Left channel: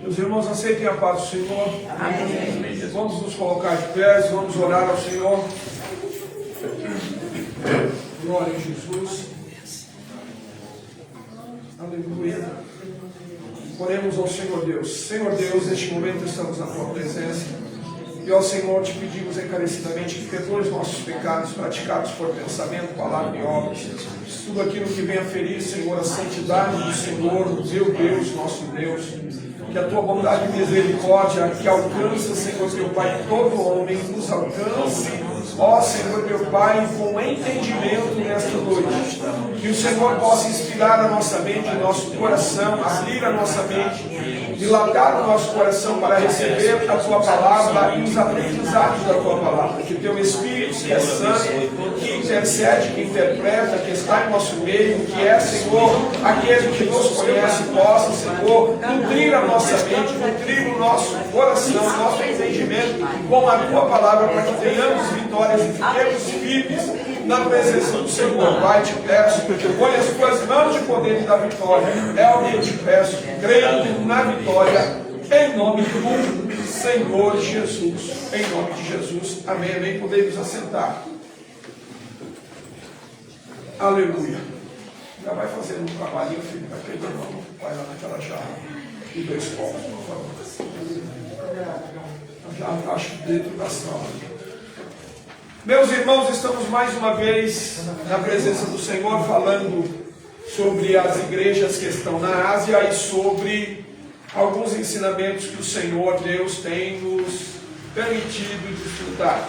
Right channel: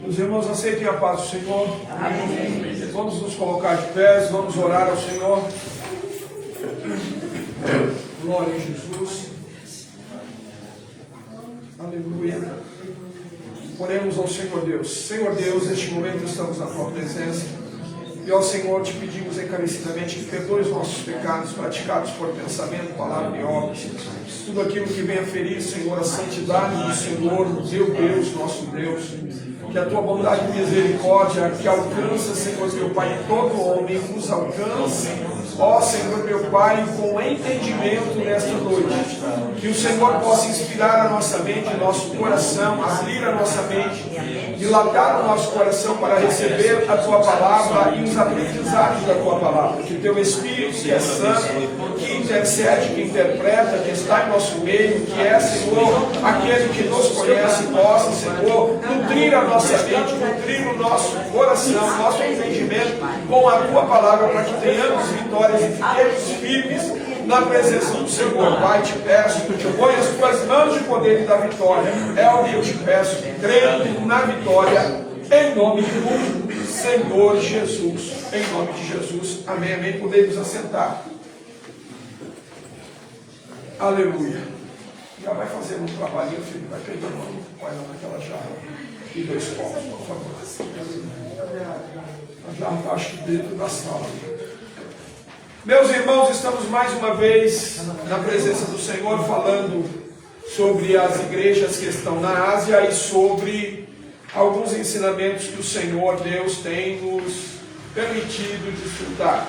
Meus irmãos, aceitem a paz do Senhor. Amém. Vamos nos colocar de pés, vamos orar ao Senhor. Glória a Jesus. Aleluia. Oremos ao Senhor Deus. Senhor Deus, neste momento estamos na tua presença. E ao Senhor te pedimos encarecidamente que perdoe os nossos pecados praticados por pensamento, palavra e obras. Tudo aquilo que venha ferir, Senhor, a santidade do Senhor, do teu Deus, nosso Deus. Que a tua bondade e misericórdia que alcança, Senhor, meu Pai, todo homem, nos alcance, ó Senhor, meu Pai, com entendimento nesta noite. Que o Senhor possa inspirar a nossa mente, o nosso coração, abrir a nossa mente, dilatar o nosso coração para receber a tua palavra e os aprendizados da tua palavra. Que o teu Espírito, que é santo, que intercede, que interpreta, que está em nosso meio, que é, Senhor, aquele que nos conhece, possa, Senhor, nutrir a nossa mente, nutrir o nosso coração, nosso entendimento com a tua palavra, para que tenhamos vitórias e fiquemos firmes na presença do Senhor. Pai, te peço que tu ponha as tuas mãos de poder e da vitória. É o que eu te peço, crendo na vitória, em nome do Senhor Jesus. Em nome de Jesus. Amém, amém. Podemos assentar. Aleluia. Já vai fazendo um trabalhinho, filho. Vai pegando uma, vai lá naquela jarra e 2 copos, por favor. A jarra está, acho que dentro da sala. Meus irmãos, estamos mais uma vez na presença do Senhor falando sobre as igrejas que estão na Ásia e sobre alguns ensinamentos que o Senhor Deus tem nos permitido desfrutar.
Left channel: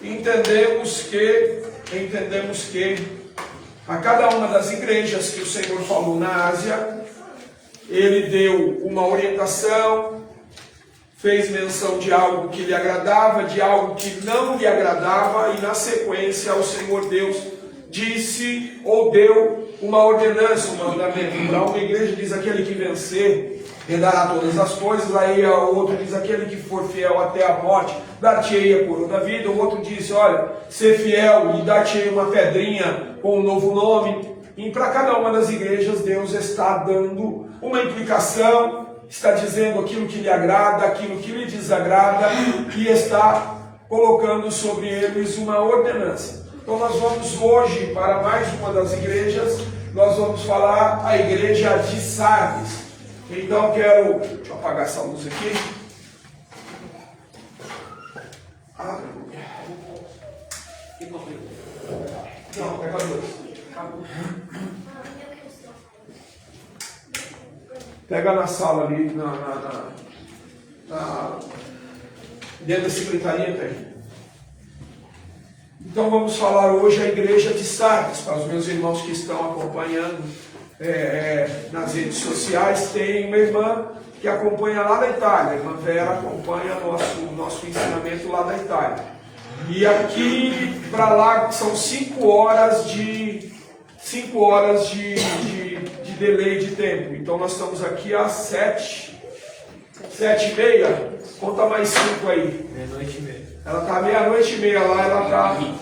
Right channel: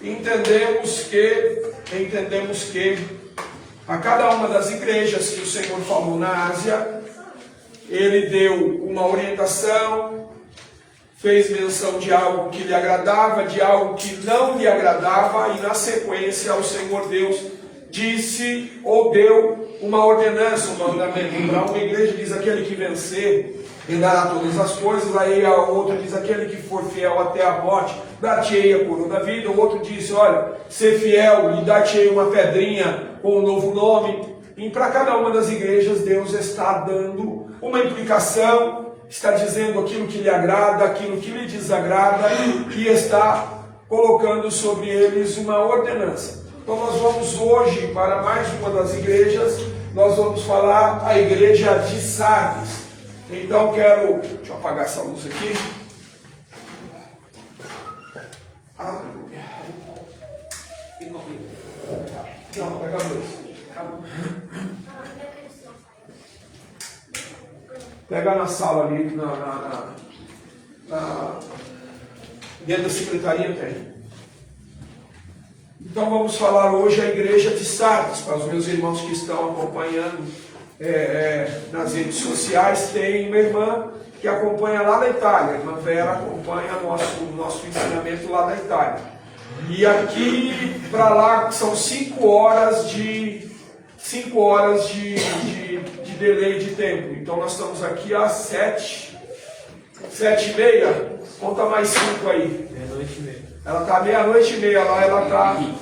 Entendemos que a cada uma das igrejas que o Senhor falou na Ásia, Ele deu uma orientação, fez menção de algo que lhe agradava, de algo que não lhe agradava, e na sequência o Senhor Deus disse ou deu uma ordenança, um mandamento. Para uma igreja diz: aquele que vencer herdará todas as coisas. Aí a outra diz: aquele que for fiel até a morte, dar-te-ei a coroa da vida. O outro diz: olha, ser fiel e dar-te-ei uma pedrinha com um novo nome. E para cada uma das igrejas Deus está dando uma implicação, está dizendo aquilo que lhe agrada, aquilo que lhe desagrada, e está colocando sobre eles uma ordenança. Então nós vamos hoje para mais uma das igrejas, nós vamos falar a igreja de Sardes. Então deixa eu apagar essa luz aqui. Aleluia. Não, pega 2. Pega na sala ali, dentro da secretaria tem. Então vamos falar hoje a igreja de Sardes. Para os meus irmãos que estão acompanhando nas redes sociais, tem uma irmã que acompanha lá da Itália. A irmã Vera acompanha nosso ensinamento lá da Itália. E aqui para lá são 5 horas de delay de tempo. Então nós estamos aqui às 7h30. Conta mais 5 aí. Meia-noite e meia. Ela está meia-noite e meia lá,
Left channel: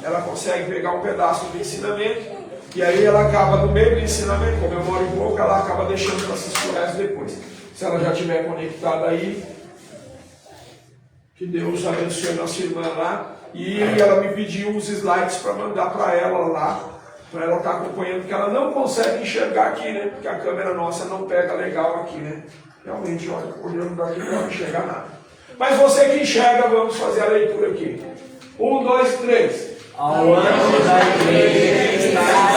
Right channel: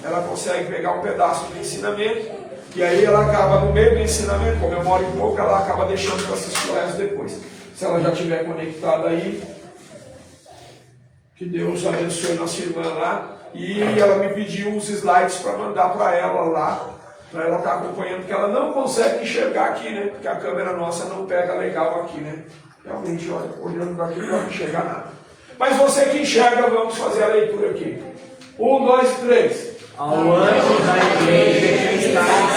ela consegue pegar um pedaço do ensinamento, e aí ela acaba no meio do ensinamento, como eu moro em pouco, ela acaba deixando para assistir o resto depois. Se ela já estiver conectada aí, que Deus abençoe nossa irmã lá. E ela me pediu os slides para mandar para ela lá, para ela estar acompanhando, porque ela não consegue enxergar aqui, né? Porque a câmera nossa não pega legal aqui, né? Realmente, olha, olhando daqui não vai enxergar nada. Mas você que enxerga, vamos fazer a leitura aqui. 1, 2, 3. Ao anjo da igreja que está em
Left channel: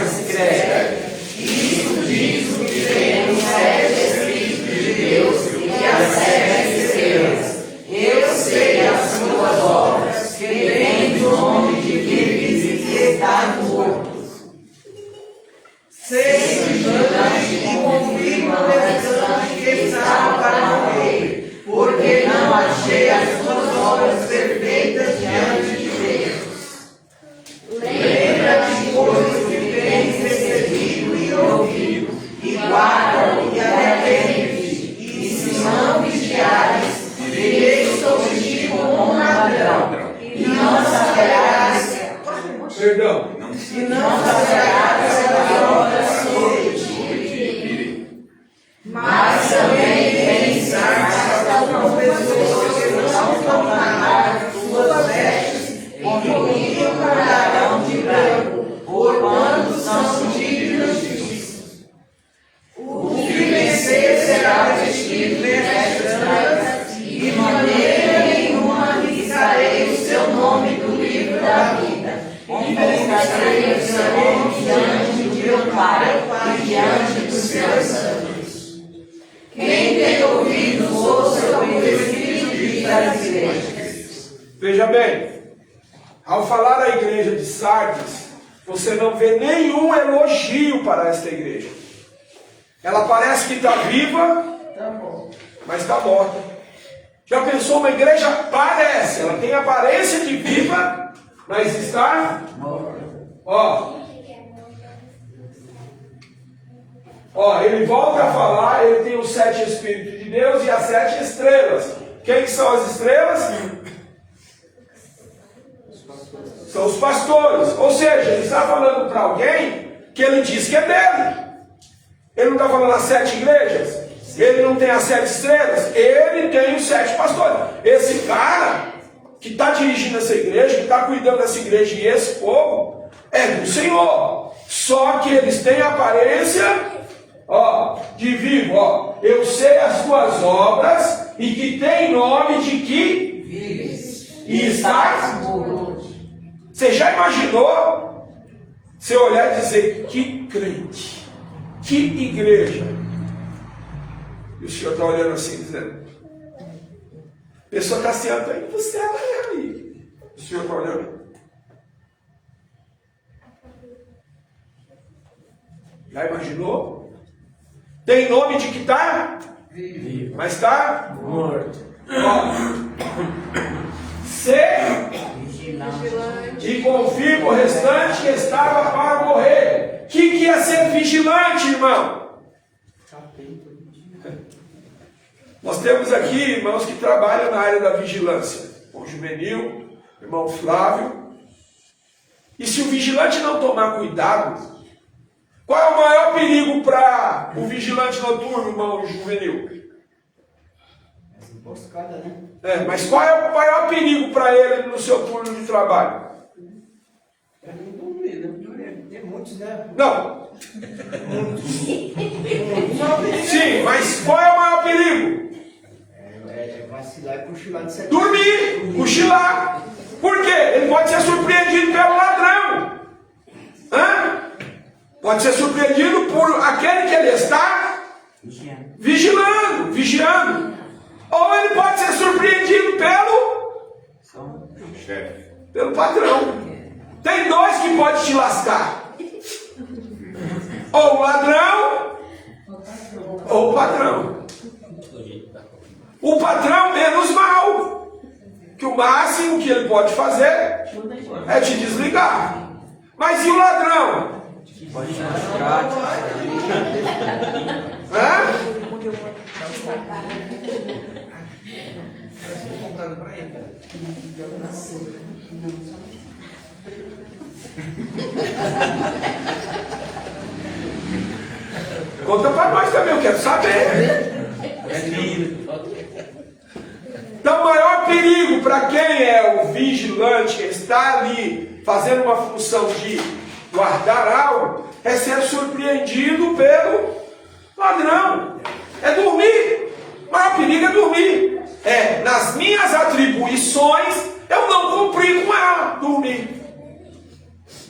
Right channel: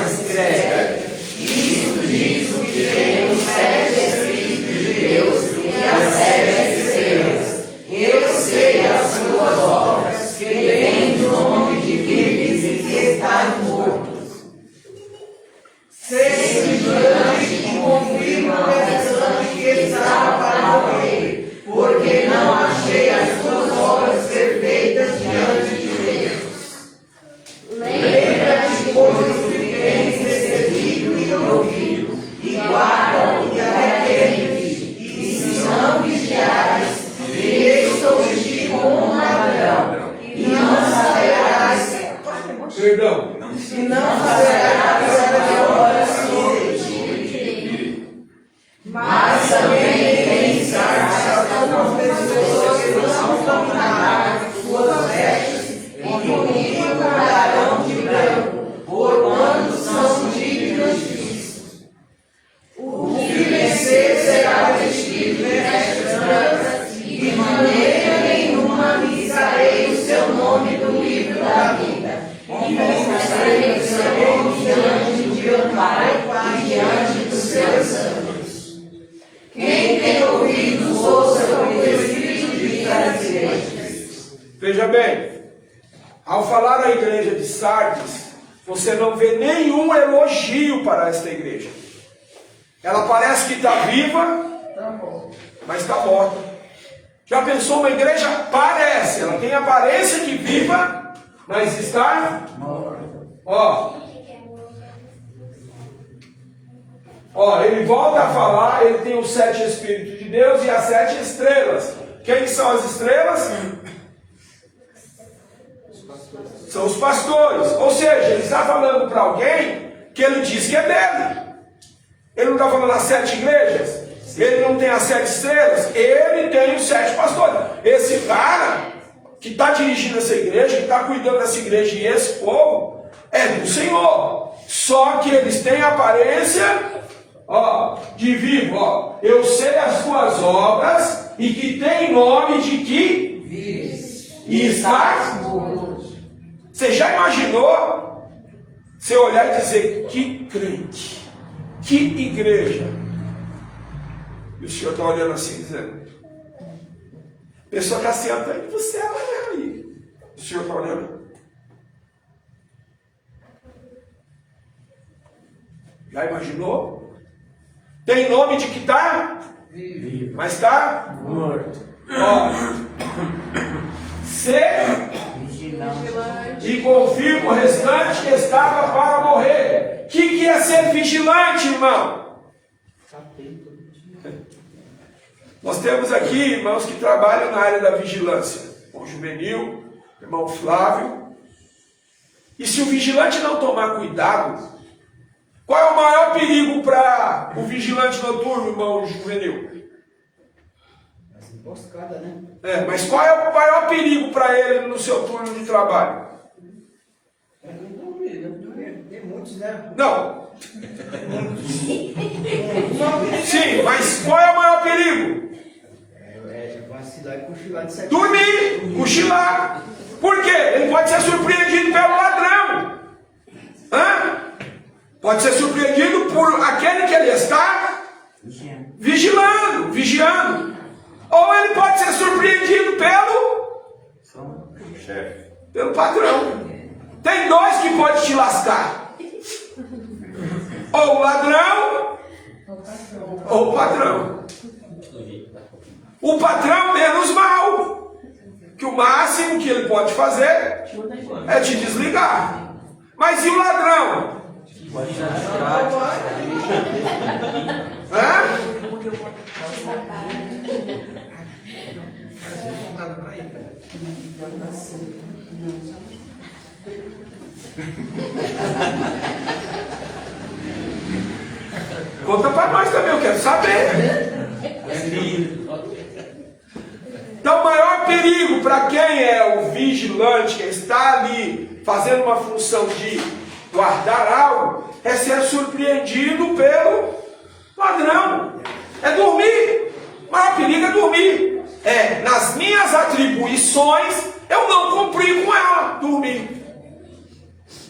Sardes escreve: isto diz o que tem os 7 Espíritos de Deus e as 7 estrelas. Eu sei as suas obras, que tens o nome de vivos e que está mortos. Sei vigilante e confirma o restante que estava para morrer, porque não achei as tuas Veja bem, ao falar da igreja de Sardes, você não vê nenhum elogio para esta igreja. Ela parece que está viva, mas está morta. Já pensou, uma igreja parece, ela tem aparência de viva, mas está morta. Ele volta a falar, ele tem os 7 Espíritos de Deus e as 7 estrelas. Quem são as estrelas? São os pastores. Ou seja, ele está falando para alguém que ele diz que é dele. Ele não está falando as 7 igrejas. Ele não tem as 7 estrelas. Ele tem os 7 pastores. Esse cara que está dirigindo essa igreja, que está cuidando dessa igreja e esse povo, é do Senhor. Só que eles têm a aparência de vivo. Eu sei as tuas obras e que tem nome de que vives e estás morto. Você já imaginou você olhar e dizer: que crente, que igreja? E o Senhor está olhando assim, dizendo: a pessoa está assim, está indo para o céu, aí. O Senhor está olhando. Já imaginou? Tem nome de que está vivo, mas está morto. Ser vigilante e confirma o restante que estava para morrer. O que é ser vigilante, irmão? Nós temos aqui irmãos que trabalham na área da vigilância. O juvenil, irmão Flávio. E se o vigilante não tomar cuidado, qual é o maior perigo para o vigilante noturno, irmão juvenil? Emboscada, né? Mas qual é o maior perigo para ele no seu turno de trabalho? É não dormir, né? Tem muitos, né? Não. Sim, mas qual é o maior perigo? Vacilar e cochilar de certo. Dormir, cochilar. Por quê? Ele pode ser surpreendido pelo ladrão. Pode ser surpreendido por aquele que ele está vigiando. Ou ele pode ser surpreendido pelo patrão. Tem 2 que podem te lascar: ou o ladrão ou o patrão. O patrão menos mal, que o máximo que ele pode fazer é te desligar. Mas e o ladrão? Conta para nós também, eu quero saber. Então, o maior perigo para quem é o vigilante, que está ali fazendo uma função de guardar algo, é ser surpreendido pelo ladrão. É dormir. O maior perigo é dormir. Nas minhas atribuições, eu não cumpri com ela, dormir.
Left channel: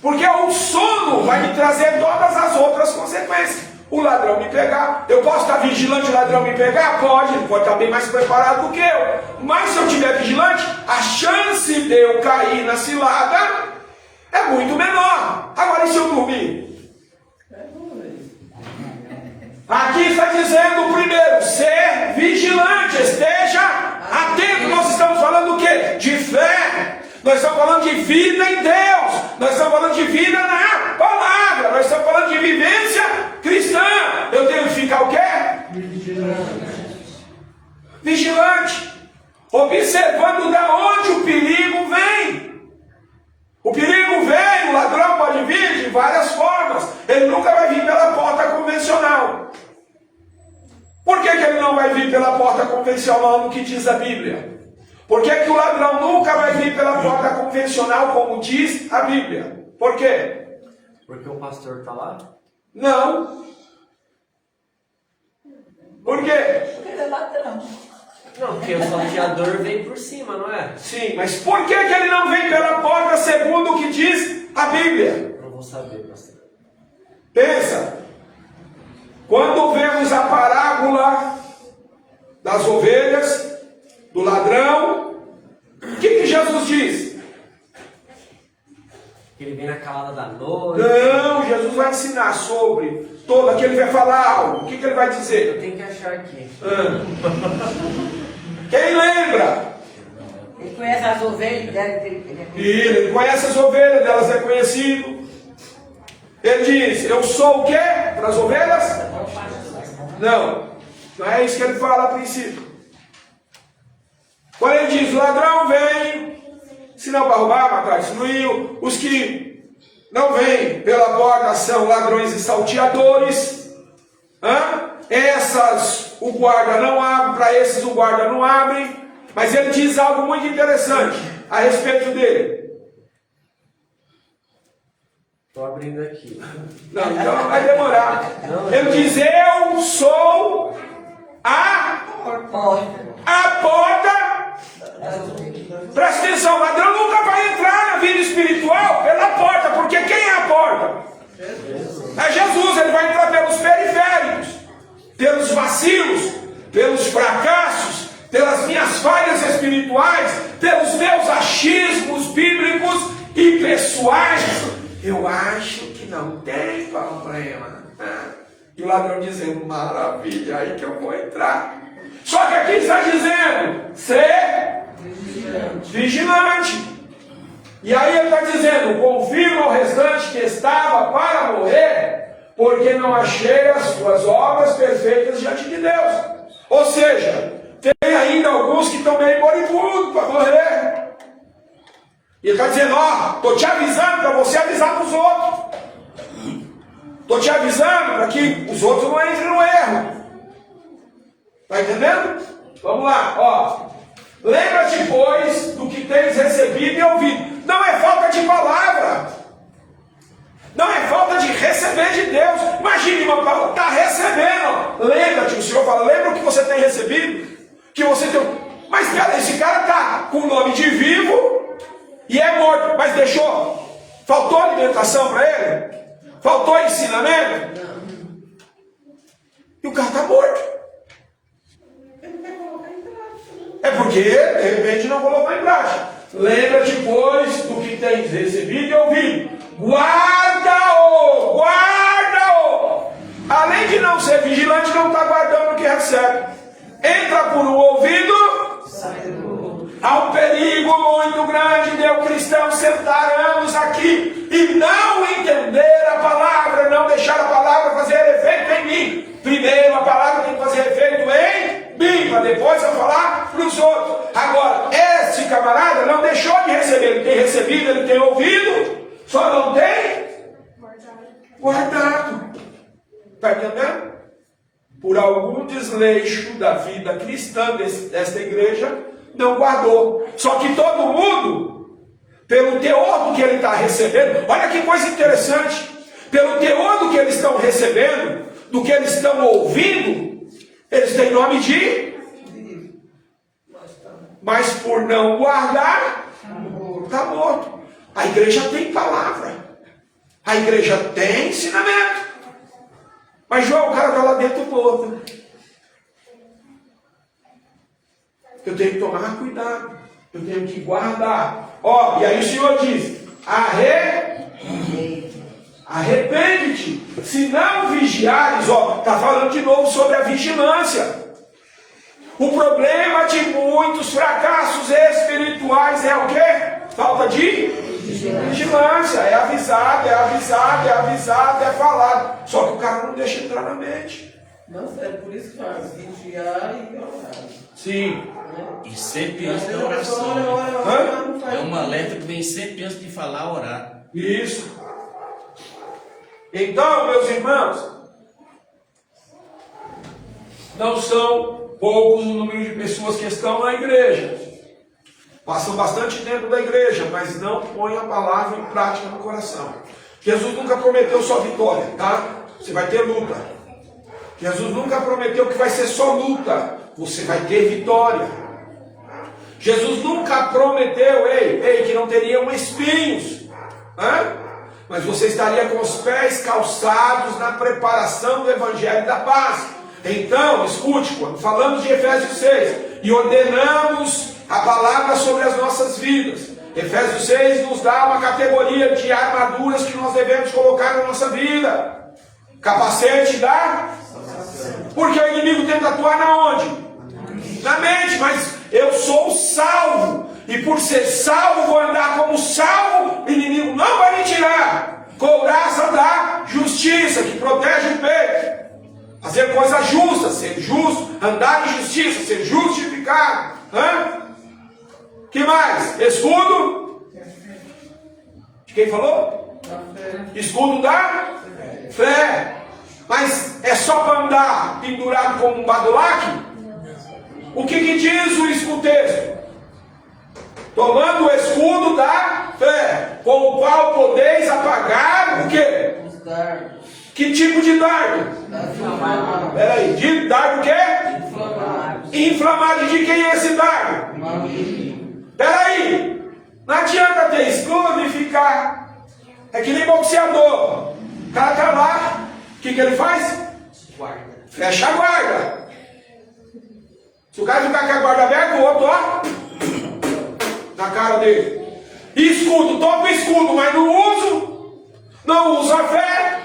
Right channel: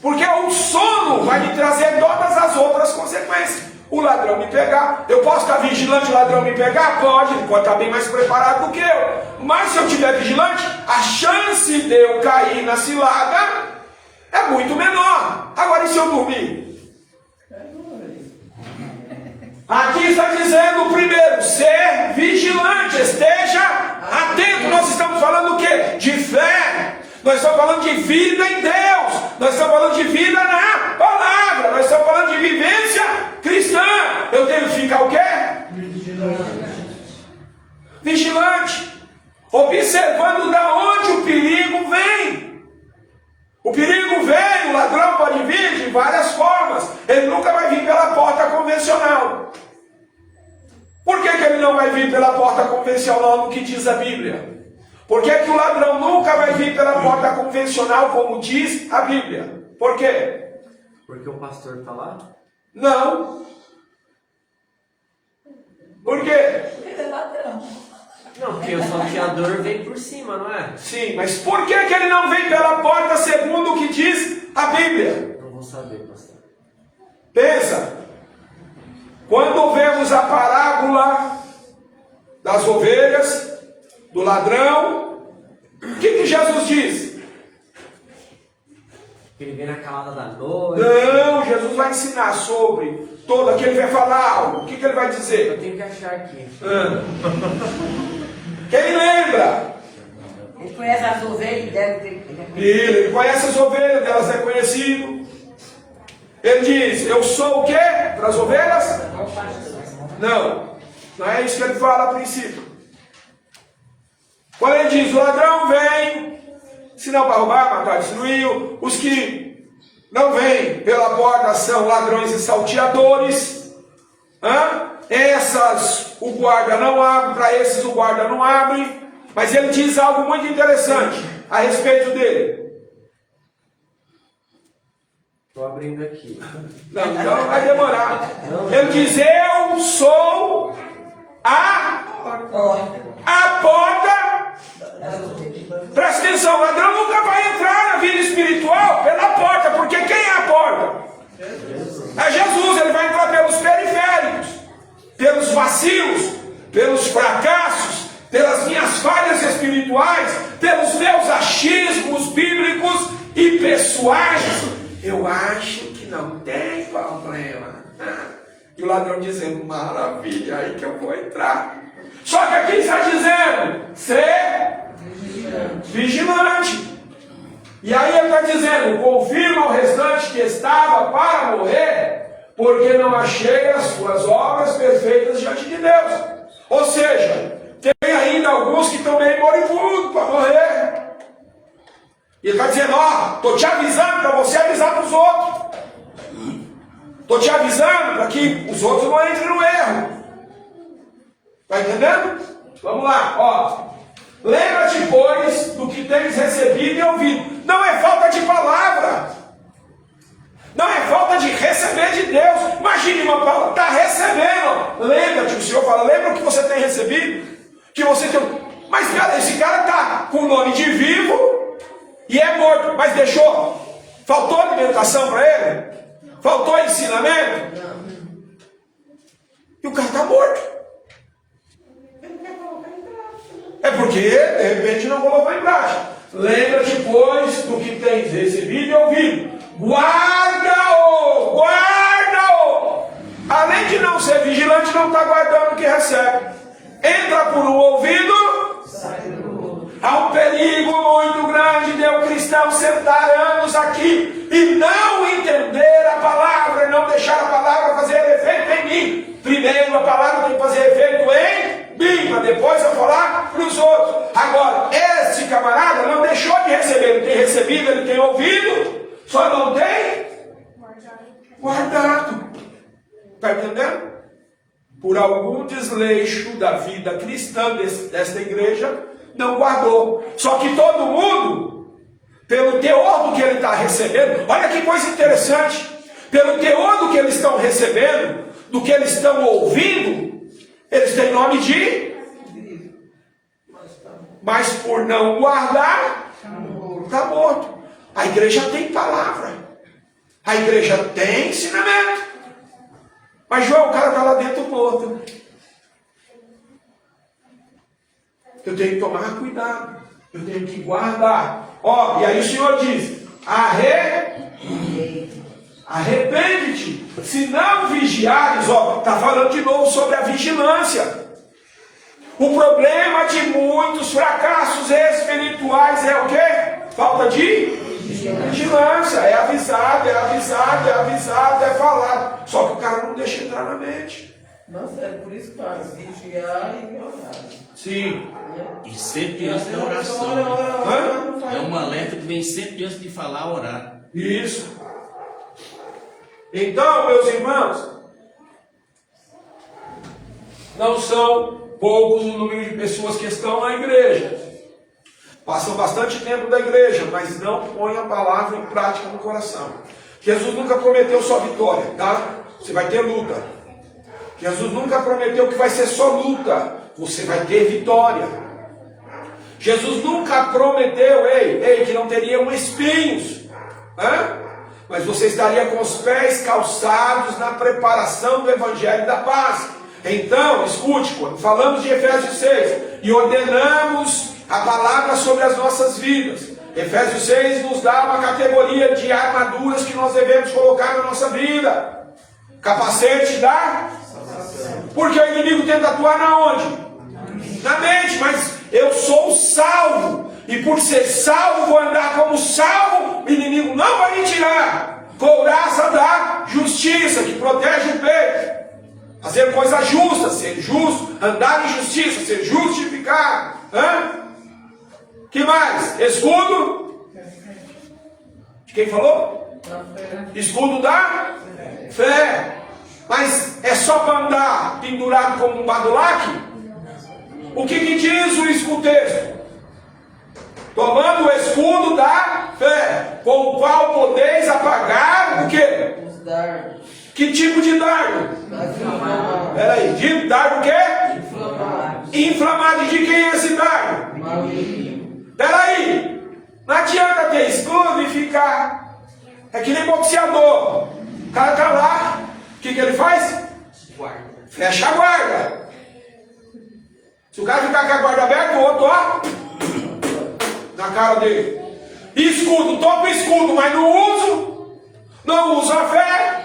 Porque o sono vai me trazer todas as outras consequências. O ladrão me pegar, eu posso estar vigilante, o ladrão me pegar? Pode, ele pode estar bem mais preparado do que eu. Mas se eu estiver vigilante, a chance de eu cair na cilada é muito menor. Agora, e se eu dormir? Aqui está dizendo primeiro, ser vigilante, esteja atento. Nós estamos falando o quê? De fé. Nós estamos falando de vida em Deus. Nós estamos falando de vida na palavra. Nós estamos falando de vivência cristã. Eu tenho que ficar o quê? Vigilante. Observando da onde o perigo vem. O perigo vem, o ladrão pode vir de várias formas. Ele nunca vai vir pela porta convencional. Por que ele não vai vir pela porta convencional no que diz a Bíblia? Por que o ladrão nunca vai vir pela porta convencional, como diz a Bíblia? Por quê? Porque o pastor está lá? Não. Por quê? Porque ele é ladrão. Não, porque o salteador vem por cima, não é? Sim, mas por que ele não vem pela porta segundo o que diz a Bíblia? Não vou saber, pastor. Pensa. Quando vemos a parábola das ovelhas, do ladrão, o que Jesus diz? Ele vem na calada da noite. Não, Jesus vai ensinar sobre todo aquele que vai falar algo. O que ele vai dizer? Eu tenho que achar aqui. Quem lembra? Ele conhece as ovelhas dele. Ele conhece as ovelhas, delas é conhecido. Ele diz, eu sou o quê? Para as ovelhas? Não, não é isso que ele fala a princípio. Quando ele diz, o ladrão vem, senão para roubar, matar, destruir. Os que não vêm pela porta são ladrões e salteadores. Essas o guarda não abre, para esses o guarda não abre. Mas ele diz algo muito interessante a respeito dele. Estou abrindo aqui. Não, então vai demorar. Ele diz, eu sou a porta. Presta atenção, o ladrão nunca vai entrar na vida espiritual pela porta, porque quem é a porta? É Jesus. Ele vai entrar pelos periféricos, pelos vacilos, pelos fracassos, pelas minhas falhas espirituais, pelos meus achismos bíblicos e pessoais. Eu acho que não tem problema. E o ladrão dizendo, maravilha, aí que eu vou entrar. Só que aqui está dizendo, ser vigilante. E aí ele está dizendo, confirma ao restante que estava para morrer, porque não achei as suas obras perfeitas diante de Deus. Ou seja, tem ainda alguns que estão meio moribundos para morrer. E ele está dizendo, estou te avisando para você avisar para os outros. Estou te avisando para que os outros não entrem no erro. Está entendendo? Vamos lá, lembra-te, pois, do que tens recebido e ouvido. Não é falta de palavra. Não é falta de receber de Deus. Imagine uma palavra, está recebendo. Lembra-te, o Senhor fala, lembra o que você tem recebido? Que você tem... Mas cara, esse cara está com o nome de vivo e é morto. Mas deixou? Faltou alimentação para ele? Faltou ensinamento? E o cara está morto. É porque, de repente, não colocou em prática. Lembra-te, pois, do que tens recebido e ouvido. Guarda-o! Guarda-o! Além de não ser vigilante, não está guardando o que recebe. Entra por um ouvido, há um perigo muito grande de o cristão sentar anos aqui e não entender a palavra, não deixar a palavra fazer efeito em mim. Primeiro a palavra tem que fazer efeito em mim, para depois eu falar para os outros. Agora, esse camarada não deixou de receber, ele tem recebido, ele tem ouvido, só não tem guardado. Está entendendo? Por algum desleixo da vida cristã desta igreja, não guardou. Só que todo mundo, pelo teor do que ele está recebendo, olha que coisa interessante, pelo teor do que eles estão recebendo, do que eles estão ouvindo, eles têm nome de... Mas por não guardar, está morto. A igreja tem palavra, a igreja tem ensinamento. Mas João, o cara está lá dentro morto. Eu tenho que tomar cuidado. Eu tenho que guardar. E aí o Senhor diz, arrepende-te. Se não vigiares, está falando de novo sobre a vigilância. O problema de muitos fracassos espirituais é o quê? Falta de vigilância. É avisado, é falado. Só que o cara não deixa entrar na mente. Nossa, é por isso que faz vigiar e orar. Sim. E sempre antes da oração. É um alerta que vem sempre antes de falar, orar. Isso. Então, meus irmãos, não são poucos o número de pessoas que estão na igreja. Passam bastante tempo da igreja, mas não põem a palavra em prática no coração. Jesus nunca prometeu só vitória, tá? Você vai ter luta. Jesus nunca prometeu que vai ser só luta. Você vai ter vitória. Jesus nunca prometeu, que não teriam espinhos. Mas você estaria com os pés calçados na preparação do Evangelho da Paz. Então, escute, quando falamos de Efésios 6 e ordenamos a palavra sobre as nossas vidas, Efésios 6 nos dá uma categoria de armaduras que nós devemos colocar na nossa vida. Capacete da... Porque o inimigo tenta atuar na onde? Na mente, mas eu sou salvo. E por ser salvo, vou andar como salvo, o inimigo não vai me tirar. Couraça da justiça, que protege o peito. Fazer coisa justa, ser justo, andar em justiça, ser justificado. Que mais? Escudo? De quem falou? Escudo da fé. Mas é só para andar pendurado como um badulaque? O que diz o texto? Tomando o escudo da fé, com o qual podeis apagar o quê? Os dardos. Que tipo de dardo? Peraí, de dardo o quê? Inflamado. De quem é esse dardo? Peraí, não adianta ter escudo e ficar. É que nem boxeador. O cara tá lá, o que ele faz? Fecha a guarda. Se o cara ficar com a guarda aberta, o outro, ó, na cara dele. Escudo, toco o escudo, mas não uso a fé.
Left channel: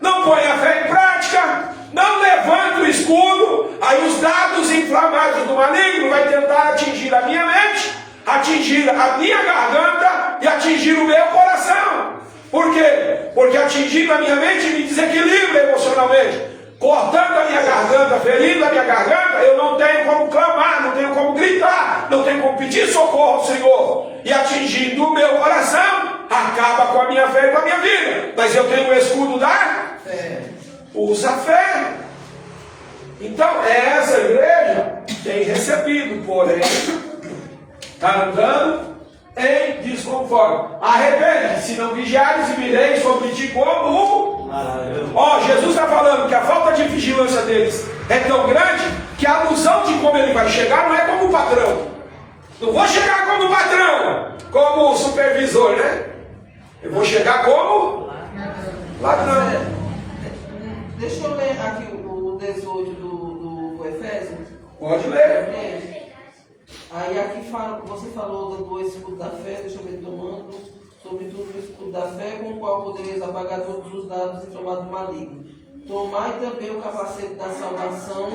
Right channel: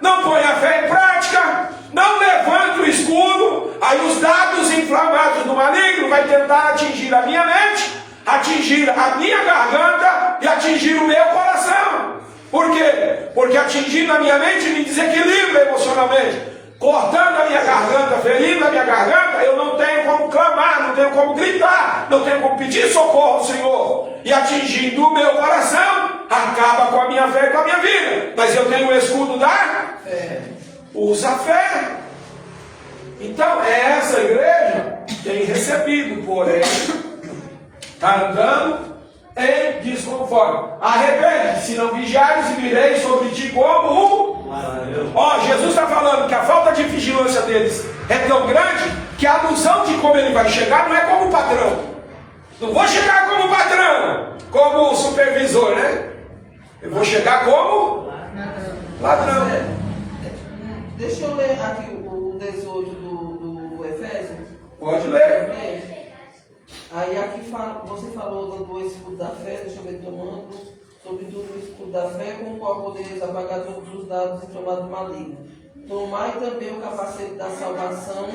Não põe a fé em prática. Não levanta o escudo. Aí os dados inflamados do maligno vai tentar atingir a minha mente, atingir a minha garganta e atingir o meu coração. Por quê? Porque atingindo a minha mente me desequilibra emocionalmente. Cortando a minha garganta, ferindo a minha garganta, eu não tenho como clamar, não tenho como gritar, não tenho como pedir socorro ao Senhor. E atingindo o meu coração, acaba com a minha fé e com a minha vida. Mas eu tenho o escudo da fé. Usa a fé. Então, essa igreja tem recebido, porém, está andando em desconforme. Arrepende-se, se não vigiares, e virei sobre ti como um... Jesus está falando que a falta de vigilância deles é tão grande que a alusão de como ele vai chegar não é como patrão. Não vou chegar como patrão, como supervisor, né? Eu vou chegar como ladrão. Deixa eu ler aqui o 18 do Efésios. Pode ler. Aí aqui você falou do escudo da fé, deixa eu ver, tomando sobretudo o escudo da fé, com o qual podereis apagar todos os dados inflamados malignos. Tomai também o capacete da salvação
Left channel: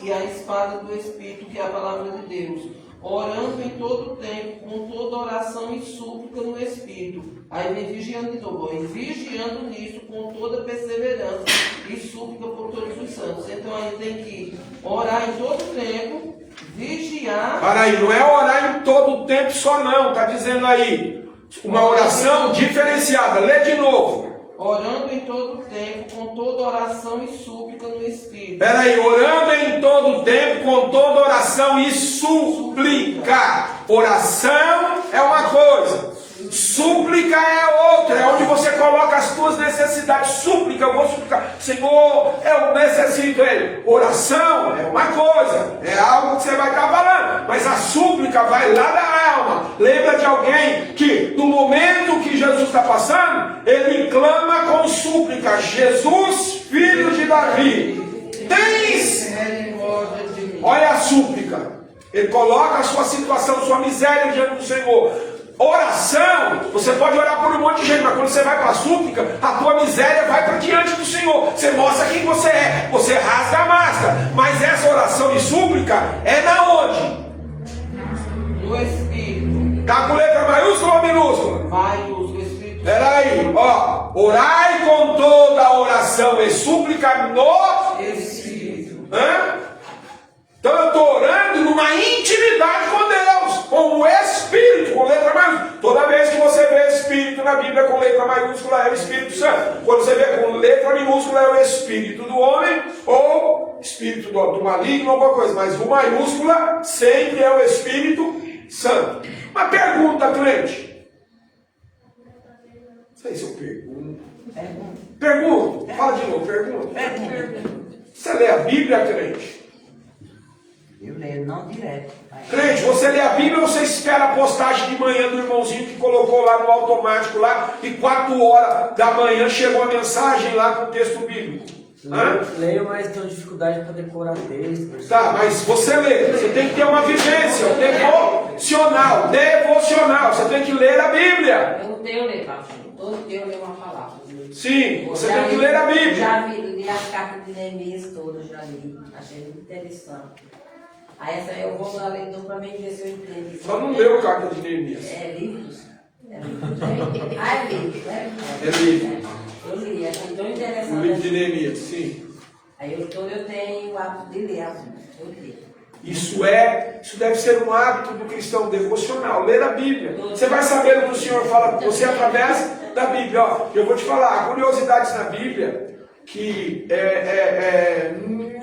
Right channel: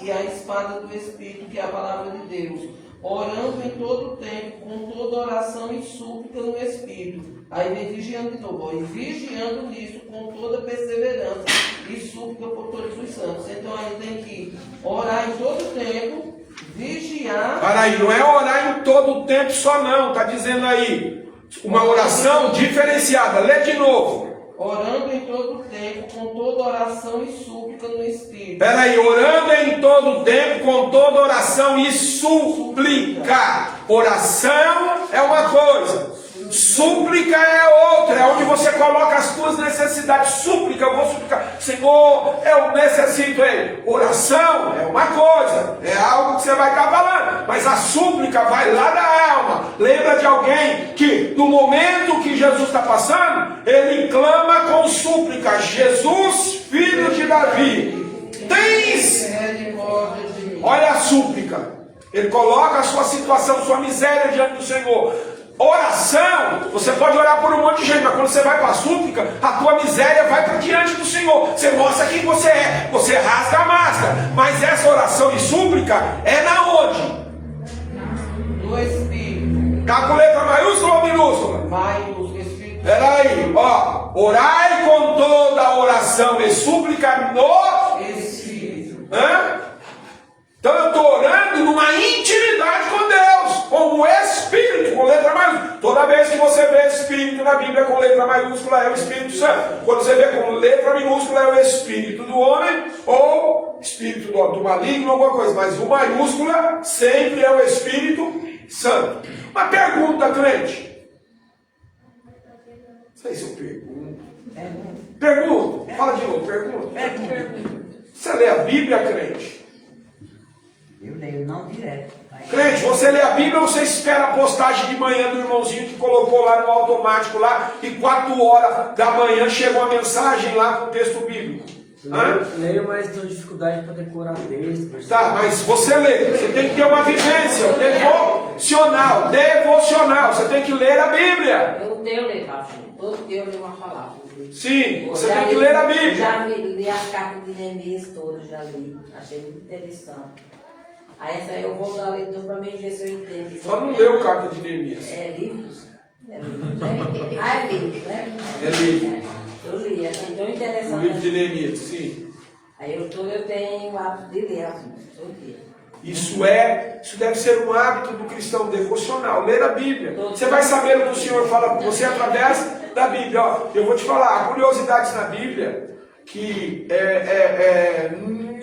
e a espada do Espírito, que é a palavra de Deus, orando em todo o tempo, com toda oração e súplica no Espírito. Aí vem vigiando de novo, e vigiando nisso com toda perseverança e súplica por todos os santos. Então aí tem que orar em todo o tempo, vigiar. Para aí, não é orar em todo o tempo só não, está dizendo aí. Uma oração diferenciada. Lê de novo. Orando em todo o tempo, com toda oração e súplica no Espírito. Espera aí, orando em todo o tempo, com toda oração e súplica. Oração é uma coisa, súplica é outra. É onde você coloca as suas necessidades. Súplica, eu vou suplicar. Senhor, eu necessito ele. Oração é uma coisa, é algo que você vai estar falando. Mas a súplica vai lá da alma. Lembra de alguém que no momento que Jesus está passando, ele clama com súplica: Jesus, filho de Davi, tens... Olha a súplica. Ele coloca a sua situação, sua miséria diante do Senhor. Oração, você pode orar por um monte de gente, mas quando você vai para a súplica, a tua miséria vai para diante do Senhor. Você mostra quem você é, você rasga a máscara. Mas essa oração de súplica é na onde? No Espírito. Está com letra maiúscula ou minúscula? Maiúscula, Espírito. Espera aí, ó. Orai com toda a oração e súplica no Espírito. Então eu estou orando numa intimidade com Deus, com o Espírito, com letra maiúscula. Toda vez que você vê Espírito na Bíblia com letra maiúscula, é o Espírito Santo. Quando você vê com letra minúscula, é o Espírito do homem, ou Espírito do maligno, alguma coisa. Mas o maiúscula sempre é o Espírito Santo. Uma pergunta, crente. Não sei se eu pergunto. Pergunto. Fala de novo, pergunta. Você lê a Bíblia, crente? Eu leio, não direto. Crente, você lê a Bíblia ou você espera a postagem de manhã do irmãozinho que colocou lá no automático lá e 4 horas da manhã chegou a mensagem lá com o texto bíblico? Leio, mas tenho dificuldade para decorar texto. Tá, mas você lê, você tem que ter uma vivência, o tempo. devocional. Devocional. Você tem que ler a Bíblia. Eu tenho ler, pastor. Todo dia eu leio uma palavra. Sim, você tem que ler a Bíblia. Já li as cartas de Neemias todas, já li. Achei muito interessante. Aí essa eu vou dar leitura para mim ver se eu entendo. Só não leu carta de Neemias. É livros? É livros, né? Ah, é livro, né? É livro. Eu li, é tão interessante. O livro de Neemias, sim. Aí eu tenho o hábito de ler assim, todo dia. Isso deve ser um hábito do cristão devocional, ler a Bíblia. Você vai saber o que o Senhor fala com você através da Bíblia. Ó, eu vou te falar, curiosidades na Bíblia que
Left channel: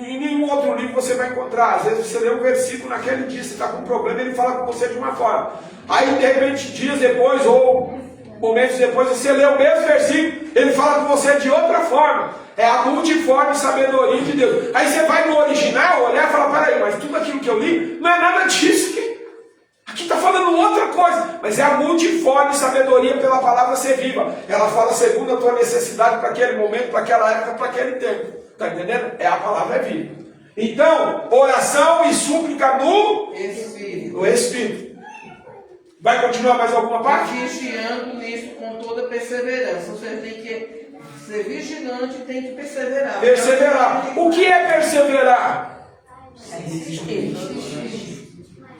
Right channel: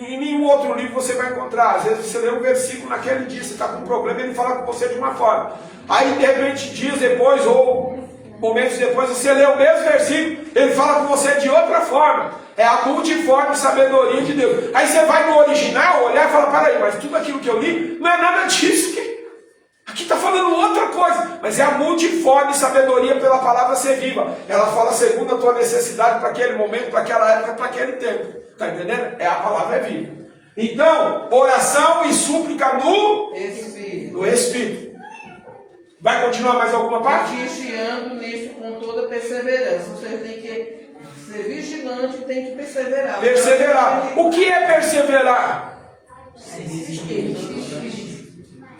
em nenhum outro livro você vai encontrar. Às vezes você lê um versículo naquele dia, você está com um problema, ele fala com você de uma forma. Aí de repente, dias depois ou momentos depois, você lê o mesmo versículo, ele fala com você de outra forma. É a multiforme sabedoria de Deus. Aí você vai no original, olhar e falar, peraí, mas tudo aquilo que eu li não é nada disso. Aqui está falando outra coisa. Mas é a multiforme sabedoria pela palavra ser viva. Ela fala segundo a tua necessidade para aquele momento, para aquela época, para aquele tempo. Está entendendo? A palavra é viva. Então, oração e súplica no Espírito. Vai continuar mais alguma parte? Vigiando nisso com toda perseverança. Você tem que ser vigilante e tem que perseverar. Perseverar. O que é perseverar?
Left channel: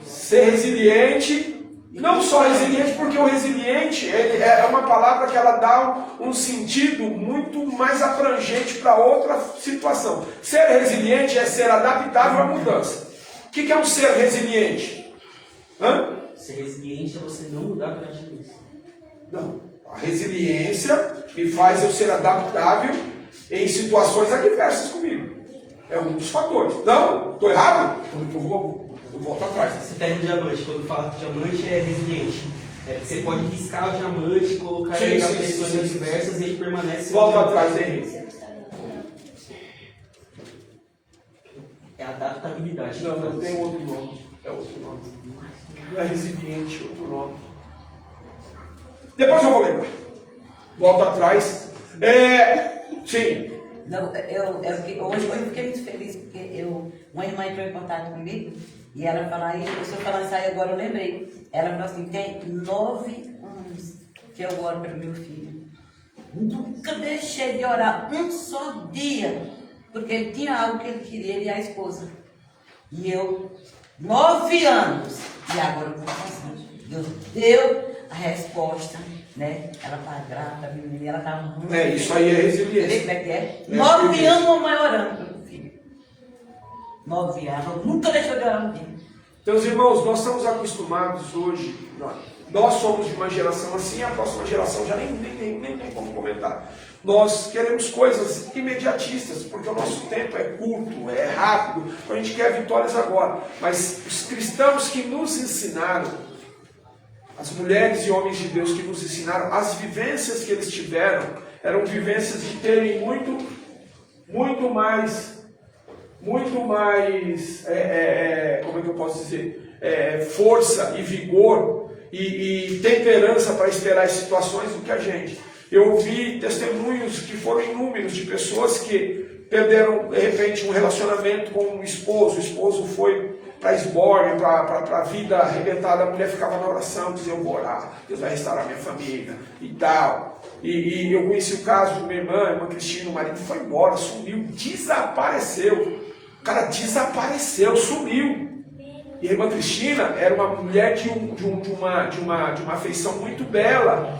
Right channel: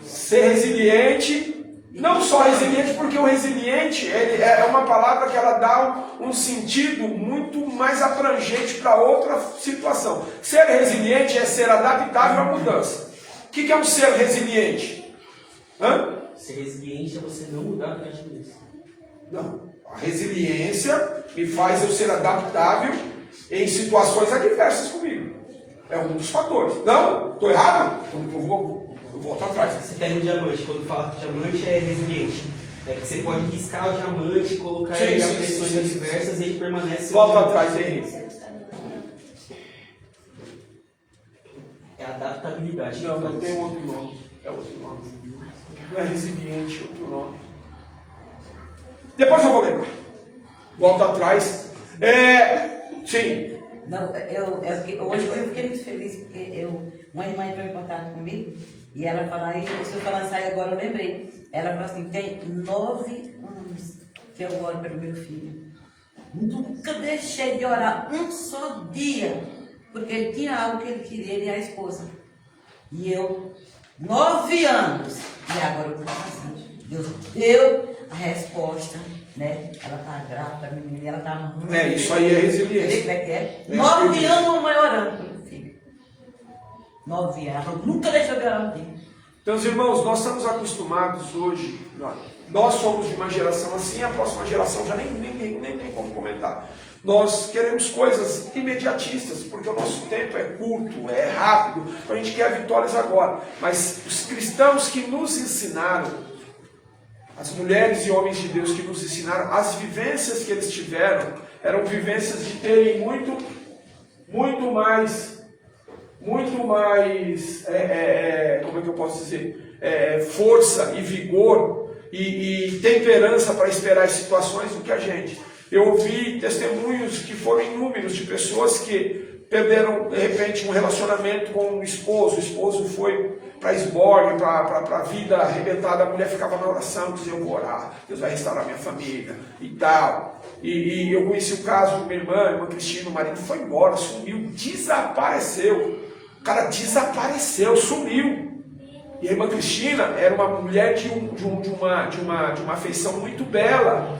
Ser resiliente. Não só resiliente, porque o resiliente é uma palavra que ela dá um sentido muito mais abrangente para outra situação. Ser resiliente é ser adaptável à mudança. O que é um ser resiliente? Ser resiliente é você não mudar durante a vida. Não. A resiliência me faz eu ser adaptável em situações adversas comigo. É um dos fatores. Não? Estou errado? Eu vou voltar atrás. Você pega um diamante, quando fala que diamante é resiliente. Você pode riscar o diamante, colocar ele em pressões adversas e ele permanece. Volta atrás, Henrique. É adaptabilidade. Não tem outro nome. É outro nome. Não é resiliente, é outro nome. Depois eu vou lembrar. Volta atrás. Sim. Não, hoje eu fiquei muito feliz, porque uma irmã entrou em contato comigo e ela falou, e se eu falar sair agora eu lembrei. Ela falou assim, tem 9 anos que eu oro pelo meu filho. Nunca deixei de orar um só dia, porque ele tinha algo que ele queria, ele e a esposa. E eu, 9 anos, e agora eu estou fazendo. Deus deu a resposta, né? Ela está grávida, a menina, ela está muito... Isso aí é resiliência. Como é que é? 9 anos a mãe orando pelo filho. 9 anos, eu nunca deixou de orar no filho. Então, os irmãos, nós estamos acostumados hoje, nós somos de uma geração assim, a próxima geração já nem como comentar. Nós queremos coisas imediatistas, porque o nosso tempo é curto, é rápido, então a gente quer vitórias agora. Mas os cristãos que nos ensinaram, as mulheres e homens de Deus que nos ensinaram, as vivências que eles tiveram, eram vivências de terem muito mais, como é que eu posso dizer, força e vigor e temperança para esperar as situações do que a gente. Eu ouvi testemunhos que foram inúmeros de pessoas que perderam de repente um relacionamento com o esposo foi para a esbórnia, para a vida arrebentada, a mulher ficava na oração, dizia, eu vou orar, Deus vai restaurar minha família e tal. E eu conheci o caso de uma irmã Cristina, o marido foi embora, sumiu, desapareceu. O cara desapareceu, sumiu. E a irmã Cristina era uma mulher de uma afeição muito bela,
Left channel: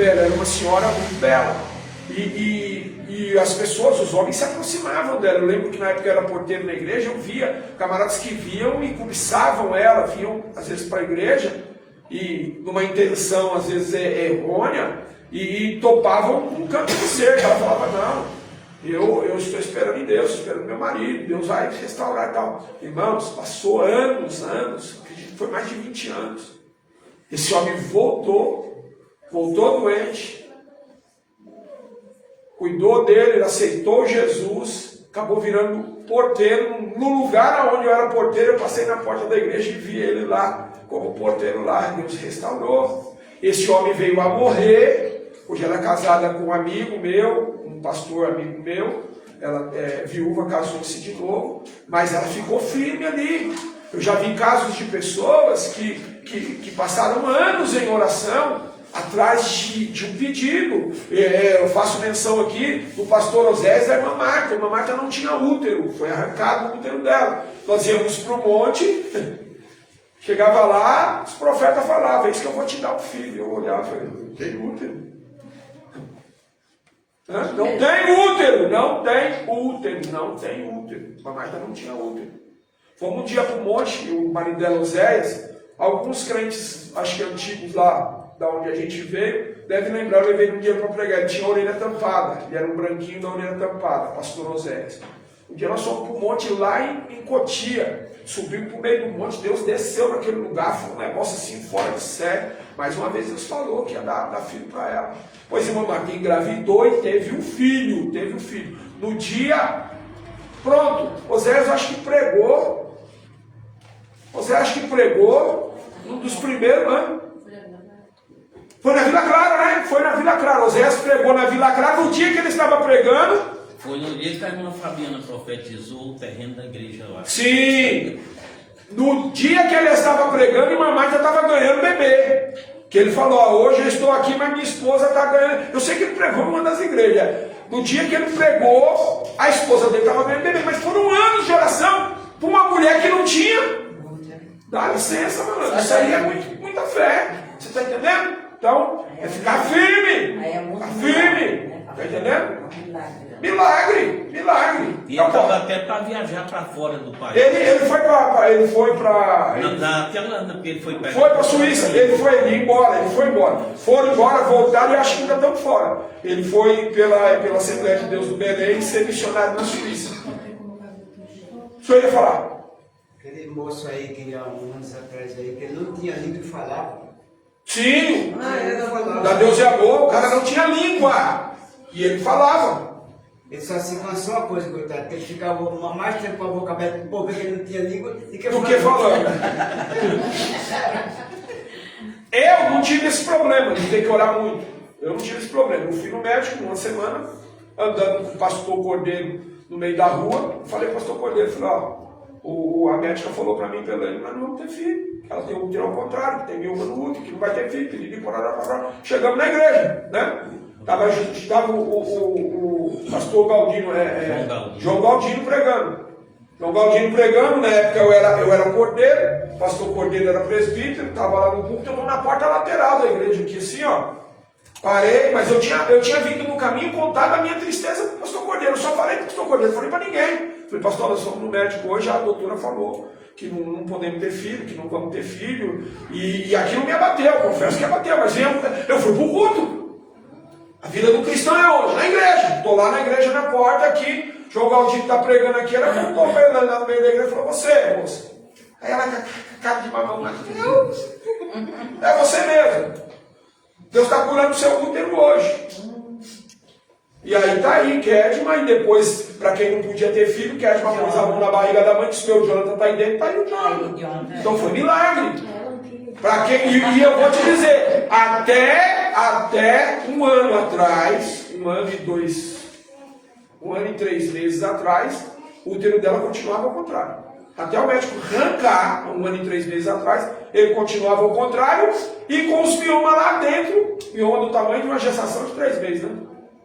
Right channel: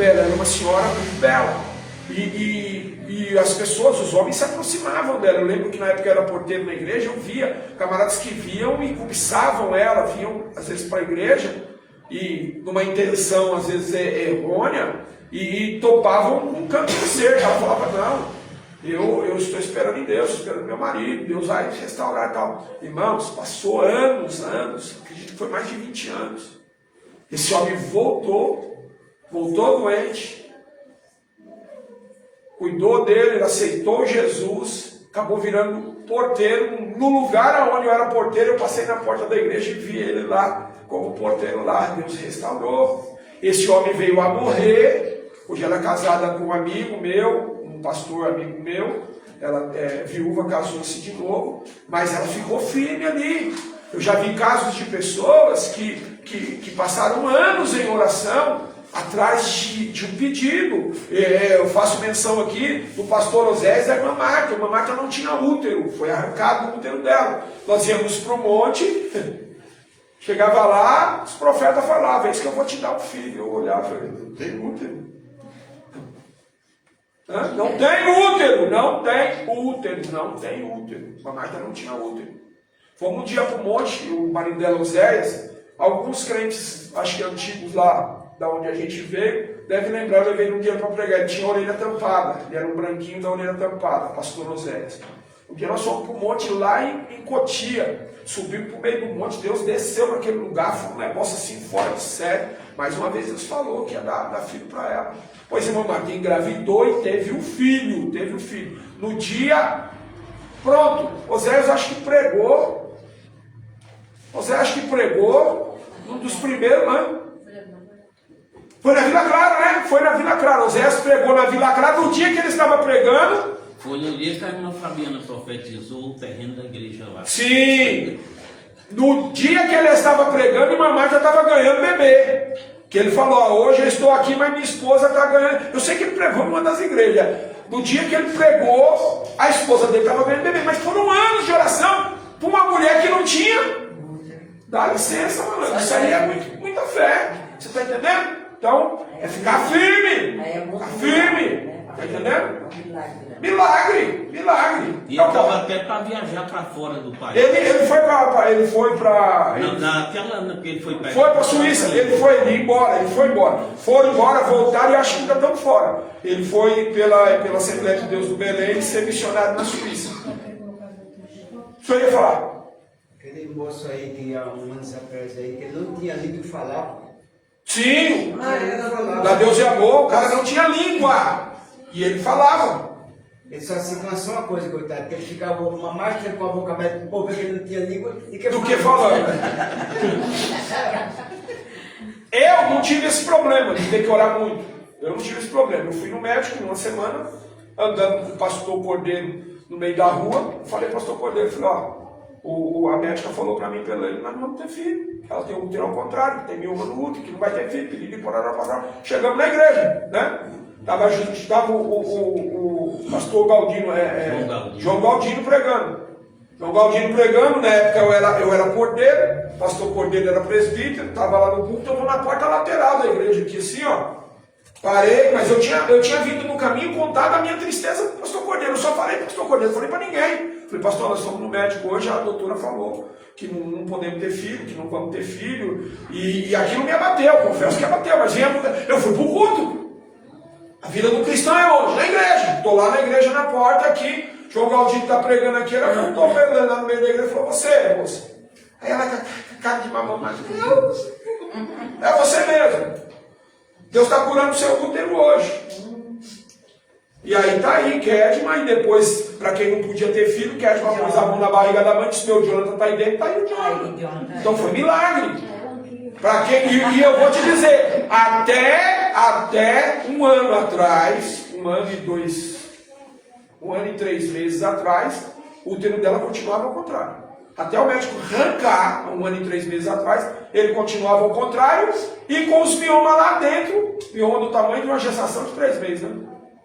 era uma senhora muito bela. E as pessoas, os homens se aproximavam dela. Eu lembro que na época eu era porteiro na igreja, eu via camaradas que viam e cobiçavam ela, vinham às vezes para a igreja, e numa intenção às vezes errônea, e topavam um canto de cerca. Ela falava, não, eu estou esperando em Deus, estou esperando meu marido, Deus vai restaurar e tal. Irmãos, passou anos, acredito que foi mais de 20 anos. Esse homem voltou doente, cuidou dele, ele aceitou Jesus, acabou virando porteiro. No lugar onde eu era porteiro, eu passei na porta da igreja e vi ele lá, como porteiro lá, Deus restaurou. Esse homem veio a morrer, hoje ela é casada com um amigo meu, um pastor amigo meu, ela viúva, casou-se de novo, mas ela ficou firme ali. Eu já vi casos de pessoas que passaram anos em oração atrás de um pedido. Eu faço menção aqui do pastor Osés e da irmã Marta. A irmã Marta não tinha útero, foi arrancado o útero dela. Nós íamos para o monte, chegava lá, os profetas falavam, é isso que eu vou te dar um filho. Eu olhava e falei, não tem útero. Não tem útero, não tem útero, não tem útero. A Marta não tinha útero. Fomos um dia para o monte, o marido dela, Oséias, alguns crentes, acho que antigos lá, da onde a gente veio, deve lembrar, eu levei um dia para pregar, ele tinha a orelha tampada, ele era um branquinho da orelha tampada, pastor Oséias. Um dia nós fomos para o monte lá em Cotia, subimos para o meio do monte, Deus desceu naquele lugar, foi um negócio assim fora de série. Mais uma vez Deus falou que ia dar filho para ela. Pois irmã Marta engravidou e teve um filho, No dia, pronto, Oséias acho que pregou, um dos primeiros, né? Foi na Vila Clara, né? Foi na Vila Clara. Oséias pregou na Vila Clara no dia que ele estava pregando. Foi no dia que a irmã Fabiana profetizou o terreno da igreja lá. Sim. No dia que ele estava pregando, irmã Marta estava ganhando bebê. Que ele falou, ó, hoje eu estou aqui, mas minha esposa está ganhando. Eu sei que ele pregou em uma das igrejas. No dia que ele pregou, a esposa dele estava ganhando bebê. Mas foram anos de oração para uma mulher que não tinha. Dá licença, mano. Isso aí é muita fé. Você está entendendo? Então, é ficar firme. Ficar firme. Está entendendo? Milagre. E ele estava até para viajar para fora do país. Ele foi para. Não, naquela ano, porque ele foi para. Foi para a Suíça. Ele foi embora. Foram embora, voltaram e acho que ainda estão fora. Ele foi pela Assembleia de Deus do Belém ser missionário na Suíça. O senhor ia falar? Aquele moço aí que há um ano atrás aí, que ele não tinha língua de falar. Sim, da Deus é amor, o cara não tinha língua. E ele falava. Ele só se cansou uma coisa, coitado, que ele ficava mais tempo com a boca aberta, porque ele não tinha língua, do que falando. Eu não tive esse problema de ter que orar muito. Eu não tive esse problema. Eu fui no médico numa semana, andando com o pastor Cordeiro no meio da rua. Falei, pastor Cordeiro, falei, ó, a médica falou para mim, pelo ele, nós não vamos ter filho. Ela tem um útero ao contrário, tem mioma no útero, que não vai ter filho, pedido por orar. Chegamos na igreja, né? Estava o pastor Galdino, João Galdino pregando. João Galdino pregando, na época eu era cordeiro, o pastor Cordeiro era presbítero, estava lá no púlpito, eu vou na porta lateral da igreja aqui, assim, ó. Parei, mas eu tinha vindo no caminho contar da minha tristeza para o pastor Cordeiro. Eu só falei para o pastor Cordeiro, não falei para ninguém. Falei, pastor, nós fomos no médico hoje, a doutora falou que não podemos ter filho, que não vamos ter filho. E aquilo me abateu, confesso que abateu, mas eu fui para o culto. A vida do cristão é hoje, na igreja. Estou lá na igreja, na porta aqui. João Galdino está pregando aqui. Ela estou pregando lá no meio da igreja e falou, você, moça. Aí ela com a cara de mamão, mas é você mesmo. Deus está curando o seu útero hoje. E aí está aí, Kedma, e depois, para quem não podia ter filho, Kedma pôs a mão na barriga da mãe, disse, meu Jonathan está aí dentro, está aí o Jonathan. Então foi milagre. Para quem, e eu vou te dizer, até um ano atrás, um ano e 3 meses atrás, o útero dela continuava ao contrário. Até o médico arrancar, 1 ano e 3 meses atrás, ele continuava ao contrário, e com os miomas lá dentro, mioma do tamanho de uma gestação de 3 meses, né?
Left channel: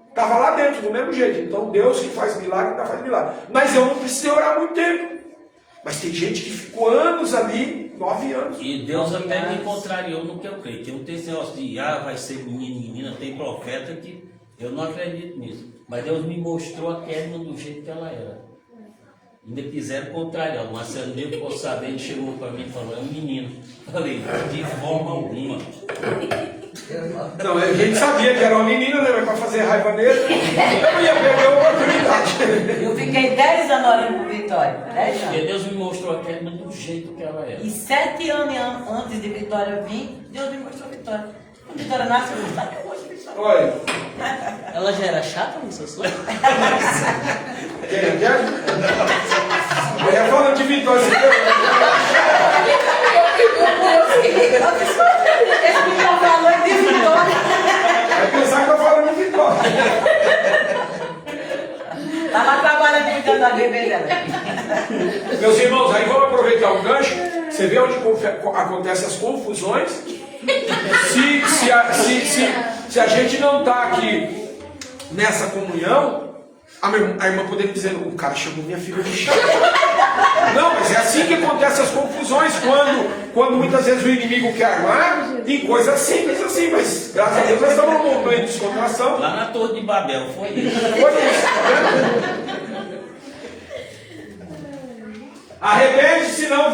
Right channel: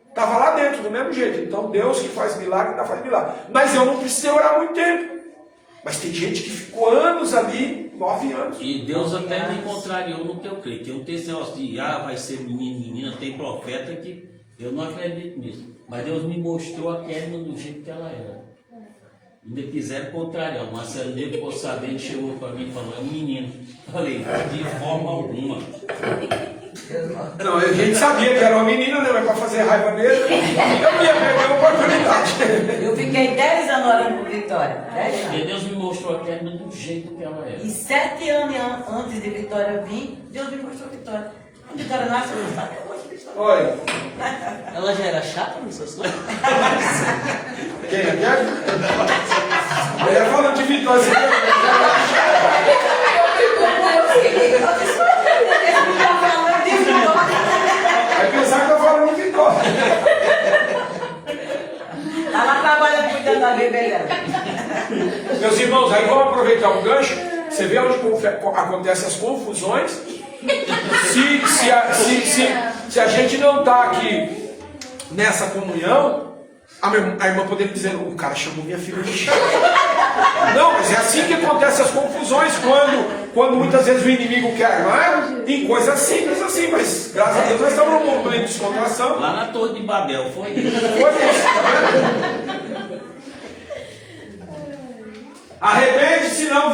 Estava lá dentro, do mesmo jeito. Então Deus que faz milagre, ainda faz milagre. Mas eu não precisei orar muito tempo. Mas tem gente que ficou anos ali, 9 anos. E Deus até me contrariou no que eu creio. Que eu tenho esse negócio de, vai ser menino, menina, tem profeta que eu não acredito nisso. Mas Deus me mostrou a Kedma do jeito que ela era. Ainda quiseram contrariar. O Marcelo dia que ficou sabendo, chegou para mim e falou, é um menino. Falei, de forma alguma. Não, a gente sabia que era uma menina, né? Mas para fazer raiva nele, eu não ia perder a oportunidade. Eu fiquei 10 anos orando por Vitória. 10 anos. E Deus me mostrou a Kedma do jeito que ela era. E 7 anos antes de Vitória vir, Deus me mostrou Vitória. Vitória nasceu, eu gosto de Vitória. Olha. Ela já era chata no seu sonho? Quem é? Eu ia falando de Vitória. Vai pensar que eu falo de Vitória. Ela trabalha cuidando da bebê dela. Meus irmãos, aí vamos aproveitar o gancho. acontecem as confusões. Se a gente não está aqui nessa comunhão, a irmã poderia dizer, o cara chamou minha filha de chata. Não, mas é assim que acontecem as confusões, quando muitas vezes o inimigo quer armar, em coisas simples assim, mas graças a Deus nós estamos num momento de descontração. Lá na Torre de Babel, foi isso. Foi isso, tá vendo? Arrepende, se não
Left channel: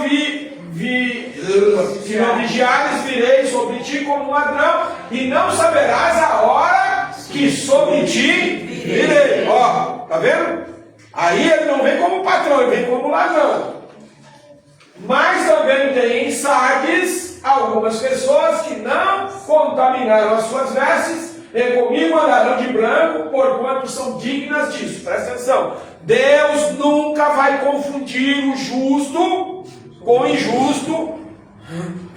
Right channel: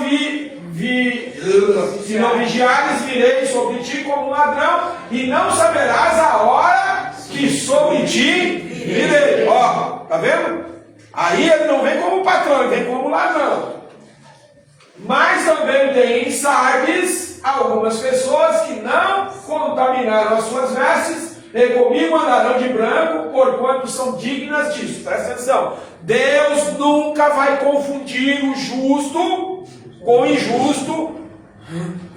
vigiares, virei sobre ti como um ladrão, e não saberás a hora que sobre ti virei. Ó, tá vendo? Aí ele não vem como patrão, ele vem como ladrão. Mas também tem em Sardes algumas pessoas que não contaminaram as suas vestes, e comigo andarão de branco, porquanto são dignas disso. Presta atenção. Deus nunca vai confundir o justo com o injusto,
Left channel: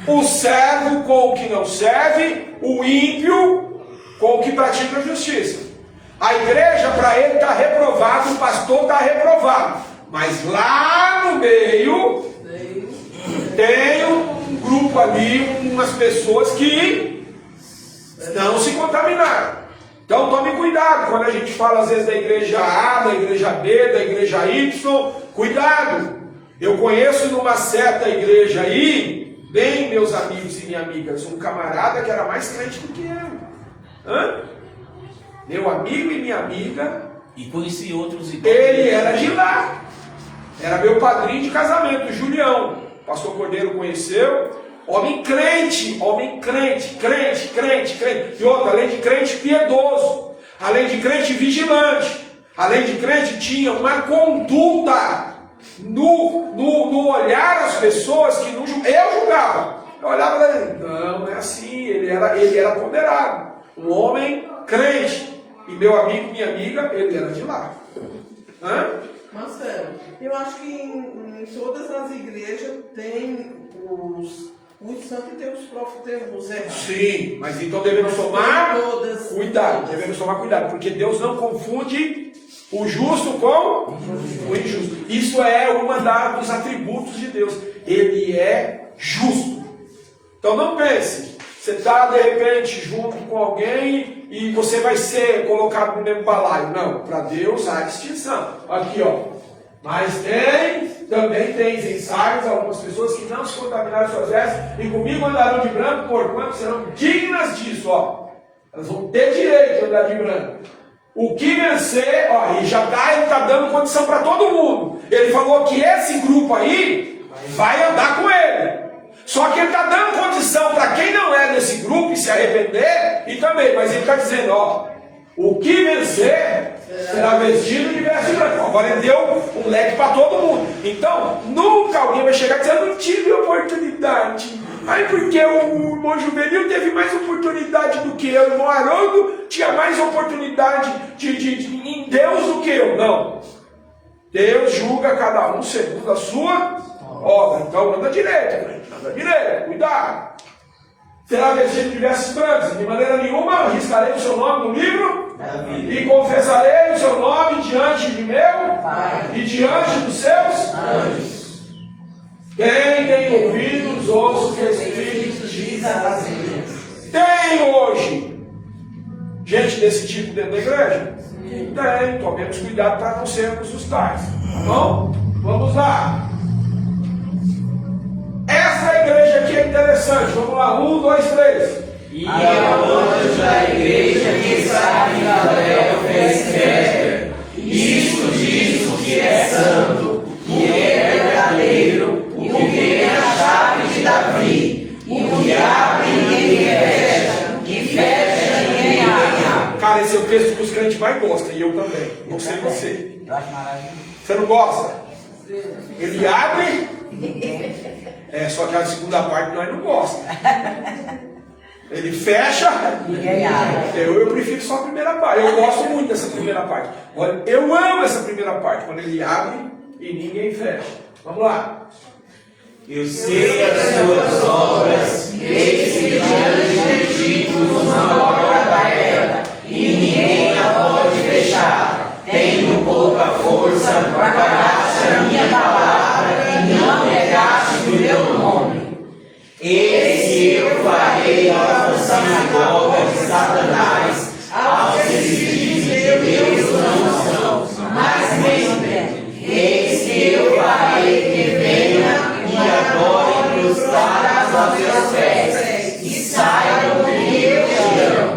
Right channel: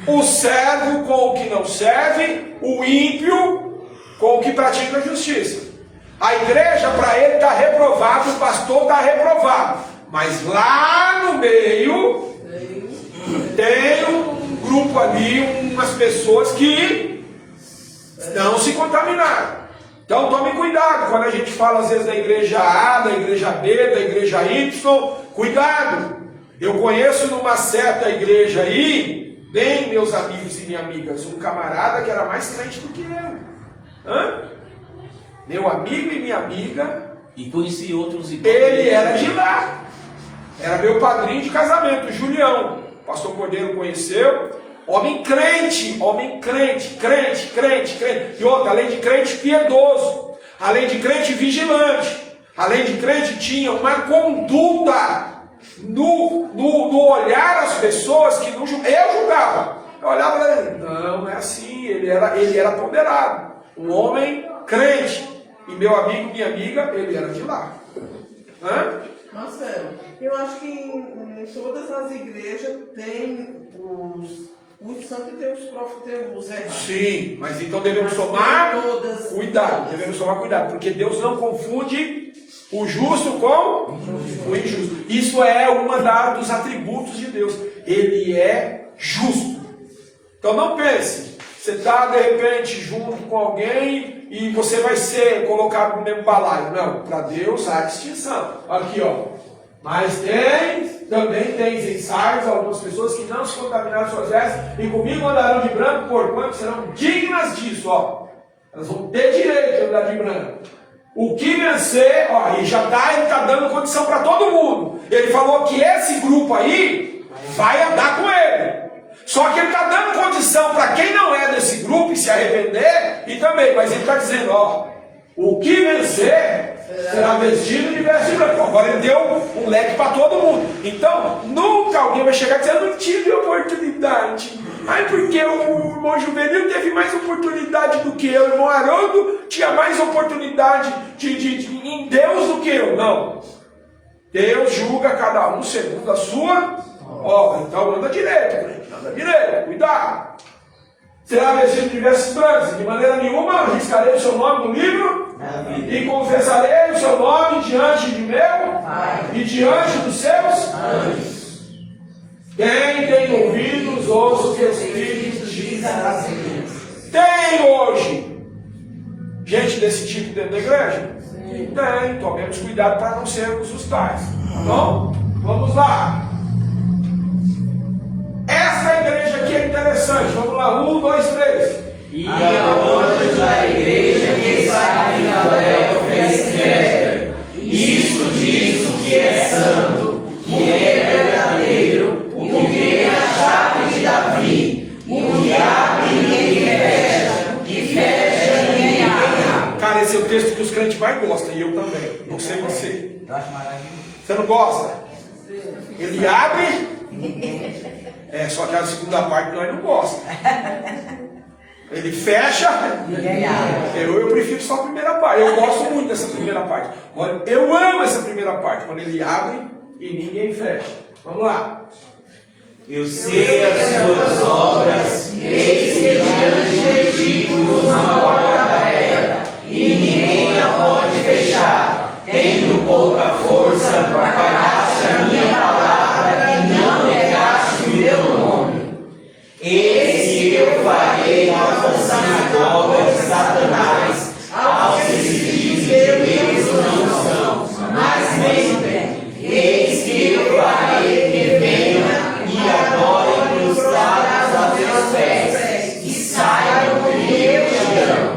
o servo com o que não serve, o ímpio com o que pratica a justiça. A igreja, para ele, está reprovado, o pastor está reprovado. Mas lá no meio, tem um grupo ali, umas pessoas que não se contaminaram. Então tome cuidado quando a gente fala às vezes da igreja A, da igreja B, da igreja Y. Cuidado. Eu conheço numa certa igreja aí, bem meus amigos e minhas amigas, um camarada que era mais crente do que eu. Meu amigo e minha amiga. E conheci outros iguais. Ele era de lá. Era meu padrinho de casamento, o Julião. O pastor Cordeiro conheceu. Homem crente, crente. E outra, além de crente piedoso, além de crente vigilante, além de crente tinha uma conduta no olhar as pessoas que não, eu julgava. Eu olhava para ele, não é assim, ele era ponderado. Um homem crente. E meu amigo, minha amiga, ele era de lá. Marcelo, eu acho que em todas as igrejas tem os santos e tem os próprios, tem os errados. Sim, mas então devemos tomar cuidado. Devemos tomar cuidado, porque Deus não confunde o justo com o injusto. Isso é uma dos atributos de Deus. Ele é justo. Então não pense, você está de repente junto com alguém e você vai ser colocado no mesmo balaio. Não, para Deus há distinção. Aqui, ó. Mas também tem em Sardes algumas pessoas que não se contaminaram suas vestes, e comigo andarão de branco, porquanto serão dignas disso, ó. Elas vão ter direito de andar de branco. O que vencer, ó, ele está dando condição para todo mundo. Ele falou que esse grupo aí vai andar com ele. Só que ele está dando condição para quem não é desse grupo e se arrepender, e também, mas ele está dizendo, ó, o que vencer será vestido de veste branca. Agora ele deu um leque para todo mundo. Então, nunca alguém vai chegar dizendo, não tive oportunidade. Ai, porque o irmão Juvenil teve mais oportunidade do que eu. O irmão Haroldo tinha mais oportunidade em Deus do que eu. Não. Deus julga cada um segundo a sua obra. Então, anda direito, gente. Anda direito. Cuidado. Será vestido de vestes brancas. De maneira nenhuma arriscarei o seu nome no livro e confessarei o seu nome diante de meu e diante dos seus anjos. Quem tem ouvidos, ouça o que o Espírito diz às igrejas. Tem hoje gente desse tipo dentro da igreja? Tem. Tomemos cuidado para não sermos os tais. Tá bom? Vamos lá. Essa igreja aqui é interessante. Vamos lá. 1, 2, 3. E ao anjo da igreja que está em Filadélfia, isto diz o que é santo, que é verdadeiro, o que tem a chave de Davi, o que abre e ninguém fecha, que fecha e ninguém abre. Cara, esse é o texto que os crentes mais gostam, e eu também. Não sei você. Você não gosta? Ele abre. Só que a segunda parte nós não gostamos. Ele fecha. Eu prefiro só a primeira parte. Eu gosto muito dessa primeira parte. Eu amo essa primeira parte. Quando ele abre e ninguém fecha. Vamos lá. Eu sei as suas obras, eis que diante de ti pus uma porta aberta, e ninguém a pode fechar. Tendo pouca força, guardaste a minha palavra, e não negaste o meu nome. Eis que eu farei novas sinagogas de Satanás, aos que se dizem que Deus não são, mas mentem. Eis que eu farei que venham e adorem prostrados aos meus pés, e saibam que eu te amo.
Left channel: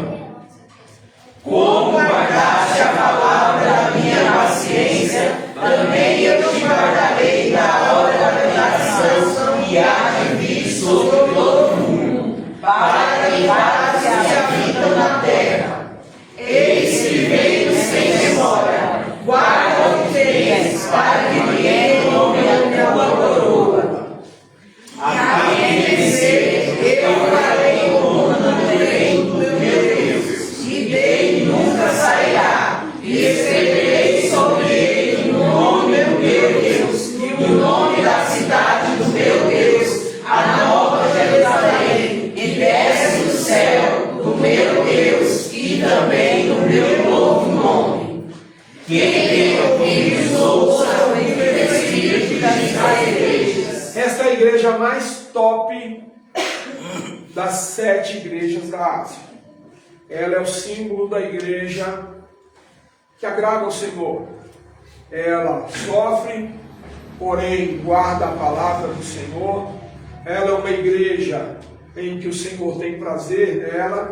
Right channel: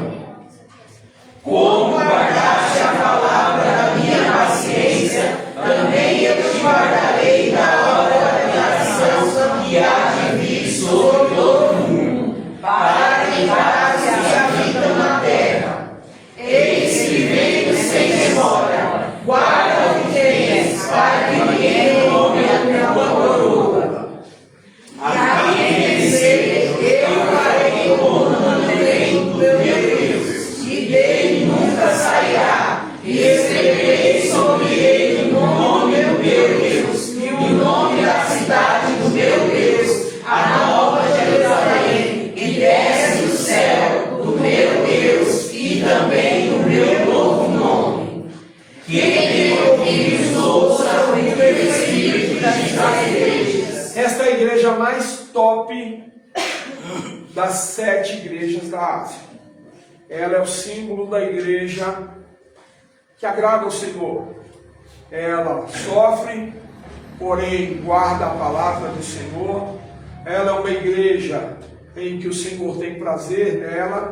Como guardaste a palavra da minha paciência, também eu te guardarei da hora da tentação que há de vir sobre todo mundo, para tentar os que habitam na terra. Eis que venho sem demora, guarda o que tens, para que ninguém tome a minha coroa. A quem vencer, eu farei como no direito do meu Deus, e dele nunca sairá, e escreverei sobre ele o nome do meu Deus, e o nome da cidade do meu Deus, a nova Jerusalém, que desce do céu do meu Deus, e também do meu novo nome. Quem tem ouvidos, ouça o que o Espírito diz às igrejas. Esta é a igreja mais top das 7 igrejas da Ásia. Ela é o símbolo da igreja que agrada ao Senhor. Ela sofre, porém guarda a palavra do Senhor. Ela é uma igreja em que o Senhor tem prazer nela.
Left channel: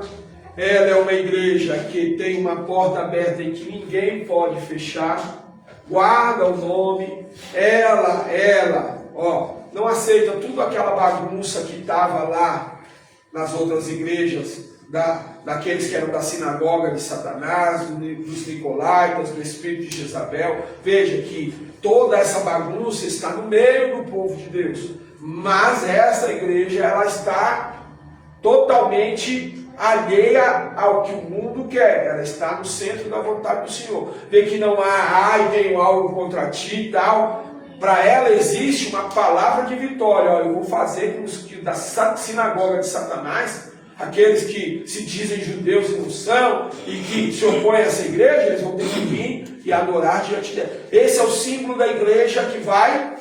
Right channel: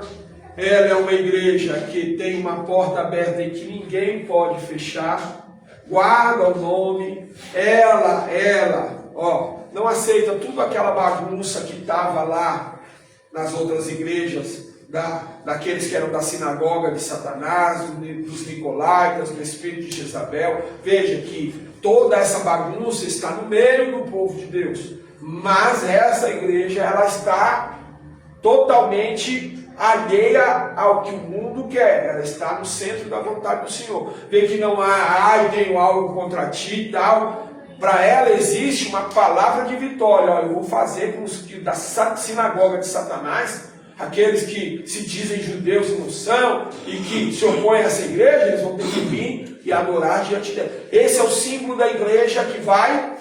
Ela é uma igreja que tem uma porta aberta e que ninguém pode fechar. Guarda o nome. Ela, não aceita tudo aquela bagunça que estava lá nas outras igrejas, daqueles que eram da sinagoga de Satanás, dos Nicolaítas, do espírito de Jezabel. Veja que toda essa bagunça está no meio do povo de Deus. Mas essa igreja, ela está totalmente alheia ao que o mundo quer. Ela está no centro da vontade do Senhor. Vê que não há, tenho algo contra ti e tal. Para ela existe uma palavra de vitória. Eu vou fazer com os que da sinagoga de Satanás, aqueles que se dizem judeus e não são, e que se opõem a essa igreja, eles vão ter que vir e adorar diante dela. Esse é o símbolo da igreja que vai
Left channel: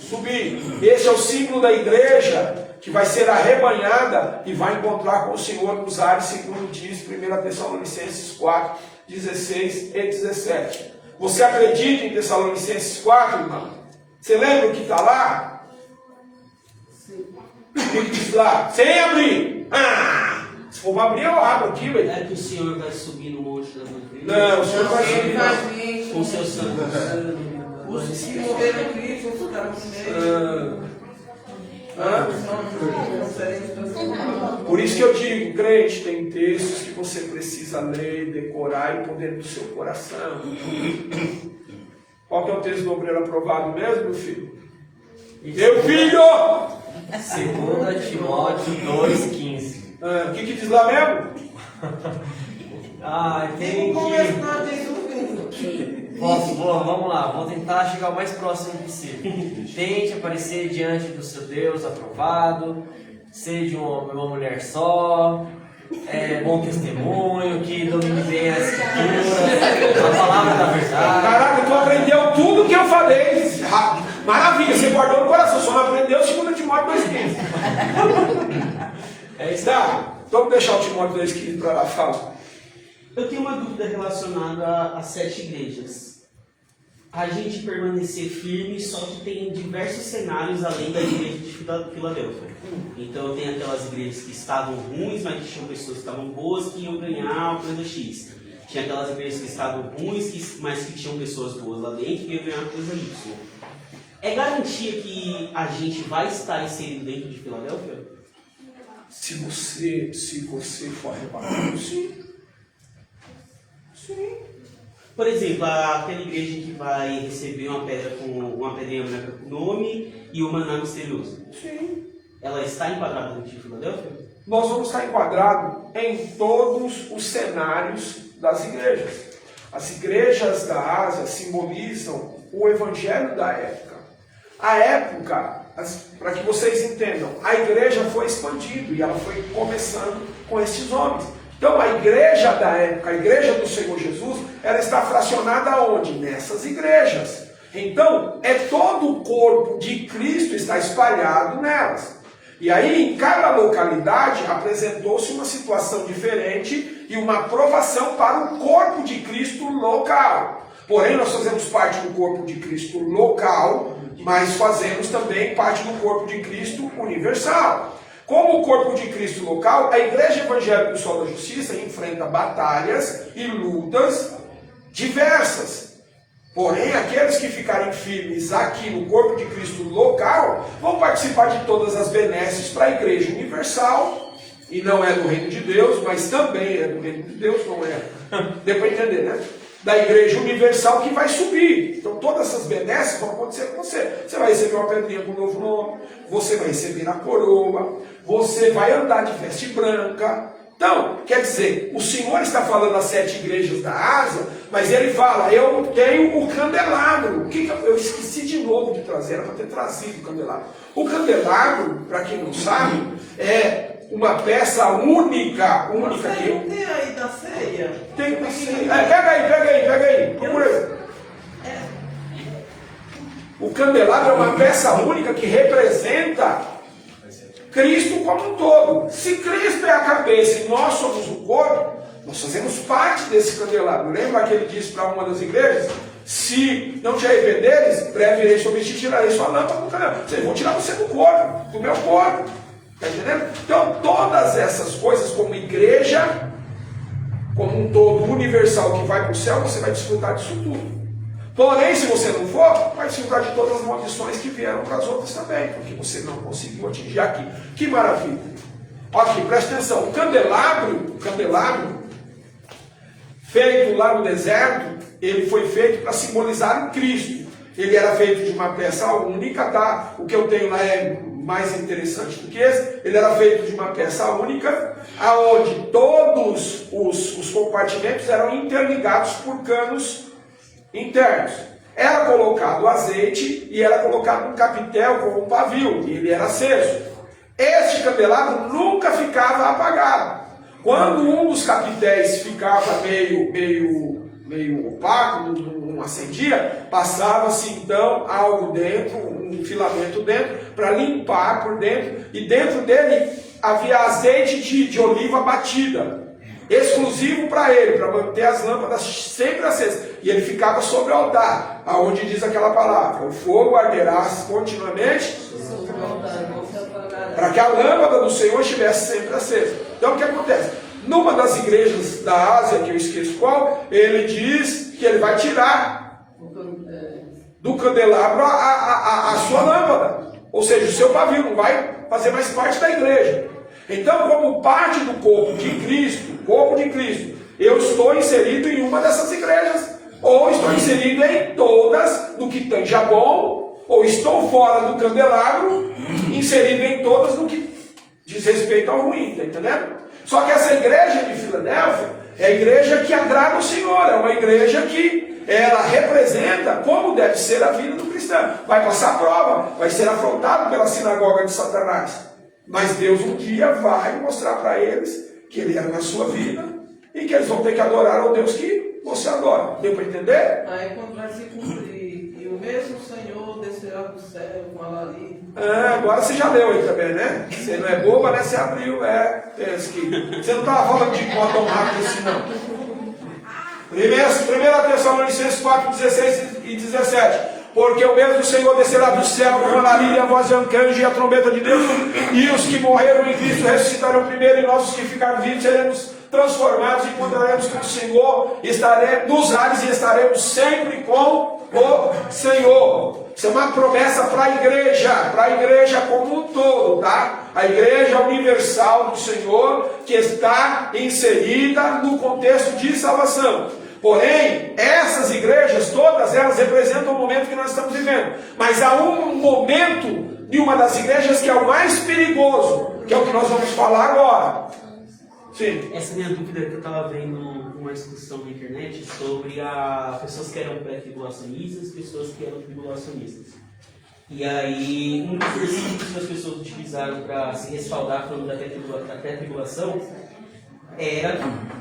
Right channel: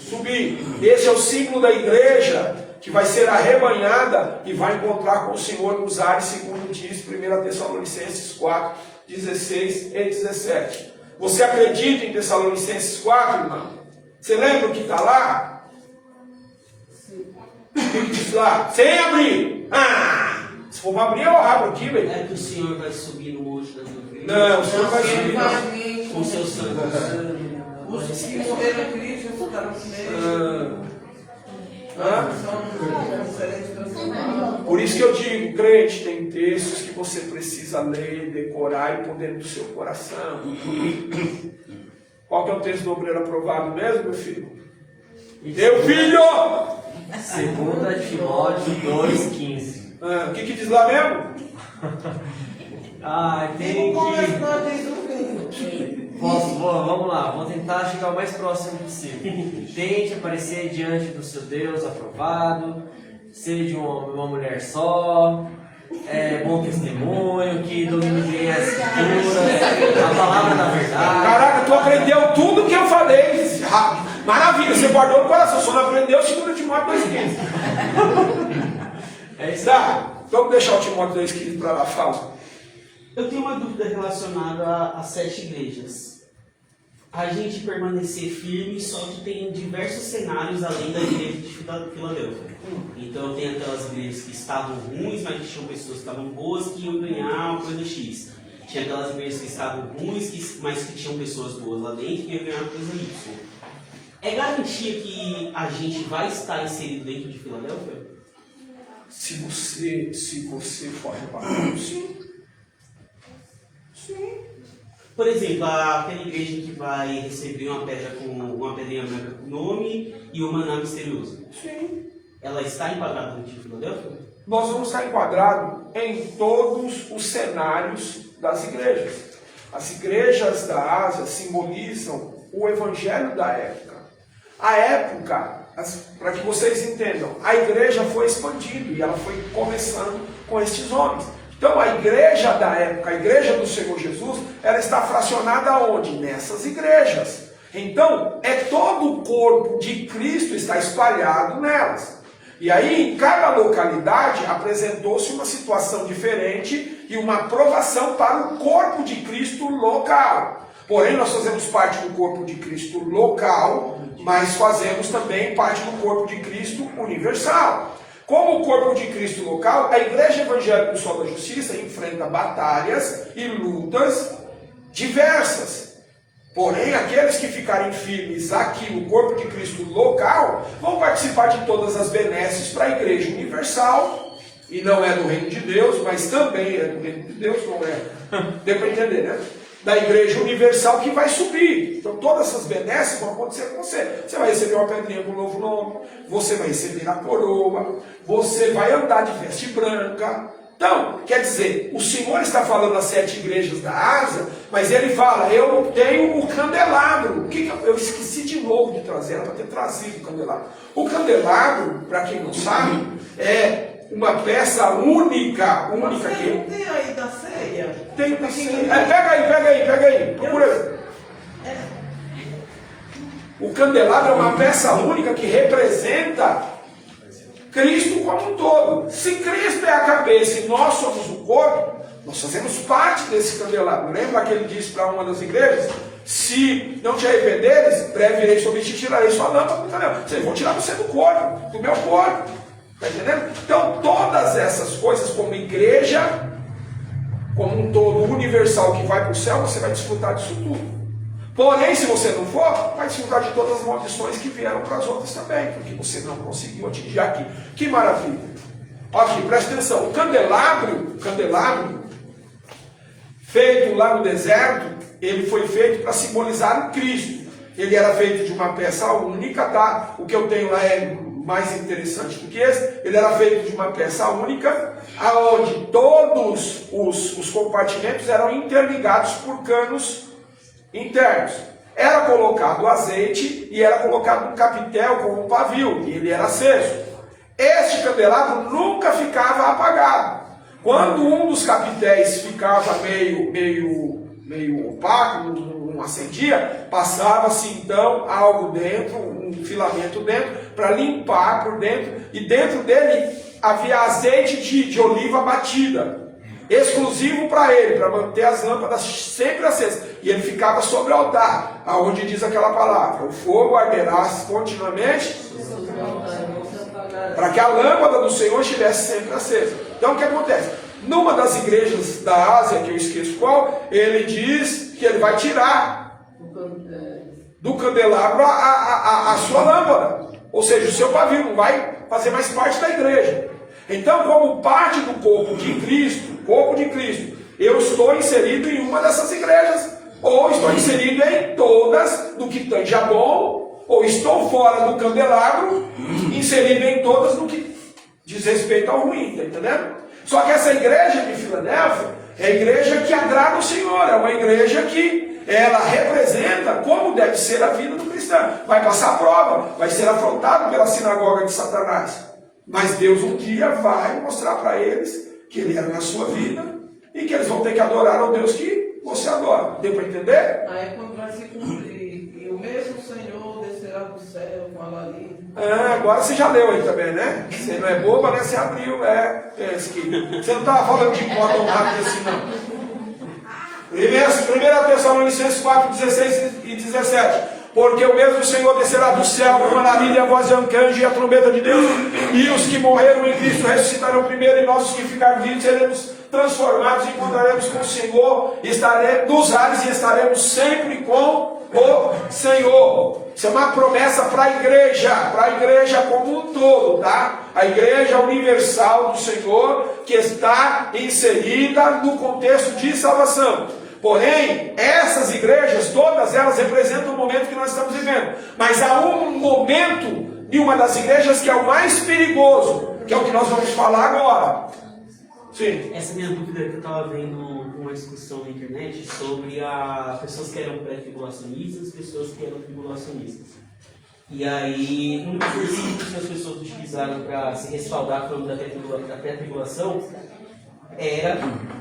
subir. Esse é o símbolo da igreja que vai ser arrebanhada e vai encontrar com o Senhor nos ares, segundo diz 1 Tessalonicenses 4, 16 e 17. Você acredita em Tessalonicenses 4, irmão? Você lembra o que está lá? O que diz lá? Sem abrir. Se for abrir, eu abro aqui, velho. É que o Senhor vai subir no monte das nuvens. Não, o Senhor vai subir não. Com seus santos. Os que morreram em Cristo ficaram Por isso que eu digo, crente, tem textos que você precisa ler, decorar e pôr dentro do seu coração. Qual que é o texto do obreiro aprovado mesmo, meu filho? Meu filho! 2 Timóteo 2,15. O que diz lá mesmo? Tem que... Vamos lá, vamos tentar chegar o mais próximo possível. Tente aparecer diante do seu Deus aprovado, seja uma mulher só, bom testemunho, que domine bem a escritura, a palavra da verdade. Caraca, tu aprendeu tudo que eu falei. Maravilha, você guardou no coração, só não aprendeu 2 Timóteo 2,15. É isso. Tá, então vamos deixar o Timóteo 2,15 para lá, fala. Eu tenho uma dúvida relacionada às 7 igrejas. A gente permanecer firme, só que tem diversos cenários além da igreja de Filadélfia. Então tem aquelas igrejas que estavam ruins, mas que tinham pessoas que estavam boas, que iam ganhar uma coisa X. Tinha aquelas igrejas que estavam ruins, mas que tinham pessoas boas lá dentro, que iam ganhar uma coisa Y. É garantia que a gente vai estar inserido dentro de Filadélfia? Se você for arrebatado, sim. Sim. Por exemplo, aquela igreja que vai receber uma pedrinha branca com nome e o maná misterioso. Sim. Ela está enquadrada dentro de Filadélfia? Nós vamos estar enquadrados em todos os cenários das igrejas. As igrejas da Ásia simbolizam o evangelho da época. A época, para que vocês entendam, a igreja foi expandindo e ela foi começando com estes homens. Então a igreja da época, a igreja do Senhor Jesus, ela está fracionada onde? Nessas igrejas. Então, todo o corpo de Cristo está espalhado nelas. E aí, em cada localidade, apresentou-se uma situação diferente e uma aprovação para o corpo de Cristo local. Porém, nós fazemos parte do corpo de Cristo local, mas fazemos também parte do corpo de Cristo universal. Como o corpo de Cristo local, a Igreja Evangélica do Sol da Justiça enfrenta batalhas e lutas diversas. Porém, aqueles que ficarem firmes aqui no corpo de Cristo local, vão participar de todas as benesses para a Igreja Universal, e não é do Reino de Deus, mas também é do Reino de Deus, não é? Deu para entender, né? Da Igreja Universal que vai subir. Então todas essas benesses vão acontecer com você. Você vai receber uma pedrinha com um novo nome, você vai receber a coroa, você vai andar de veste branca. Então, quer dizer, o Senhor está falando às 7 igrejas da Ásia, mas ele fala, eu tenho o candelabro. Eu esqueci de novo de trazer, era para ter trazido o candelabro. O candelabro, para quem não sabe, é uma peça única Você não que... tem aí da ceia? Tem da ceia. Pega aí. Procura aí. O candelabro é uma peça única que representa Cristo como um todo. Se Cristo é a cabeça e nós somos o corpo, nós fazemos parte desse candelabro. Lembra que ele disse para uma das igrejas? Se não te arrependeres, breve irei sobre ti, tirarei sua lâmpada do candelabro. Vocês vão tirar você do corpo, do meu corpo. Está entendendo? Então, todas essas coisas, como igreja, como um todo universal que vai para o céu, você vai desfrutar disso tudo. Porém, se você não for, vai desfrutar de todas as maldições que vieram para as outras também, porque você não conseguiu atingir aqui. Que maravilha! Aqui, presta atenção. O candelabro, feito lá no deserto, ele foi feito para simbolizar o Cristo. Ele era feito de uma peça única, tá? O que eu tenho lá é mais interessante do que esse. Ele era feito de uma peça única, aonde todos os compartimentos eram interligados por canos internos. Era colocado azeite e era colocado um capitel como um pavio, e ele era aceso. Este candelabro nunca ficava apagado. Quando um dos capitéis ficava meio opaco, não acendia, passava-se então algo dentro, um filamento dentro, para limpar por dentro, e dentro dele havia azeite de oliva batida, exclusivo para ele, para manter as lâmpadas sempre acesas. E ele ficava sobre o altar, aonde diz aquela palavra, o fogo arderá continuamente, para que a lâmpada do Senhor estivesse sempre acesa. Então o que acontece? Numa das igrejas da Ásia, que eu esqueço qual, ele diz que ele vai tirar do candelabro a sua lâmpada, ou seja, o seu pavio, não vai fazer mais parte da igreja. Então, como parte do corpo de Cristo, eu estou inserido em uma dessas igrejas, ou estou inserido em todas no que tange a bom, ou estou fora do candelabro, inserido em todas no que diz respeito ao ruim, está entendendo? Só que essa igreja de Filadélfia é a igreja que agrada o Senhor, é uma igreja que ela representa como deve ser a vida do cristão. Vai passar prova, vai ser afrontado pela sinagoga de Satanás. Mas Deus um dia vai mostrar para eles que Ele era na sua vida e que eles vão ter que adorar ao Deus que você adora. Deu para entender? Aí quando vai se cumprir, e o mesmo Senhor descerá do céu, fala ali. Agora você já leu aí também, né? Você não é boba, né? Você abriu, você não estava falando de pó tão rápido assim, não. 1 Tessalonicenses 4, 16 e 17. Porque o mesmo Senhor descerá do céu com uma alívio, a voz de arcanjo e a trombeta de Deus, e os que morreram em Cristo ressuscitarão primeiro, e nós os que ficarem vivos seremos transformados, e encontraremos com o Senhor, estaremos nos ares e estaremos sempre com o Senhor. Isso é uma promessa para a igreja como um todo, tá? A igreja universal do Senhor, que está inserida no contexto de salvação. Porém, essas igrejas, todas elas representam o momento que nós estamos vivendo. Mas há um momento de uma das igrejas que é o mais perigoso, que é o que nós vamos falar agora. Sim. Essa minha dúvida que eu estava vendo uma discussão na internet sobre as pessoas que eram pré-tribulacionistas e as pessoas que eram tribulacionistas. E aí, um dos versículos que as pessoas utilizaram para se respaldar falando da pré-tribulação era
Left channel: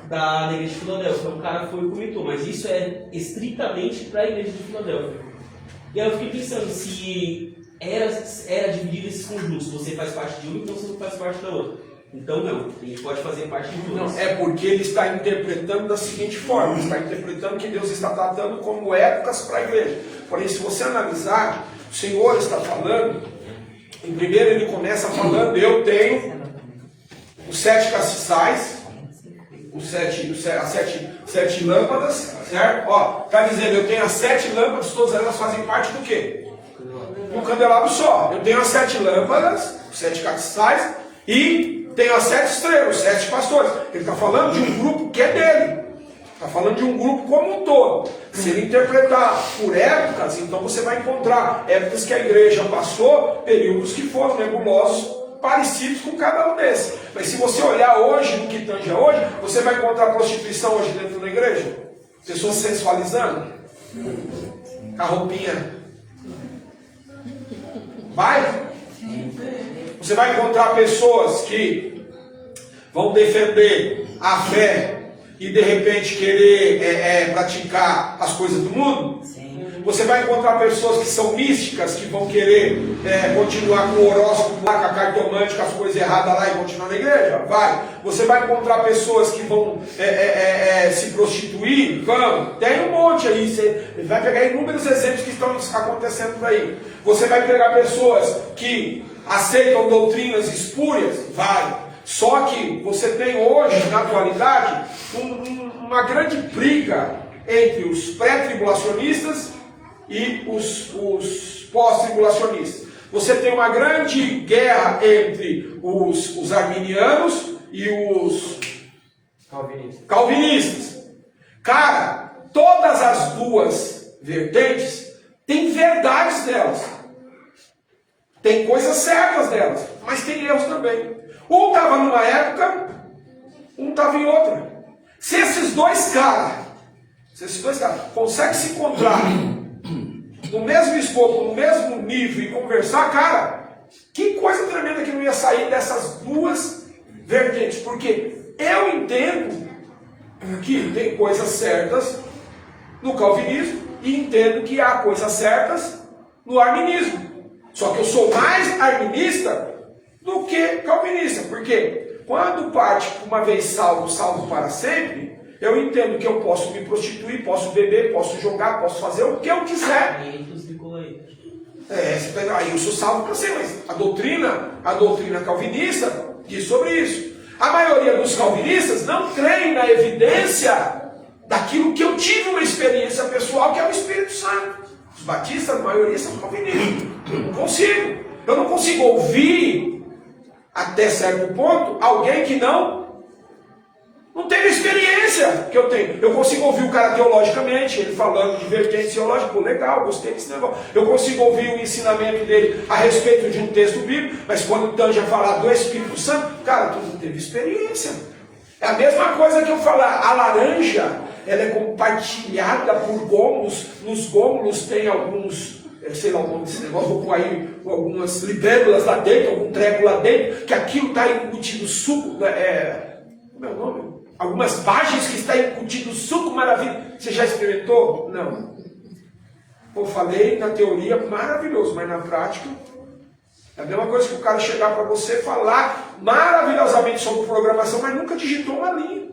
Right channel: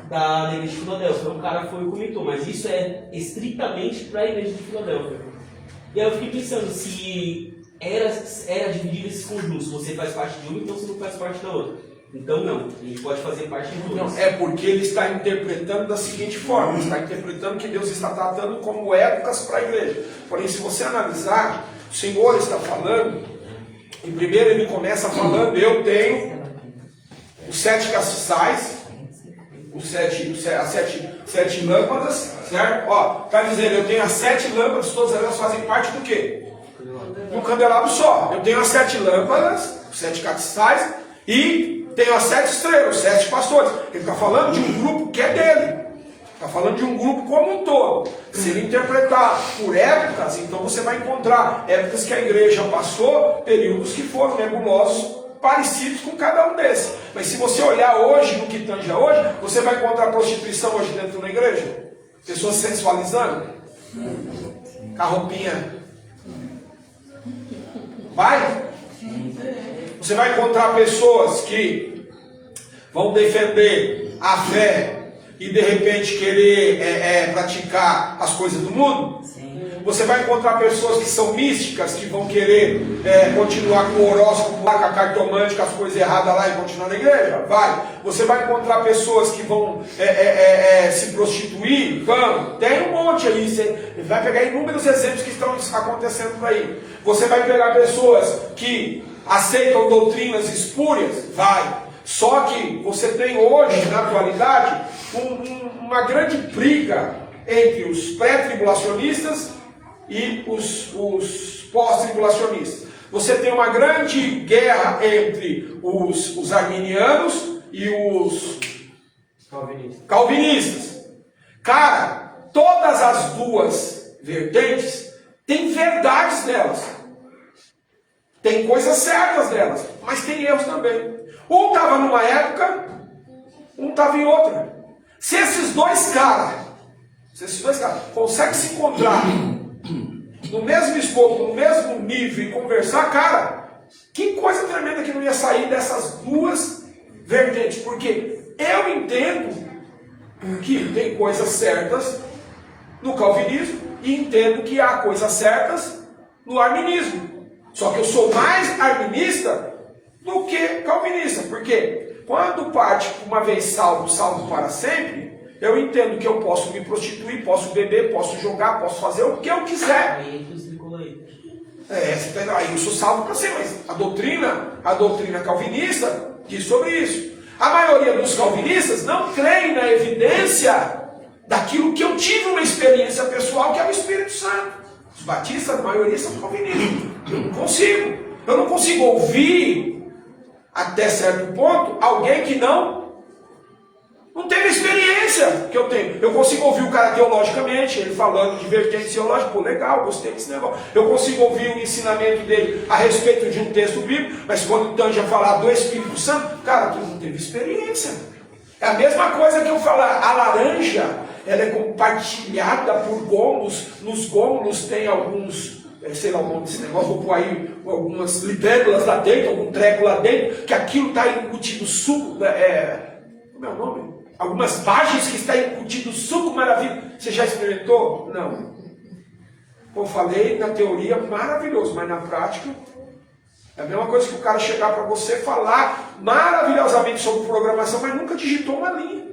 da igreja de Filadélfia. Um cara foi e comentou, mas isso é estritamente para a igreja de Filadélfia. E aí eu fiquei pensando, se era dividir esses conjuntos. Você faz parte de uma, então você não faz parte da outra. Então não, a gente pode fazer parte de duas. Não, é porque ele está interpretando da seguinte forma, ele está interpretando que Deus está tratando como épocas para a igreja. Porém, se você analisar, o Senhor está falando, em primeiro ele começa falando, eu tenho os 7 castiçais, as sete lâmpadas, certo? Ó, está dizendo, eu tenho as 7 lâmpadas, todas elas fazem parte do quê? Do candelabro só. Eu tenho as 7 lâmpadas, os 7 castiçais, e tenho as 7 estrelas, os 7 pastores. Ele está falando de um grupo que é dele. Está falando de um grupo como um todo. Se ele interpretar por épocas, então você vai encontrar épocas que a igreja passou, períodos que foram nebulosos, parecidos com cada um desses. Mas se você olhar hoje, no que tange a hoje, você vai encontrar prostituição hoje dentro da igreja. Pessoas sensualizando. Com a roupinha. Vai? Você vai encontrar pessoas que vão defender a fé e de repente querer praticar as coisas do mundo. Você vai encontrar pessoas que são místicas, que vão querer continuar com o horóscopo, com a cartomante, com as coisas erradas lá e continuar na igreja? Vai. Você vai encontrar pessoas que vão se prostituir? Vão. Tem um monte aí. Você vai pegar inúmeros exemplos que estão acontecendo por aí. Você vai pegar pessoas que aceitam doutrinas espúrias? Vai. Só que você tem hoje, na atualidade, uma grande briga entre os pré-tribulacionistas e os pós-tribulacionistas. Você tem uma grande guerra entre os arminianos e os calvinistas. Cara, todas as duas vertentes têm verdades nelas. Tem coisas certas nelas, mas tem erros também. Um estava numa época, um estava em outra. Se esses dois caras conseguem se encontrar no mesmo escopo, no mesmo nível e conversar, cara, que coisa tremenda que não ia sair dessas duas vertentes. Porque eu entendo que tem coisas certas no calvinismo e entendo que há coisas certas no arminismo. Só que eu sou mais arminista do que calvinista. Porque quando parte uma vez salvo, salvo para sempre, eu entendo que eu posso me prostituir, posso beber, posso jogar, posso fazer o que eu quiser. Você tá, aí eu sou salvo para sempre, mas a doutrina calvinista diz sobre isso. A maioria dos calvinistas não creem na evidência daquilo que eu tive uma experiência pessoal, que é o Espírito Santo. Os batistas, a maioria são calvinistas. Eu não consigo ouvir, até certo ponto, alguém que não teve a experiência que eu tenho. Eu consigo ouvir o cara teologicamente, ele falando de vertente teológica, pô, legal, gostei desse negócio. Eu consigo ouvir o ensinamento dele a respeito de um texto bíblico, mas quando o Tanja falar do Espírito Santo, cara, tu não teve experiência. É a mesma coisa que eu falar, a laranja, ela é compartilhada por gômulos, nos gômulos tem alguns, sei lá o nome desse negócio, vou pôr aí algumas libélulas lá dentro, algum treco lá dentro, que aquilo está incutido suco, como é o nome? Algumas páginas que está incutido suco maravilhoso. Você já experimentou? Não. Eu falei na teoria, maravilhoso, mas na prática é a mesma coisa que o cara chegar para você falar maravilhosamente sobre programação, mas nunca digitou uma linha.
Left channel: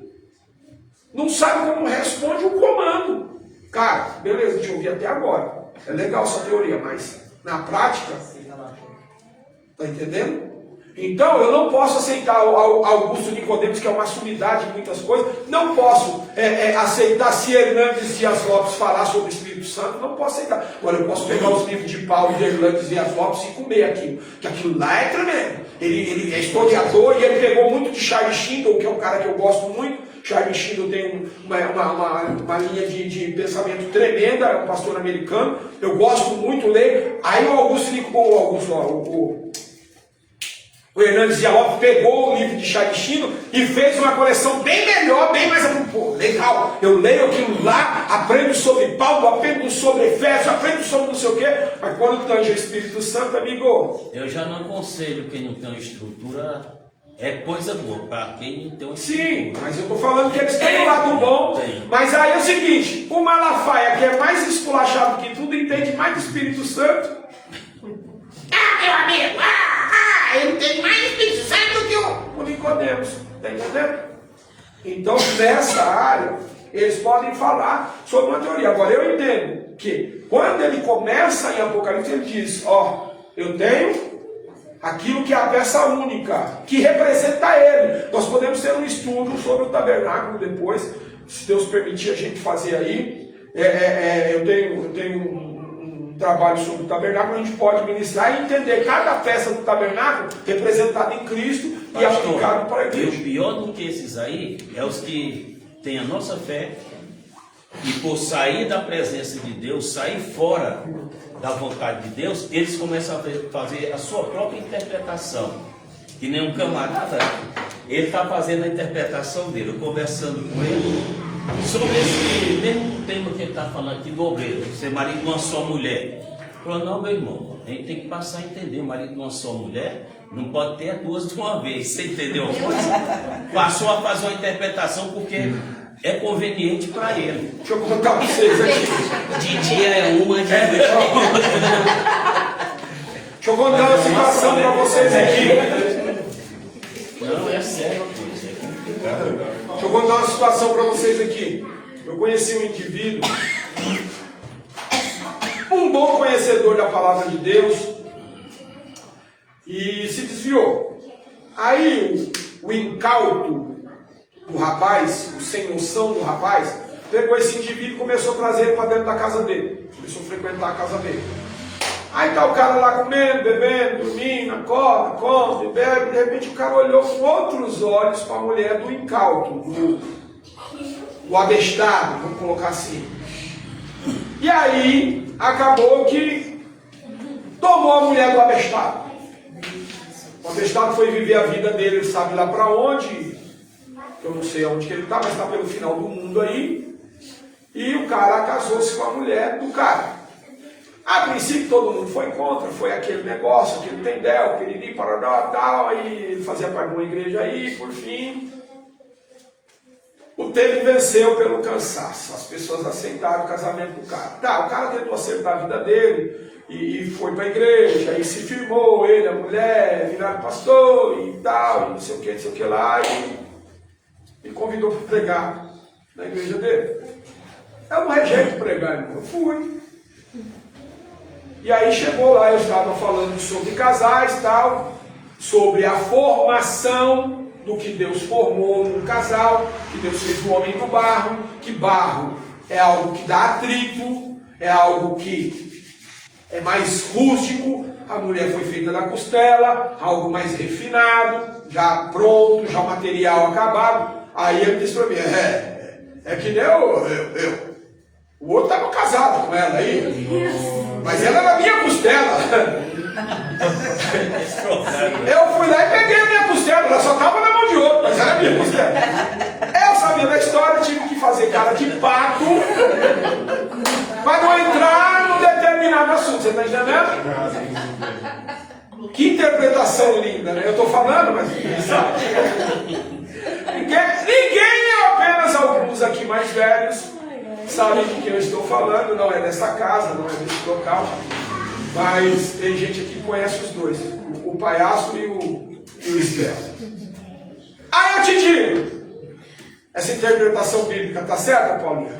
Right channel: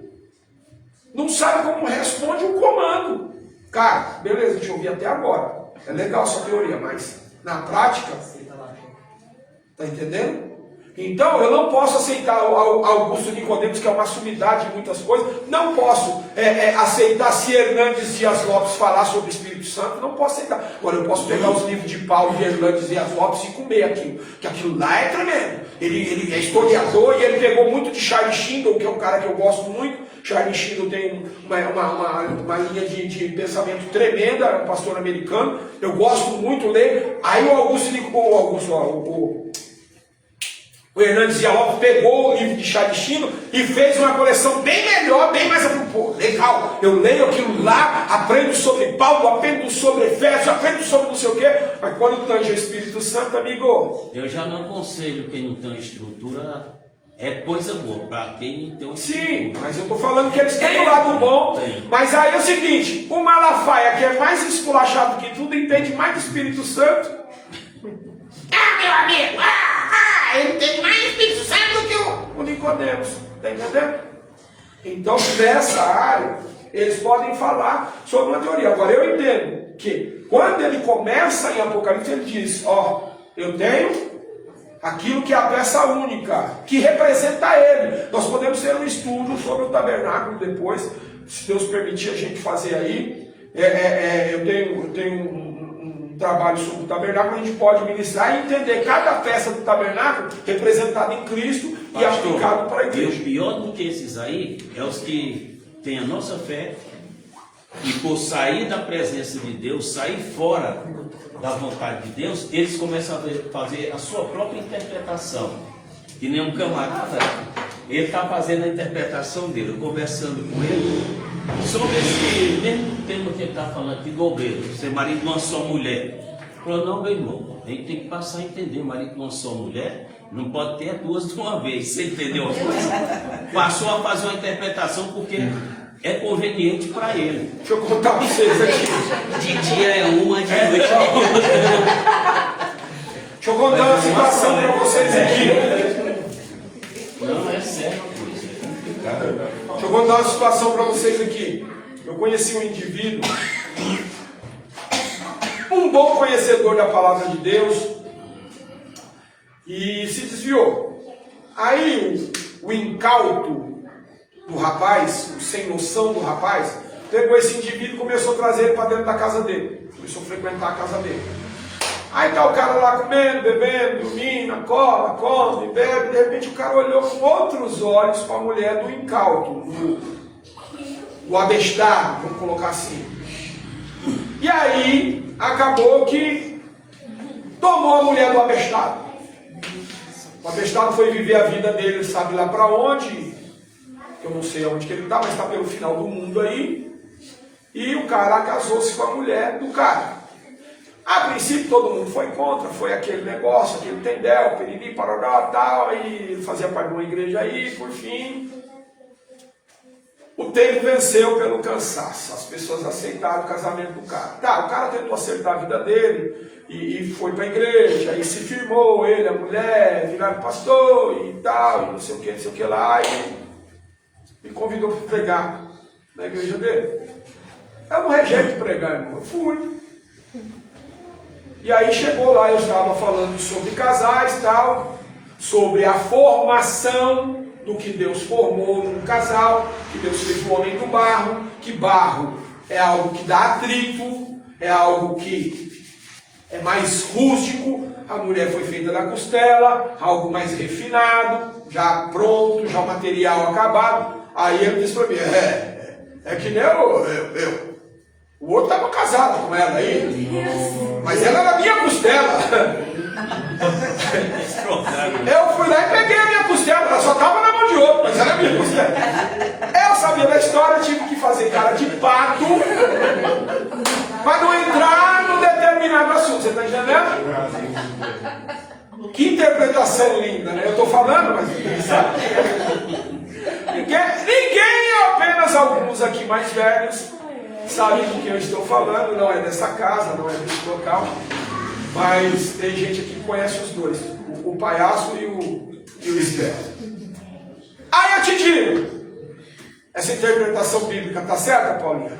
Não sabe como responde um comando. Cara, beleza, deixa eu ouvir até agora. É legal essa teoria, mas na prática, tá entendendo? Então, eu não posso aceitar Augusto Nicodemos, que é uma sumidade em muitas coisas. Não posso aceitar se Hernandes Dias Lopes falar sobre o Espírito Santo. Não posso aceitar. Agora, eu posso pegar os livros de Paulo de Hernandes Dias Lopes e comer aquilo. Que aquilo lá é tremendo. Ele é historiador e ele pegou muito de Charles Shindle, que é um cara que eu gosto muito. Charles Shindle tem uma linha de pensamento tremenda, é um pastor americano. Eu gosto muito de ler. Aí o Hernandes Dias Lopes pegou o livro de Charles Shindle e fez uma coleção bem melhor, bem mais legal. Eu leio aquilo lá, aprendo sobre Paulo, aprendo sobre Efésios, aprendo sobre não sei o quê. Mas quando tange o Espírito Santo, amigo, eu já não aconselho quem não tem uma estrutura. É coisa boa para quem não tem uma estrutura. Sim, mas eu estou falando que eles têm um lado bom. Mas aí é o seguinte, o Malafaia, que é mais esculachado que tudo, entende mais do Espírito Santo. meu amigo. Ele tem mais Espírito Santo do que o Nicodemos. Está entendendo? Então, nessa área, eles podem falar sobre uma teoria. Agora, eu entendo que quando ele começa em Apocalipse, ele diz, eu tenho aquilo que é a peça única, que representa ele. Nós podemos ter um estudo sobre o tabernáculo depois, se Deus permitir a gente fazer aí. Eu tenho um trabalho sobre o tabernáculo, a gente pode ministrar e entender cada peça do tabernáculo representada em Cristo e aplicado para a igreja. O pior do que esses aí é os que têm a nossa fé e por sair da presença de Deus, sair fora da vontade de Deus, eles começam a fazer a sua própria interpretação. Que nem um camarada, ele está fazendo a interpretação dele, eu conversando com ele sobre esse mesmo tema que ele está falando aqui do obreiro, ser marido de uma só mulher. Falou, não, meu irmão, a gente tem que passar a entender, marido de uma só mulher não pode ter duas de uma vez, você entendeu? Passou a fazer uma interpretação porque é conveniente para ele. Deixa eu contar para vocês aqui. De dia é uma, de noite é outra. Deixa eu contar uma situação para vocês aqui. Não, é sério, isso é complicado. Deixa eu contar uma situação para vocês aqui. Eu conheci um indivíduo, um bom conhecedor da palavra de Deus, e se desviou. Aí o incauto do rapaz, o sem noção do rapaz, pegou esse indivíduo e começou a trazer ele para dentro da casa dele. Começou a frequentar a casa dele. Aí tá o cara lá comendo, bebendo, dormindo, acorda, come, bebe. De repente o cara olhou com outros olhos para a mulher do incauto, do abestado, vamos colocar assim. E aí acabou que tomou a mulher do abestado. O abestado foi viver a vida dele, sabe lá para onde. Eu não sei aonde que ele está, mas está pelo final do mundo aí. E o cara casou-se com a mulher do cara. A princípio todo mundo foi contra, foi aquele negócio, aquele tendel, piriri, parará, tal, aí ele fazia parte de uma igreja aí, por fim. O tempo venceu pelo cansaço, as pessoas aceitaram o casamento do cara. Tá, o cara tentou acertar a vida dele e foi para a igreja, e se firmou, ele, a mulher, viraram pastor e tal, e não sei o que lá, e me convidou para pregar na igreja dele. Eu não rejeito pregar, irmão, eu fui. E aí chegou lá, eu estava falando sobre casais e tal, sobre a formação do que Deus formou num casal, que Deus fez o homem do barro, que barro é algo que dá atrito, é algo que é mais rústico, a mulher foi feita da costela, algo mais refinado, já pronto, já o material acabado. Aí ele disse para mim, é que nem eu. O outro estava casado com ela aí, mas ela era minha costela. Eu fui lá e peguei a minha costela, ela só estava na mão de outro, mas era minha costela. Eu sabia da história, tive que fazer cara de pato para não entrar num determinado assunto, você está entendendo? Que interpretação linda, né? Eu estou falando, mas ninguém sabe. Ninguém, apenas alguns aqui mais velhos, sabem do que eu estou falando, não é dessa casa, não é desse local, mas tem gente aqui que conhece os dois, o palhaço e o esperto. Aí eu te digo, essa interpretação bíblica está certa, Paulinho?